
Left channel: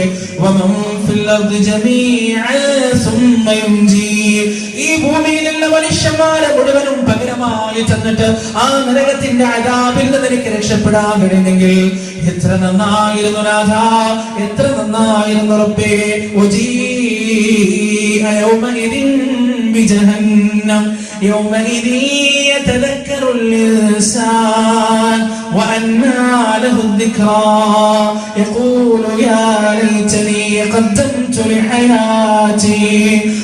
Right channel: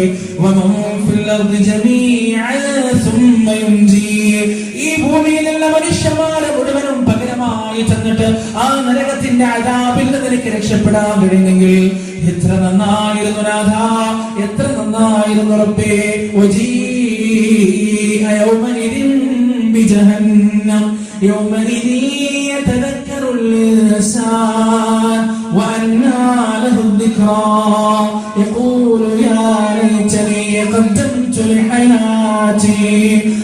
ഈ ഭൂമിയിലുള്ള മനുഷ്യന്മാരെ മുഴുവനും പകരമായി തന്നിട്ട് ആ നരകത്തിന്റെ അദാബിൽ നിന്ന് എനിക്ക് രക്ഷപ്പെടാൻ കഴിഞ്ഞെങ്കിൽ എത്ര നന്നായിരുന്നു നാഥാ, എത്ര നന്നായിരുന്നു റബ്ബേ. യൗമഇദിൻ ബിജഹന്നം യൗമഇദിൻ യതദക്കറുൽ ഇൻസാൻ വഅന്നാ ലഹു الذിക്റാ യഖൂലു യാ ലൈതനി ഖദ്ദംതു ലിഹയാതി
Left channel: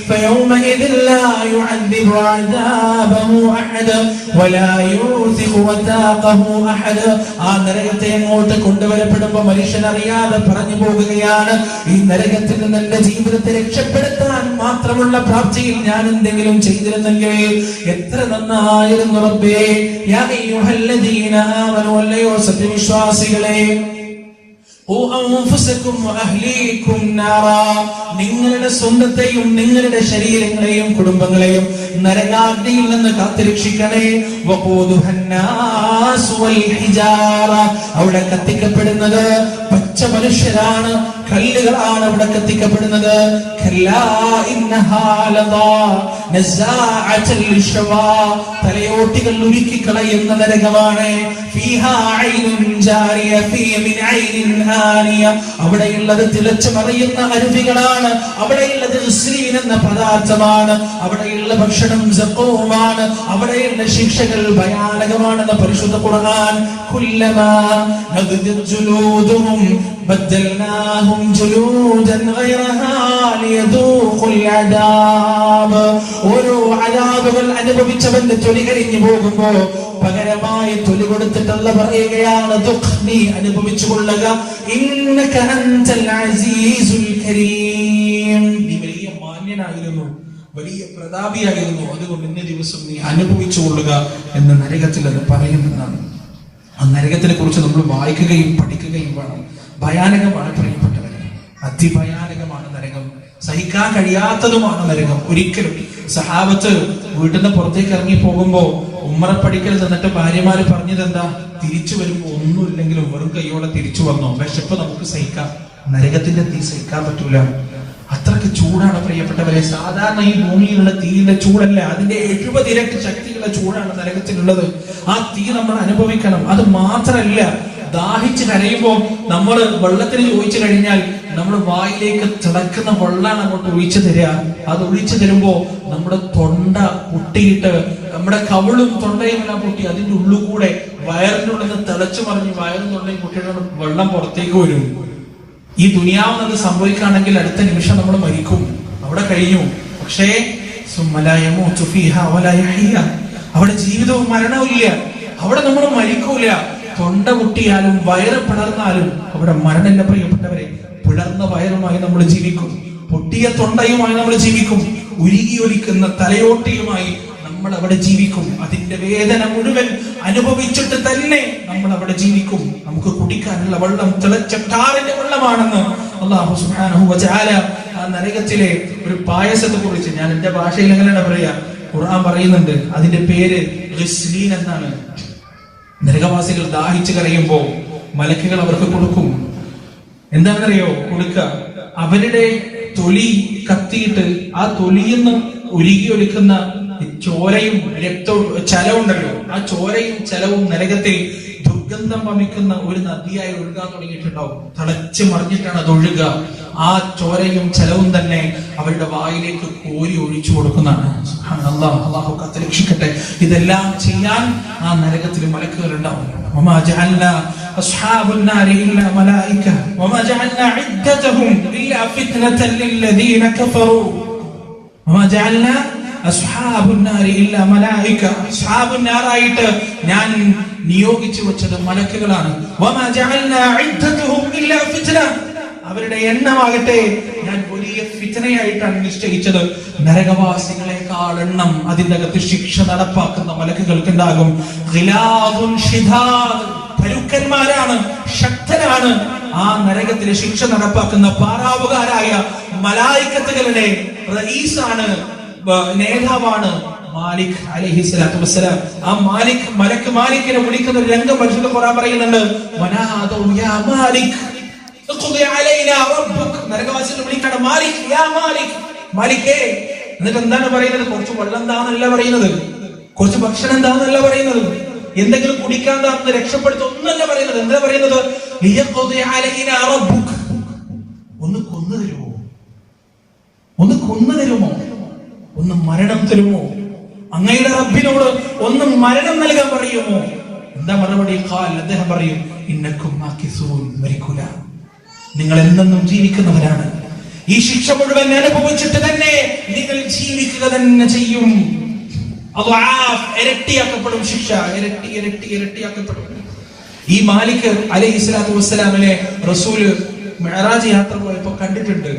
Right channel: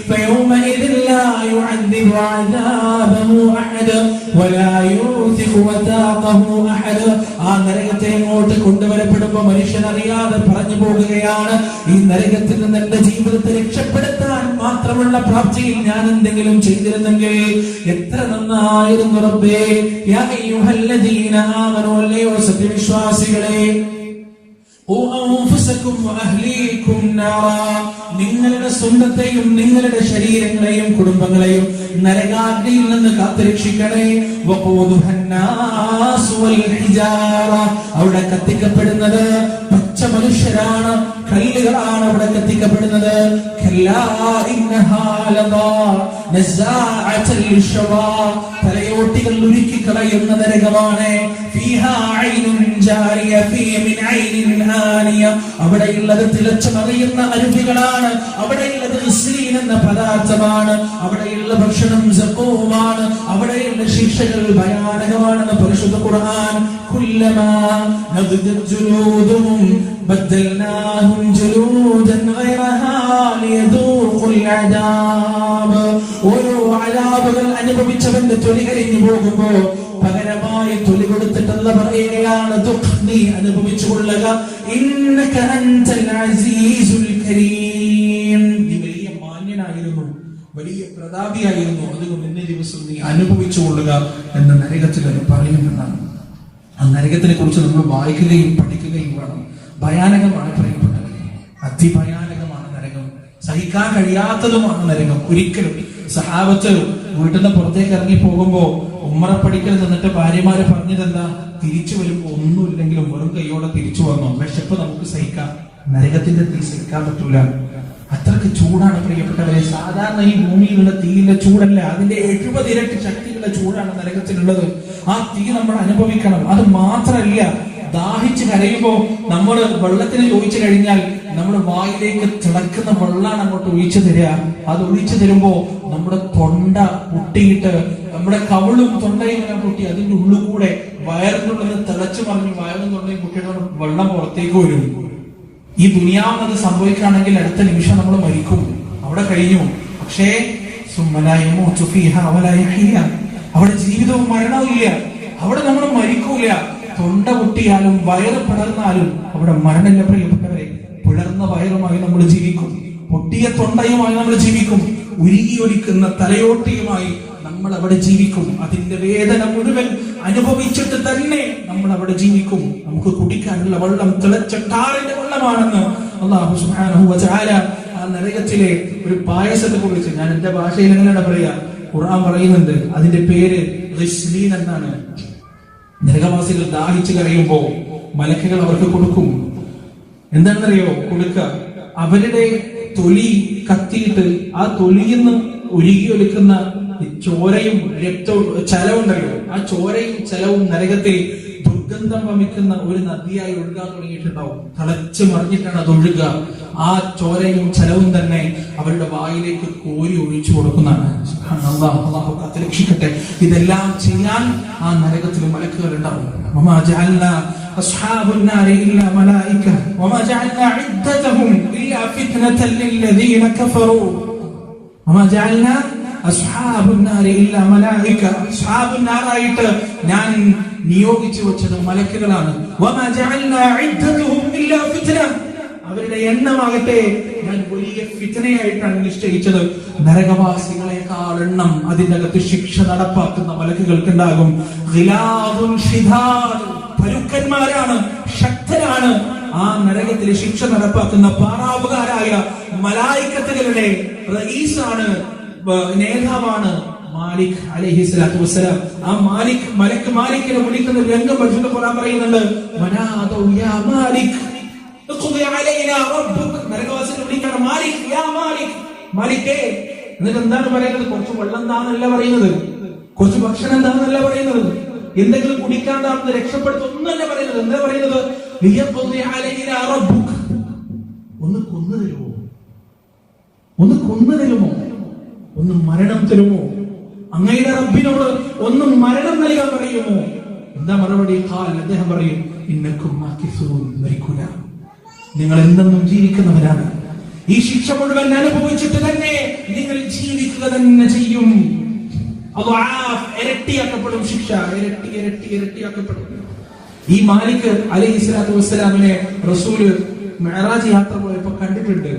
ഫയൗമഇദിൻ ലാ യുഅദ്ദിബു അദാബഹു അഹദ വലാ യൂസിഖു വതാഖഹു അഹദ. ആ നരകത്തെ അങ്ങോട്ട് കൊണ്ടുവരപ്പെടുമ്പോൾ മനുഷ്യൻ അറിയാതെ പറഞ്ഞു പോകുകയാണ്, ഈ നരകത്തിൽ നിന്ന് എന്റെ ജീവിതത്തെ രക്ഷപ്പെടുത്താൻ മാത്രമുള്ള പ്രാപ്തിയിൽ ഞാൻ എന്തെങ്കിലും ചെയ്തിരുന്നെങ്കിൽ എത്ര നന്നായിരുന്നു റബ്ബേ. യാ അയ്യുഹല്ലദീന ആമനൂ, അല്ലയോ സത്യവിശ്വാസികളെ, നരകാഗ്നിയിൽ നിന്ന് കാത്തുരക്ഷിക്കണേ. അവിടെ കത്തിക്കപ്പെടുന്നത് പച്ച മനുഷ്യരാണ്, കല്ലുകളാണ് അവിടെ കത്തിക്കപ്പെടുന്നത്. തലയോട്ടികൾ ഉരുക്കി കളയുന്ന നരകമാണ്. അവിടെയുള്ളത് തിളച്ചു മറിയുന്ന അരുവികളാണ്. അവിടെയുള്ളത് എന്ന പദാർത്ഥമാണ്. അവിടെയുള്ള ഭക്ഷണം സഖൂമാണ്. അവിടെയുള്ള ശിക്ഷകൾ ഭയാനകമാണെന്ന് പരിശുദ്ധ ഖുർആൻ. കുല്ലമാ നദ്ജത് ജുലൂദുഹും ബദൽനാഹും ജുലൂദൻ ഗൈറഹാ ലിയദൂഖുൽ അദാബ്. ഓരോ അദാബുകൾ അനുഭവിച്ചവന്റെ തൊലി കരിഞ്ഞു പോകുമ്പോ പകരമായി തൊലി കൊടുത്തിട്ട് അല്ലാഹു പറയുകയാണ്, നീ അനുഭവിച്ചു കൊള്ളുക. ഇന്നക അൻതൽ അസീസുൽ കരീം. നീ വലിയ മാന്യനായിരുന്നു, വലിയ പ്രതാപിയായിരുന്നു, അതുകൊണ്ട് ഇന്ന ദിവസം നീ അനുഭവിച്ചു കൊള്ളുക എന്ന് നരകത്തിൽ അത് പറയുമെന്നാണ്. ആ നരകത്തിനെ കുറിച്ച് നമ്മൾ വായിക്കുകയും പഠിക്കുകയും വേണം. ഭയാനകമാണ് പ്രിയപ്പെട്ടവരെ, അതിഭയാനകമാണ് നരകം. സഹിക്കാൻ കഴിയാത്തതുമാണ് നരകം. ഒരിക്കലും സഹാബത്ത് വീട്ടിൽ നിന്ന് പുറത്തേക്ക് ഇറങ്ങി പോകുമ്പോ ഉമ്മറപ്പടിക്കൽ നിന്നിട്ട് ഭാര്യമാര് പറഞ്ഞത് എന്താ? തിരിച്ചു വരുമ്പോ ഒന്നുമില്ലെങ്കിലും വെറും കൈയോടെ തിരിച്ചു വന്നോ, വിശപ്പ് നമുക്ക് സഹിക്കാം, നരകത്തിന്റെ തീ സഹിക്കാൻ പറ്റൂല. അത്രയ്ക്ക് ചൂടാണ് പ്രിയപ്പെട്ടവരെ. സാധാരണ ഈ ഭൂമിയിലുള്ള തീയുടെ ചൂടല്ല, അതിന്റെ 70 ഇരട്ടി ശക്തിയുള്ള ചൂടാണ് നരകത്തിലുള്ളത്. ആ തീ നമ്മൾ അനുഭവിക്കണം. അത് മാത്രല്ല, ദാഹിച്ച് കരയുമ്പോ നമ്മൾ വെള്ളത്തിന് ചോദിച്ചു കഴിഞ്ഞാൽ നമ്മുടെ വായിലേക്ക് തിളക്കുന്ന വെള്ളമാണ് അങ്ങോട്ട് ഒഴിച്ചു തരിക. അത് ഒഴിച്ചു തരുമ്പോ നമ്മുടെ തൊണ്ട പൊട്ടിയിട്ട് നമ്മുടെ കവിളും തൊണ്ടയും എല്ലാം പൊട്ടി അതിന്റെ ഉള്ളിൽ കൂടെ വയറിന്റെ ഉള്ളിൽ നിന്ന് തിളച്ചു മറിഞ്ഞ് വയറും തൊണ്ടയും പൊട്ടിയിട്ട് വെള്ളം പുറത്തേക്ക് വരും. ഈ ദുനിയാവുന്നത് സംഭവിക്കുകയാണെങ്കിൽ അടുത്ത നിമിഷം നമ്മൾ മരിക്കും, അവിടെ കഴിഞ്ഞു. പക്ഷേ അവിടെ ജീവിതവും മരണവും ഇല്ല. അവിടെ നമ്മൾ മരിക്കൂല. തൊണ്ട പൊട്ടിയാലും വയറ് പിളർന്നാലും അവിടെ മരണമില്ല പ്രിയപ്പെട്ടവരെ. പിളർന്ന വയറുമായി നമ്മൾ ജീവിക്കും, പൊട്ടിയ തൊണ്ടയുമായി നമ്മൾ ജീവിക്കും, ഉരുകി ഒലിക്കുന്ന തലയോട്ടിയുമായി നമ്മൾ അവിടെ ജീവിക്കും. അതിന്റെ വേദന മുഴുവൻ അനുഭവിച്ചിട്ട് തന്നെ നമ്മൾ അവിടെ ജീവിക്കും. നമുക്ക് കുടിക്കാനുള്ള വെള്ളം തിളച്ച ടാറിന്റെ വെള്ളമാണെന്ന് അല്ലാഹു സുബ്ഹാനഹു വ തആല ആ നരകത്തിലെ ഒരു പായസത്തെ കുറിച്ച്, ഞാൻ എന്റെ ഭാഷയിൽ എങ്ങനെയാണ് പറയാ, ഖുർആൻ പറയുന്നുണ്ട്. അതിന്റെ പേര് ഗിസ്ലീൻ എന്നാണ്. നരകവാസികൾ ദാഹിച്ചു കരയുമ്പോ മലക്കുകൾ അവർക്ക് കൊടുക്കും. എന്താണെന്നറിയോ കൊടുക്ക? അവരുടെ തൊലി കത്തിയിട്ട് ആ തൊലിയെന്ന് ഉരുകി ഒലിക്കുന്ന ചോരയും രക്തവും ചലവുണ്ടല്ലോ, ആ ചോരയും ചലവും നരകത്തിൽ ദുർഗന്ധം വമിക്കുന്ന ഒരു നദിയായി ഒഴുകാൻ തുടങ്ങിയിട്ടുണ്ടാവും. തിളച്ചു മറിഞ്ഞിട്ടാണ് അത് ഒഴുകുക. ആ ചോരയും ചലവും തന്നെ അവരുടെ വായിലേക്ക് കോരി ഒഴിച്ചു കൊടുക്കുന്നതാണ്. അല്ലാഹു കാത്തുരക്ഷിക്കട്ടെ. ഇതെല്ലാം ചെയ്യാൻ ആ നരകത്തിൽ മലക്കുകൾ ഉണ്ടാവും. വമാ ജഅൽനാ അസ്ഹാബുൻ നാരി ഇല്ലാ മലായിക വമാ ജഅൽനാ ഇദ്ദതഹും ഇല്ലാ ഫിത്നതൻ ലില്ലദീന കഫറൂ വമാ ജഅൽനാ അസ്ഹാബുൻ നാരി ഇല്ലാ മലായിക. അസ്ഹാബുൻ നാറായിട്ട് ഞാൻ നിയോഗിച്ചു വെച്ചത് മലക്കുകളാണ്. വമാ ജഅൽനാ ഇദ്ദതഹും ഇല്ലാ ഫിത്ന. അവരുടെ എണ്ണമാകട്ടെ ഞാൻ വലിയ ഫിത്നയായിട്ടാണ് നിശ്ചയിച്ചത്. നരകവാസികളെക്കാൾ എണ്ണം അതിന്റെ അകത്ത് ശിക്ഷ നടപ്പാക്കുന്ന മലക്കുകൾക്കുണ്ടാകും. പരുക്കന്മാരാണ്, ശക്തരാണ്. ആ നരകത്തിലെ ശിക്ഷ നടപ്പാക്കുന്ന പാറാവുകാരായ മലായിക്കത്തുകളുടെ റഈസാണ്, നേതാവാണ് മാലിക് അലൈഹിസ്സലാത്തു വസ്സലാം. ആ മാലിക് മാലിക്കിനെ വിളിക്കുന്ന ഒരു രംഗം പരിശുദ്ധ ഖുർആൻ പറയുന്നുണ്ട്. വനാദു യാ മാലിക് നരകവാസികൾ വിളിക്കാണ് മാലിക്, യാ മാലിക്, മാലിക്കേ. എന്നിട്ട് എന്താണ് പറയുന്നത്? കുറച്ച് വെള്ളം താന്നല്ല പറയുന്നത്, കുറച്ച് ഭക്ഷണം താന്നല്ല പറയുന്നത്, എന്തെങ്കിലും കുടിക്കാൻ താന്ന് രക്ഷപ്പെടുത്ത ഒന്നല്ല പറയുന്നത്. എന്താ പറയുന്നത്? ഒന്ന് കൊന്നു തരുമോ, ഒന്ന് കൊന്നു തരുമോ, ഒന്ന് മരണം തരുമോ, അങ്ങയുടെ റബ്ബിനോട് ഒന്ന് മരണം നൽകാൻ പറയുമോ? എന്താ മറുപടി? അദ്ദേഹം പറയും, ഇന്നക്കും മരിക്കൂല, നിങ്ങൾ എന്നെന്നും ജീവിക്കുന്നവരാണ്. ഈ ശിക്ഷ മുഴുവൻ അനുഭവിച്ചിട്ട് തന്നെ നിങ്ങൾ ജീവിക്കുക തന്നെ ചെയ്യും. ഇരട്ടിയാക്കപ്പെടും ശിക്ഷ, ഇരട്ടിയാക്കപ്പെടും. ഈ മാലിക് അലൈഹിസ്സലാത്തു വസ്സലാമിനെ റസൂല് മിഅ്റാജ് യാത്ര പോയപ്പോ കണ്ടിട്ടുണ്ട്.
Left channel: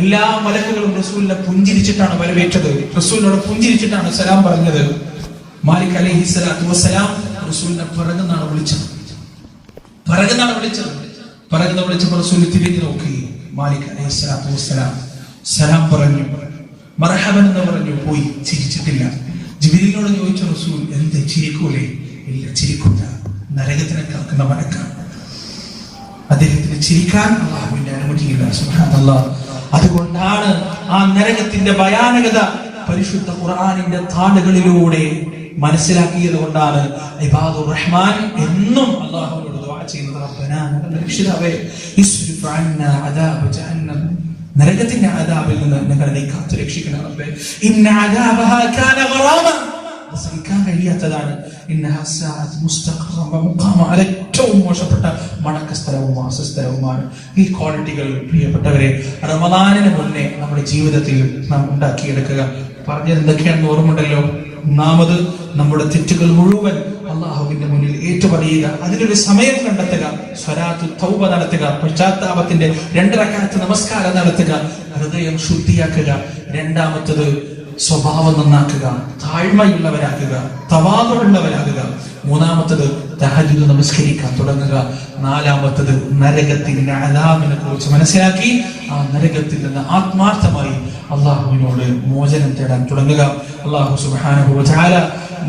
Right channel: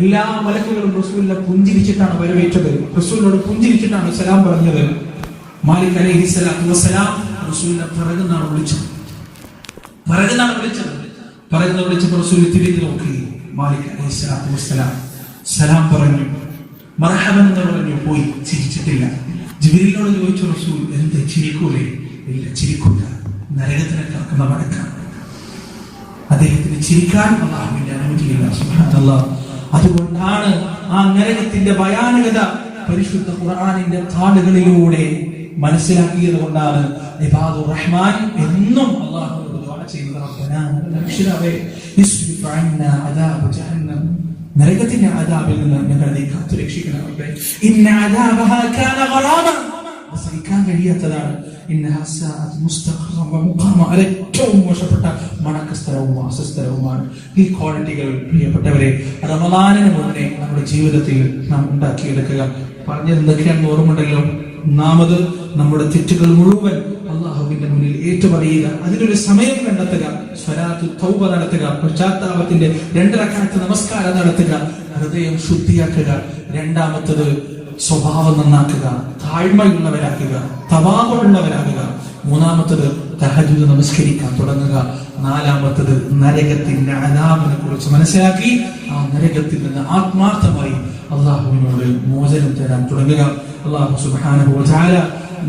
എല്ലാ മലക്കുകളും റസൂലിനെ പുഞ്ചിരിച്ചിട്ടാണ് വരവേറ്റത്. റസൂലിനോട് പുഞ്ചിരിച്ചിട്ടാണ് സലാം പറഞ്ഞത്. മാലിക് അലൈഹിസ്സലാത്തു വസ്സലാം റസൂലിനെ പിറകുന്നാണ് വിളിച്ചത്. വിളിച്ചപ്പോൾ റസൂൽ തിരിഞ്ഞു നോക്കി. മാലിക് അലൈഹിസ്സലാത്തു വസ്സലാം സലാം പറഞ്ഞു, മർഹബൻ എന്ന് പറഞ്ഞു, പോയി, ചിരിച്ചിട്ടില്ല. ജിബ്രീലിനോട് ചോദിച്ചു റസൂൽ, എന്ത് ചിരിക്കൂലേ? ഇല്ല, ചിരിക്കൂല, നരകത്തിനെ കാക്കുന്ന മലക്കാണ്. അദ്ദേഹത്തിന് ചിരിക്കാൻ അല്ലാഹുവിന്റെ അനുമതിയില്ല. സുബ്ഹാനല്ലാഹ്. അതുകൊണ്ടാണ് ആ നരകത്തിന്റെ ഭയാനകത പരിശുദ്ധ ഖുർആനിന്റെ താളുകളിലൂടെ മനസ്സിലാക്കിയത് കൊണ്ടാണ് ഇബാദുർ റഹ്മാൻ എന്നും അല്ലാഹുവിനോട് ദുആ ചെയ്യുന്നത്. റബ്ബനാ രക്ഷിതാവേ ഇസ്രിഫ് അന്നാ അദാബ ജഹന്നം, നരകത്തിന്റെ അദാബിൽ നിന്ന് ഞങ്ങളെ നീ കാത്തു രക്ഷിക്കണം റബ്ബേ. ഇന്ന അദാബഹാ കാന ഗറാമ, സഹിക്കാൻ കഴിയാത്തതാണ്. ഇന്നഹാ സഅത് മുസ്തഖറ വ മുഖാമ, ഏറ്റവും മോശപ്പെട്ട മടക്കസ്ഥലവും വാസസ്ഥലവുമാണ്. ഈ ക്വാളിറ്റികൾ പ്രിയപ്പെട്ടവരെ റമദാനിന് മുന്നേ നമ്മുടെ ജീവിതത്തിൽ നാം ഉണ്ടാക്കിയെടുക്കുക. പറഞ്ഞത് എന്തൊക്കെയാണെന്ന് ഓർമ്മയുണ്ടല്ലോ. ഒന്നാമത് നമ്മുടെ തെറ്റുകൾ മുഴുവൻ അല്ലാഹുവിന്റെ മുന്നിൽ ഏറ്റുപറയുക, അതിനൊരു സമയം കണ്ടെത്തുക, സ്വലാത്തു തൗബ നടത്തുക, പശ്ചാത്താപത്തിന്റെ 2 റക്അത്ത് നമസ്കാരം നടത്തുക, ഹൃദയം ശുദ്ധിയാക്കുക. രണ്ടാമത്തത് സ്വഭാവം നന്നാക്കുക, താഴ്മയുള്ളവരാക്കുക, തവാദുള്ളവരാകുക. മൂന്നാമത്തത് തഹജ്ജുദ് നമസ്കരിക്കാൻ തുടങ്ങുക. നാലാമത്തത് നരകത്തിന്റെ അദാബിനെ കുറിച്ച് മനസ്സിലാക്കി ആ നരകത്തിൽ നിന്ന് ആത്മാർത്ഥമായി അല്ലാഹുവിനോട് മോചനം തേടാൻ തുടങ്ങുക. അല്ലാഹു സുബ്ഹാനഹു വ തആല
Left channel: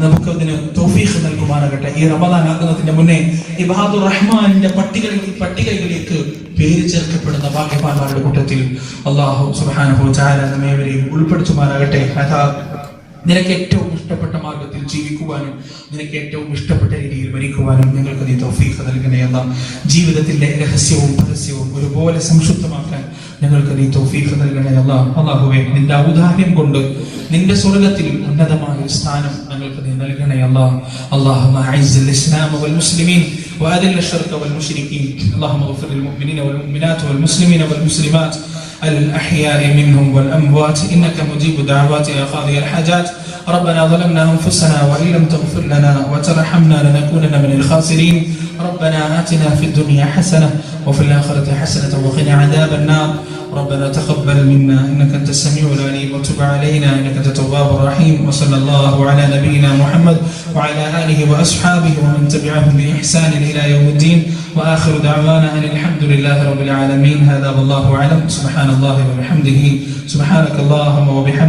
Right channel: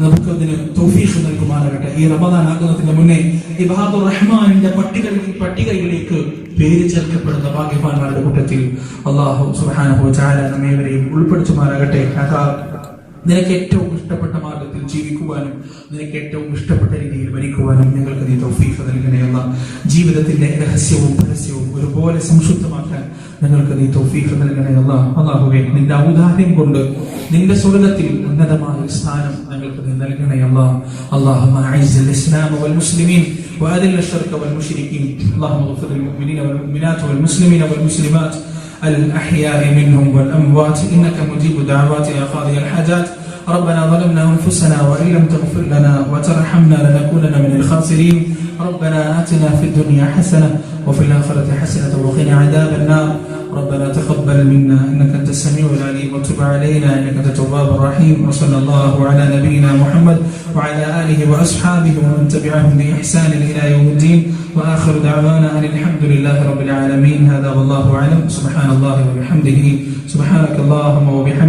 നമുക്കതിന് തൗഫീഖ് നൽകുമാറാകട്ടെ. ഈ റമദാൻ ആകുന്നതിന് മുന്നേ ഇബാദുർ റഹ്മാനിന്റെ പട്ടികയിലേക്ക് പേര് ചേർക്കപ്പെടുന്ന ഭാഗ്യവാന്മാരുടെ കൂട്ടത്തിൽ അല്ലാഹു സുബ്ഹാനഹു വ തആല നമ്മേവരെയും ഉൾപ്പെടുത്തുമാറാകട്ടെ. അതാ നിനക്ക് ഏറ്റവും ഇഷ്ടപ്പെട്ട മാർഗത്തിൽ ജീവിക്കുവാനും നിനക്ക് ഏറ്റവും ഇഷ്ടപ്പെട്ട രീതിയിൽ മരിക്കുവാനും ഞങ്ങൾക്ക് നീ തൗഫീഖ് നൽകണേ അല്ലാഹ്. ജീവിതത്തിന്റെ രഹസ്യവും പരസ്യവും ഒരുപോലെ സംശുദ്ധമാക്കാൻ ഞങ്ങൾക്ക് നീ തൗഫീഖ് നൽകണേ അല്ലാഹ്. അല്ലാഹുവേ, നിന്റെ ഔദാര്യം കൊണ്ട് നിന്റെ സ്വർഗ്ഗത്തിൽ ഉന്നതമായ സ്ഥാനം ഞങ്ങൾക്ക് നീ നൽകണേ അല്ലാഹ്. اللهم اعز الاسلام والمسلمين واذل الشرك والمشركين. اللهم اغفر للمؤمنين والمؤمنات والمسلمين والمسلمات الأحياء منهم والأموات إنك مجيب دعوات يا قاضي الحاجات. ربنا ظلمنا أنفسنا وإن لم تغفر لنا وترحمنا لنكونن من الخاسرين. ربنا آتنا في الدنيا حسنة وفي الآخرة حسنة وقنا عذاب النار. ربنا تقبل منا إنك أنت السميع العليم وتب علينا إنك أنت التواب الرحيم. وصلى الله على نبينا محمد وعلى آله وأصحابه ومن تبعهم بإحسان إلى يوم الدين. وآخر دعوانا أن الحمد لله رب العالمين. هذا والله أعلم. سبحان الله وبحمده. سبحانك اللهم وبحمدك